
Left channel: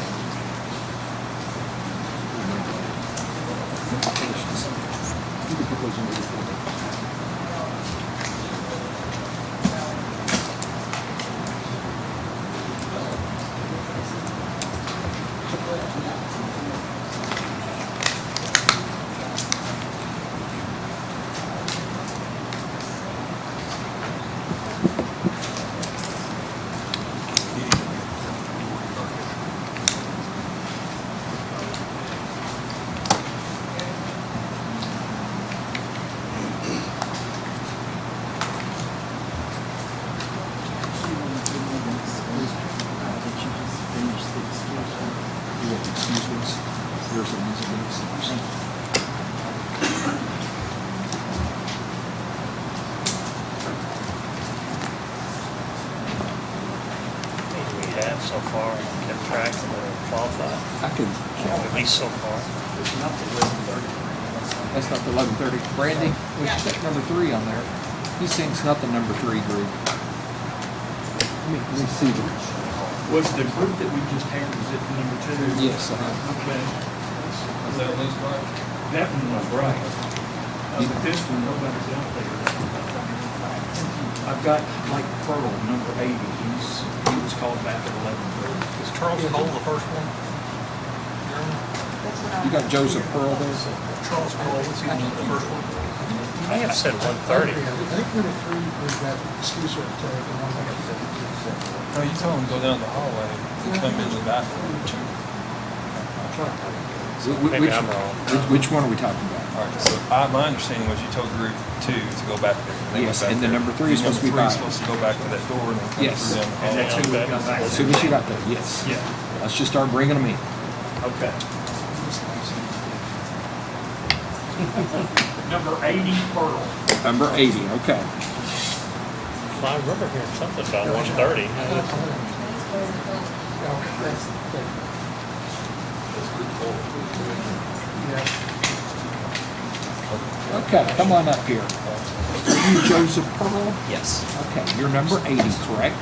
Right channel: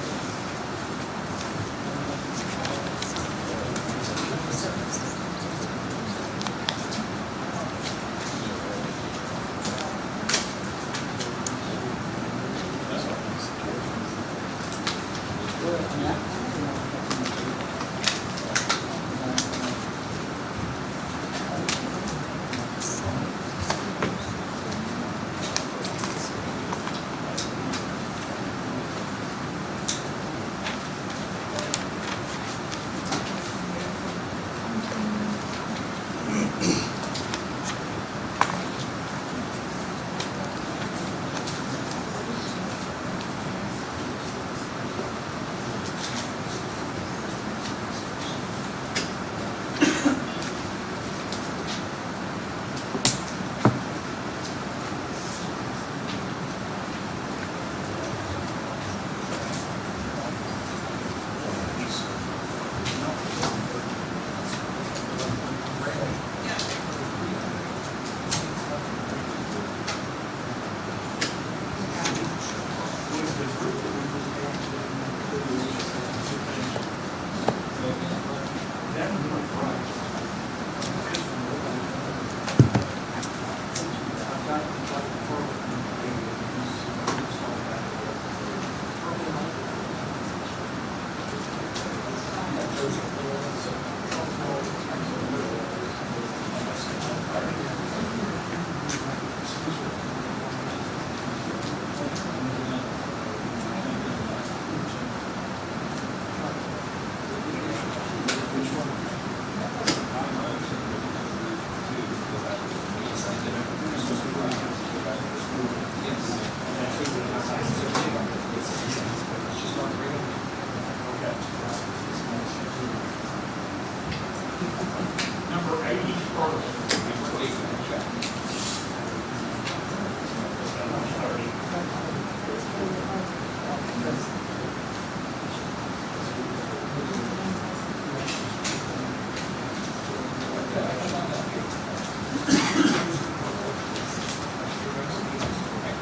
So far, kept track of the qualified. I could. At least so far. That's not the 11:30. Brandy, we should take number 3 on there. He's saying it's not the number 3 group. Let me see. Was the group that we just had, was it number 2? Yes. Okay. That one was right. This one, nobody's out there. I've got Mike Pearl, number 80. He was called back at 11:30. Is Charles Cole the first one? You got Joseph Pearl. Charles Cole was the first one. I have said 1:30. Oh, you told him to go down the hallway and come in the back. Maybe I'm wrong. Which one are we talking about? All right, so my understanding was you told group 2 to go back there. Yes, and the number 3 is supposed to be right. Supposed to go back to that door. Yes. And that's who we come back As to. soon as you got there, yes. Yeah. Let's just start bringing them in. Okay. Number 80, Pearl. Number 80, okay. I remember hearing something about 130. Okay, come on up here. You Joseph Pearl? Yes. Okay, you're number 80, correct?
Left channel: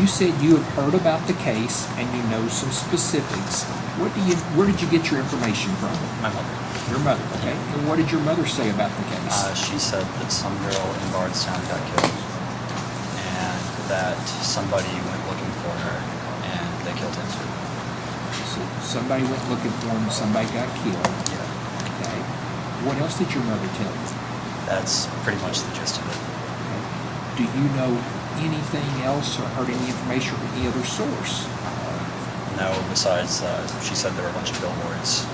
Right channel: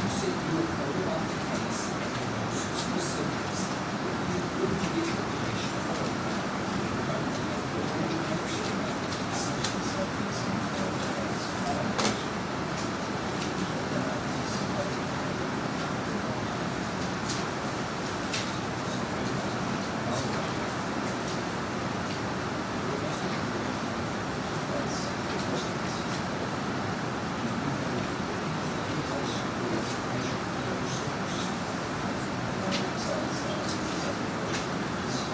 You said you have heard about the case and you know some specifics. Where did you get your information from? My mother. Your mother, okay. And what did your mother say about the case? She said that some girl in Bardstown got killed, and that somebody went looking for her, and they killed him. So somebody went looking for him, somebody got killed. Okay. What else did your mother tell you? That's pretty much the gist of it. Do you know anything else or heard any information from any other source? No, besides, she said there were a bunch of billboards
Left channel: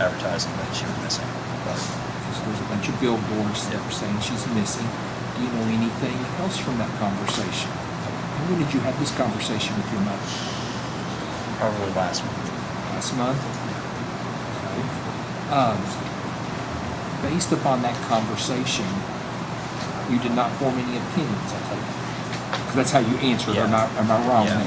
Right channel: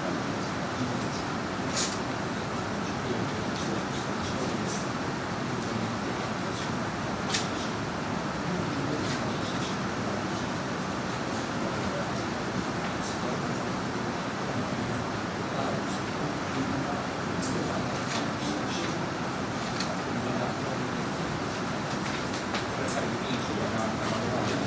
advertising that she was missing. So there's a bunch of billboards that are saying she's missing. Do you know anything else from that conversation? When did you have this conversation with your mother? Probably last month. Last month? Based upon that conversation, you did not form any opinions, I take it. That's how you answered, Yeah. am I wrong? Yeah.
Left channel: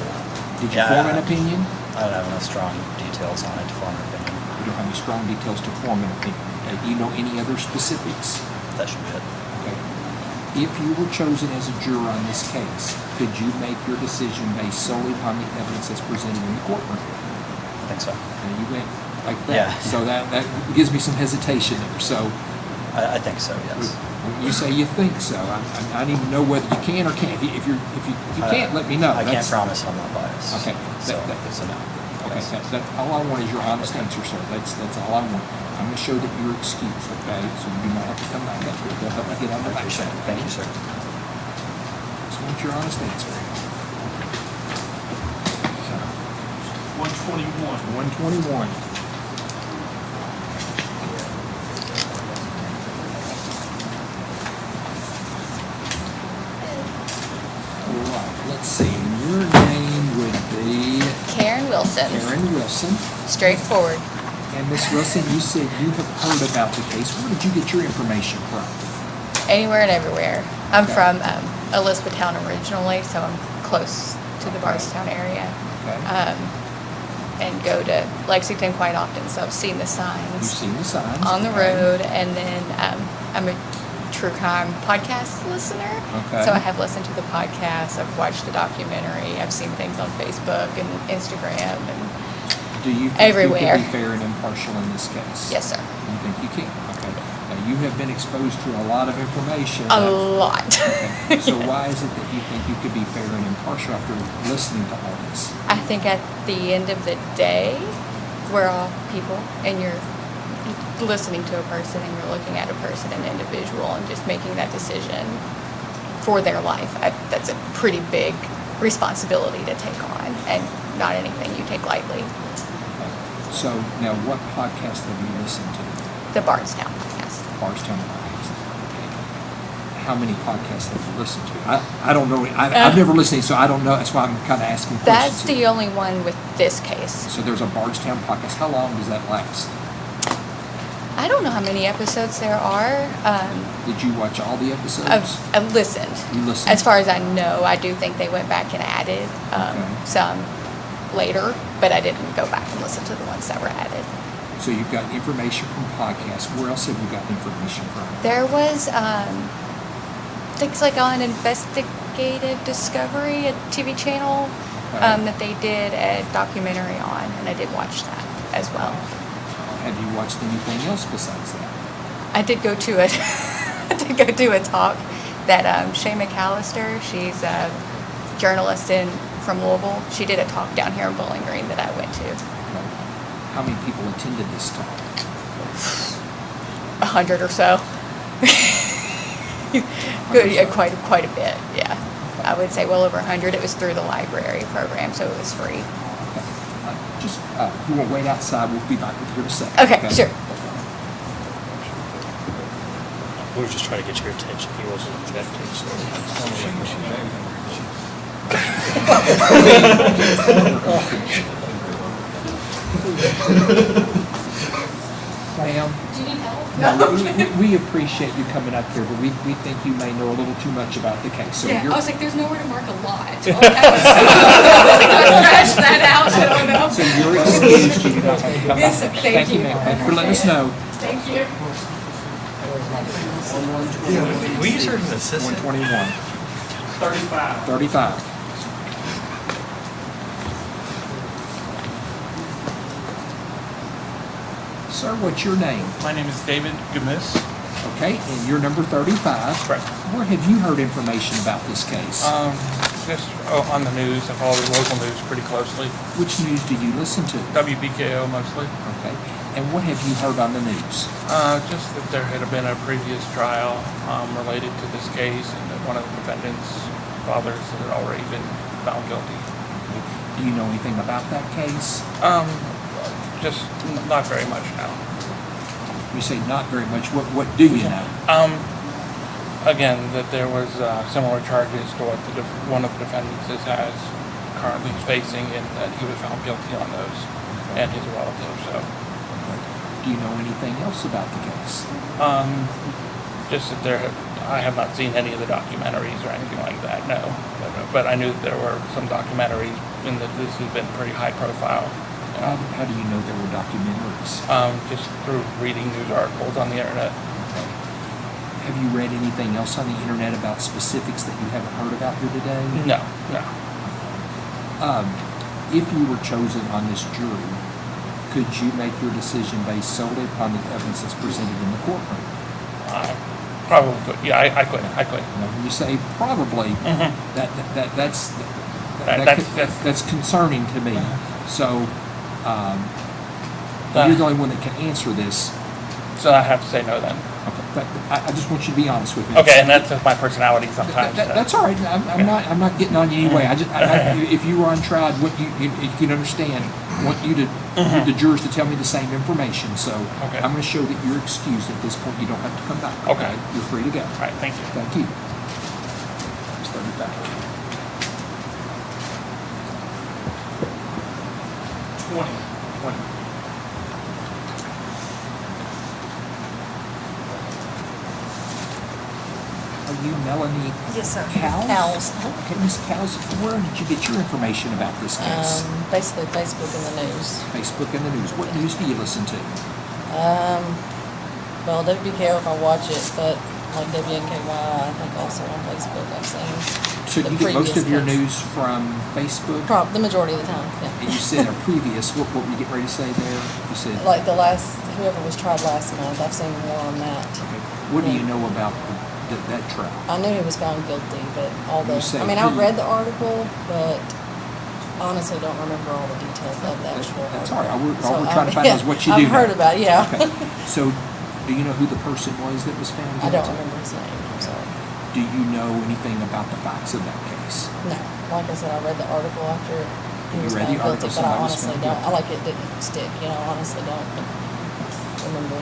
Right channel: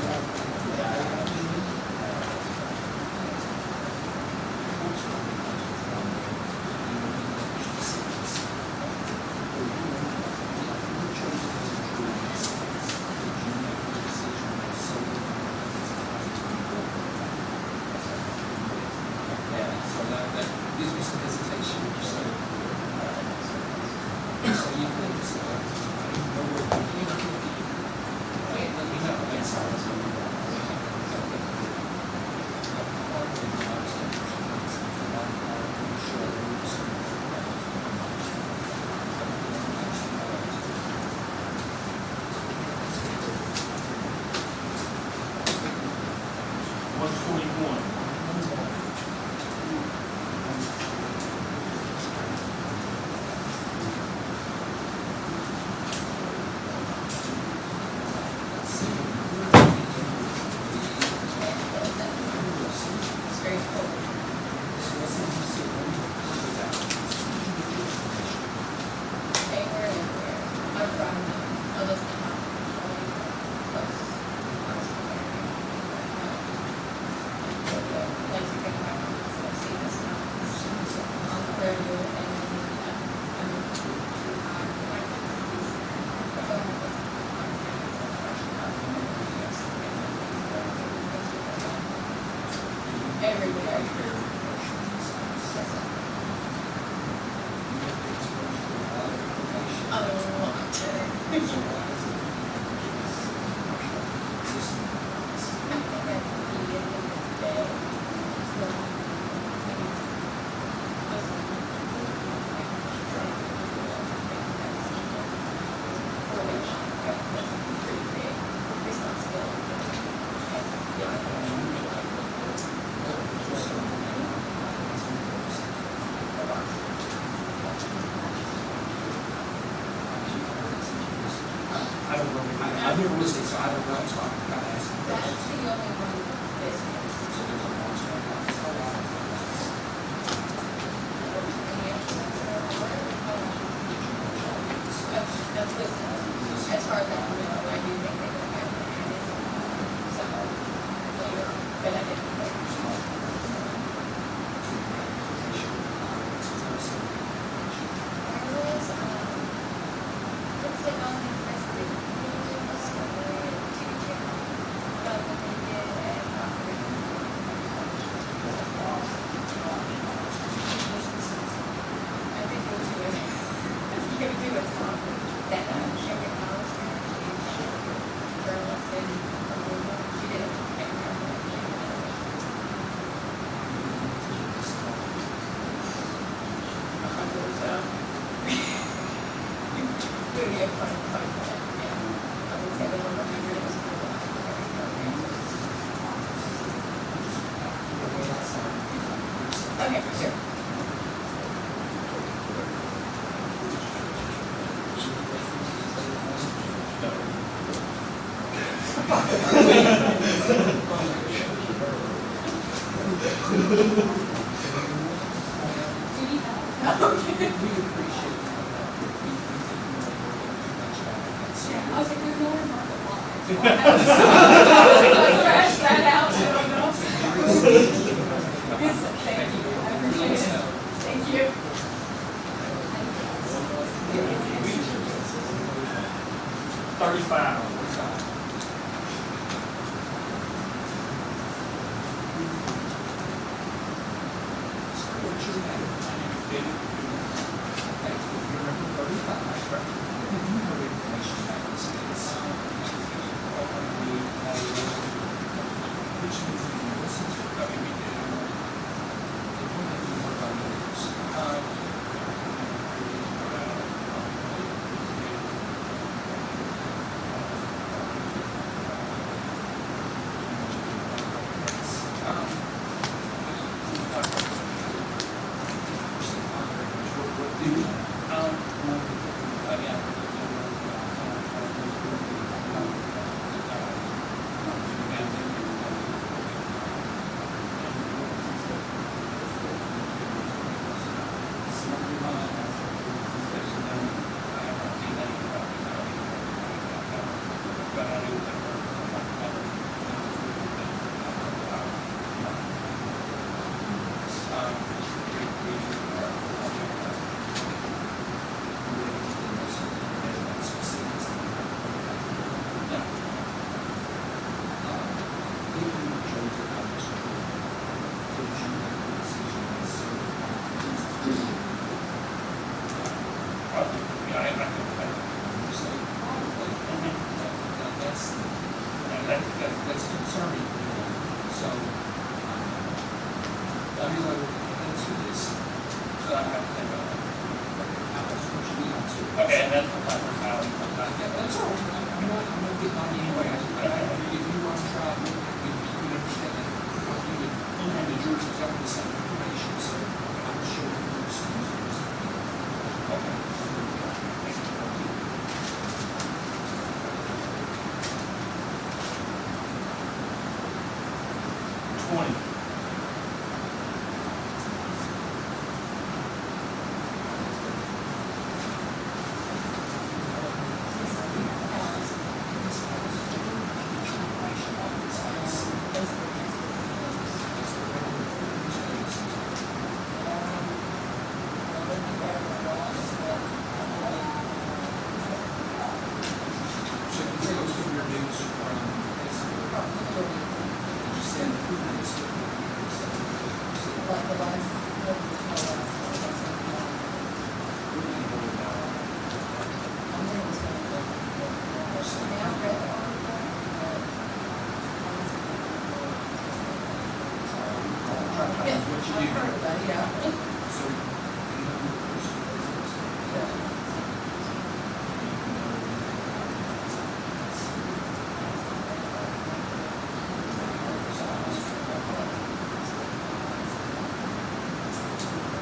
Did you form an opinion? I don't have strong details on it to form an opinion. You don't have strong details to form an opinion. Do you know any other specifics? That should fit. Okay. If you were chosen as a juror on this case, could you make your decision based solely upon the evidence that's presented in the courtroom? I think so. And you think like that? Yeah. So that gives me some hesitation there. So I think so, yes. when you say you think so, I need to know whether you can or can't. If you can't, let me know. I can't promise I'm not biased. Okay. All I want is your honest answer, sir. That's all I want. I'm going to show that you're excused, okay? So you do not have to come back up. Get up and action. Thank you, sir. So what's your honest answer? 121. 121. Let's see, your name would be Karen Wilson. Karen Wilson. Straightforward. And Miss Wilson, you said you have heard about the case. Where did you get your information from? Anywhere and everywhere. I'm from Elizabethtown originally, so I'm close to the Bardstown area. And go to Lexington quite often, so I've seen the signs. You've seen the signs. On the road, and then I'm a true crime podcast listener. Okay. So I have listened to the podcast, I've watched the documentary, I've seen things on Facebook and Instagram and Do you think everywhere. you can be fair and impartial in this case? Yes, sir. I think you can. Okay. Now, you have been exposed to a lot of information. A lot. Okay. So why is it that you think you could be fair and impartial after listening to all this? I think at the end of the day, we're all people, and you're listening to a person and you're looking at a person, an individual, and just making that decision for their life. That's a pretty big responsibility to take on, and not anything you take lightly. So now, what podcast have you listened to? The Bardstown podcast. Bardstown podcast. How many podcasts have you listened to? I don't know. I've never listened, so I don't know. That's why I'm kind of asking questions. That's the only one with this case. So there's a Bardstown podcast. How long does that last? I don't know how many episodes there are. Did you watch all the episodes? I've listened. You listened? As far as I know, I do think they went back and added some later, but I didn't go back and listen to the ones that were added. So you've got information from podcasts. Where else have you gotten information from? There was things like on Investigative Discovery, a TV channel that they did a documentary on, and I did watch that as well. Have you watched anything else besides that? I did go to a talk that Shay McAllister, she's a journalist from Louisville. She did a talk down here in Bowling Green that I went to. How many people attended this talk? 100 or so. Good, yeah, quite a bit. Yeah, I would say well over 100. It was through the library program, so it was free. Just you want to wait outside? We'll be back with you in a second. Okay, sure. We were just trying to get your attention. You wasn't Ma'am. Do you need help? No, we appreciate you coming up here, but we think you may know a little too much about the case. So Yeah, you're- I was like, there's nowhere to mark a lot. Scratch that out, I don't know. So you're excused, you do not have to come Yes, back. thank you. ma'am. Thanks for letting us know. Thank you. We use her as an assistant. 121. 35. 35. Sir, what's your name? My name is David Gumis. Okay, and you're number 35. Correct. Where have you heard information about this case? Just on the news. I follow the local news pretty closely. Which news do you listen to? WBKO mostly. Okay. And what have you heard on the news? Just that there had been a previous trial related to this case, and that one of the defendants' fathers had already been found guilty. Do you know anything about that case? Just not very much now. You say not very much. What do you know? Again, that there was similar charges to what one of the defendants has currently facing, and that he was found guilty on those, and his relative. So, do you know anything else about the case? Just that I have not seen any of the documentaries or anything like that. No, but I knew that there were some documentaries, and that this has been pretty high profile. How do you know there were documentaries? Just through reading news articles on the internet. Have you read anything else on the internet about specifics that you haven't heard about here today? No. If you were chosen on this jury, could you make your decision based solely upon the evidence that's presented in the courtroom? Probably could. Yeah, I could. When you say probably, that's concerning to me. So you're the only one that can answer this. So I have to say no then. But I just want you to be honest with me. Okay, and that's just my personality sometimes. That's all right. I'm not getting on you anyway. If you were on trial, what you can understand, I want you to the jurors to tell me the same information. So I'm going to show that you're excused at this point. You don't have to come back. Okay. You're free to go. All right. Thank you. Thank you. Start it back. 20. Are you Melanie? Yes, sir. Cowles. Okay, Ms. Cowles, where did you get your information about this case? Basically Facebook and the news. Facebook and the news. What news do you listen to? Well, WBKO if I watch it, but like WNKY, I think also on Facebook I've seen. So you get most of your news from Facebook? The majority of the time, yeah. And you said a previous, what were you getting ready to say there? You said, Like whoever was tried last month, I've seen more on that. what do you know about that trial? I knew he was found guilty, but I who? read the article, but honestly don't remember all the details of the actual article. That's all right. All we're trying to find out is what you do. I've heard about it, yeah. Okay. So, do you know who the person was that was found I guilty? don't remember his name, I'm sorry. Do you know anything about the facts of that case? No, like I said, I read the article after he was read found the article, guilty, but I somebody was honestly found don't. guilty. I like it didn't stick, honestly don't remember.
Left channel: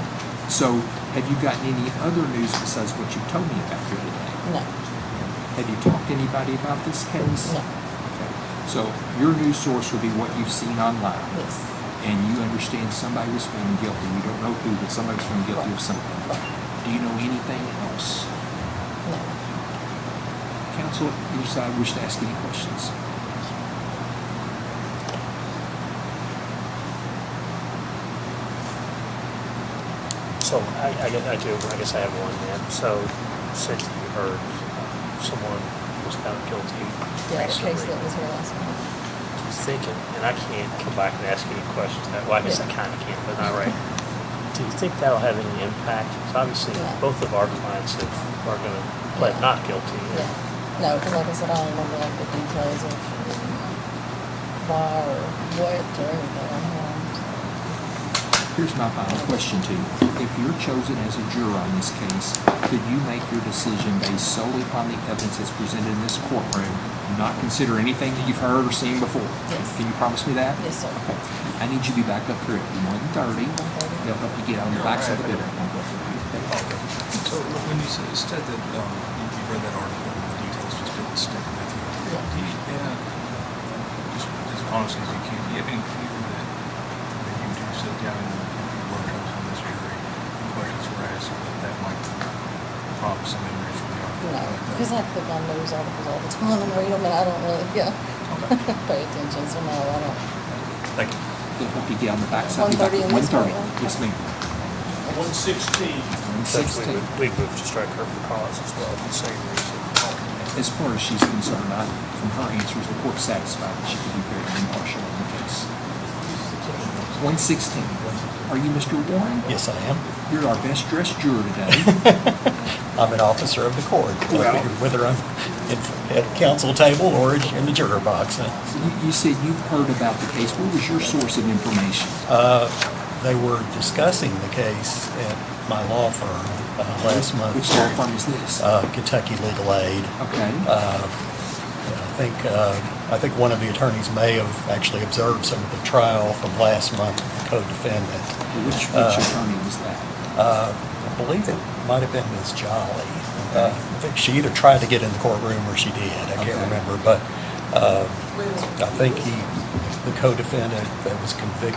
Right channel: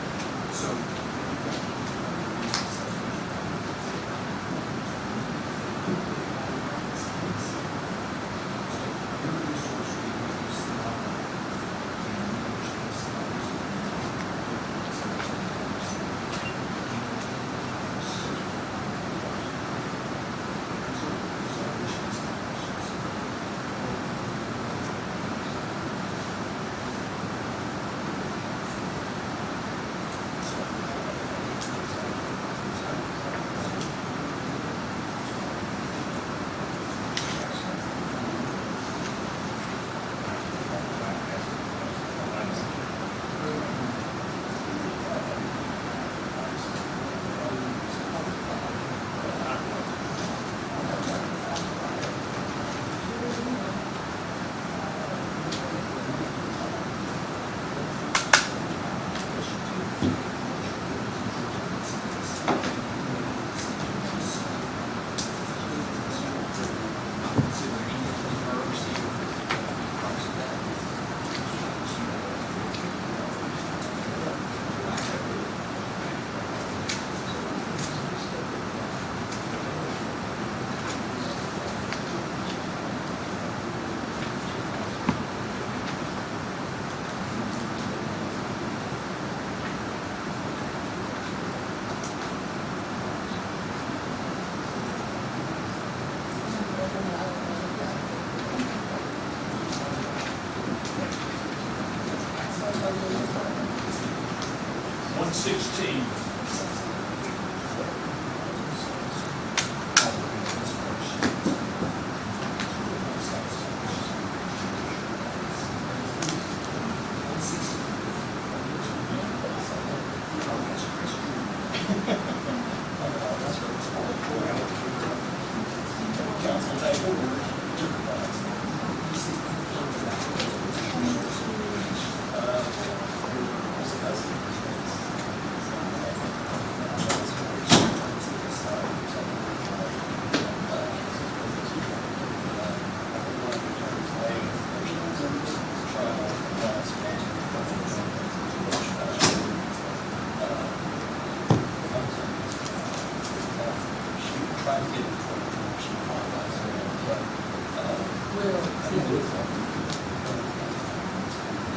So, have you gotten any other news besides what you told me about here today? No. Have you talked to anybody about this case? No. So, your news source will be what you've seen online. Yes. And you understand somebody was found guilty. We don't know who, but somebody was found guilty of something. Do you know anything else? No. Counsel, your side wish to ask any questions? So I guess I have one here. So since you heard someone was found guilty, Yeah, the case that was last one. thinking, and I can't come back and ask any questions now. Well, I guess I kind of can, but not right. Do you think that'll have any impact? Because obviously both of our clients are going to plead not guilty. Yeah. No, because like I said, I don't remember like the details of why or what or anything. Here's my final question to you. If you're chosen as a juror on this case, could you make your decision based solely upon the evidence that's presented in this courtroom and not consider anything that you've heard or seen before? Yes. Can you promise me that? Yes, sir. Okay. I need you to be back up here at 1:30. They'll let you get on your backs up there. So when you said that you read that article, details just for the state. As honest as you can get into it, you do sit down and work on this questions for Because I click on news articles all the time and read them, and I don't really, pay attention, so no, I don't. Thank you. It will be down the backside. 1:30 in this 1:30. one. Yes, ma'am. 116. 116. We could just try to hurt the cause as well. As far as she's concerned, from her answers, the court's satisfied that she can be very impartial in the case. 116. Are you Mr. Warren? Yes, I am. You're our best dressed juror today. I'm an officer of the court, Well- whether I'm at the council table or in the juror box. You said you've heard about the case. What was your source of information? They were discussing the case at my law firm last month. Which law firm is this? Kentucky Legal Aid. Okay. I think one of the attorneys may have actually observed some of the trial from last month with the co-defendant. Which attorney was that? I believe it might have been Ms. Jolly. I think she either tried to get in the courtroom or she did. I can't remember, but I think the co-defendant that was convicted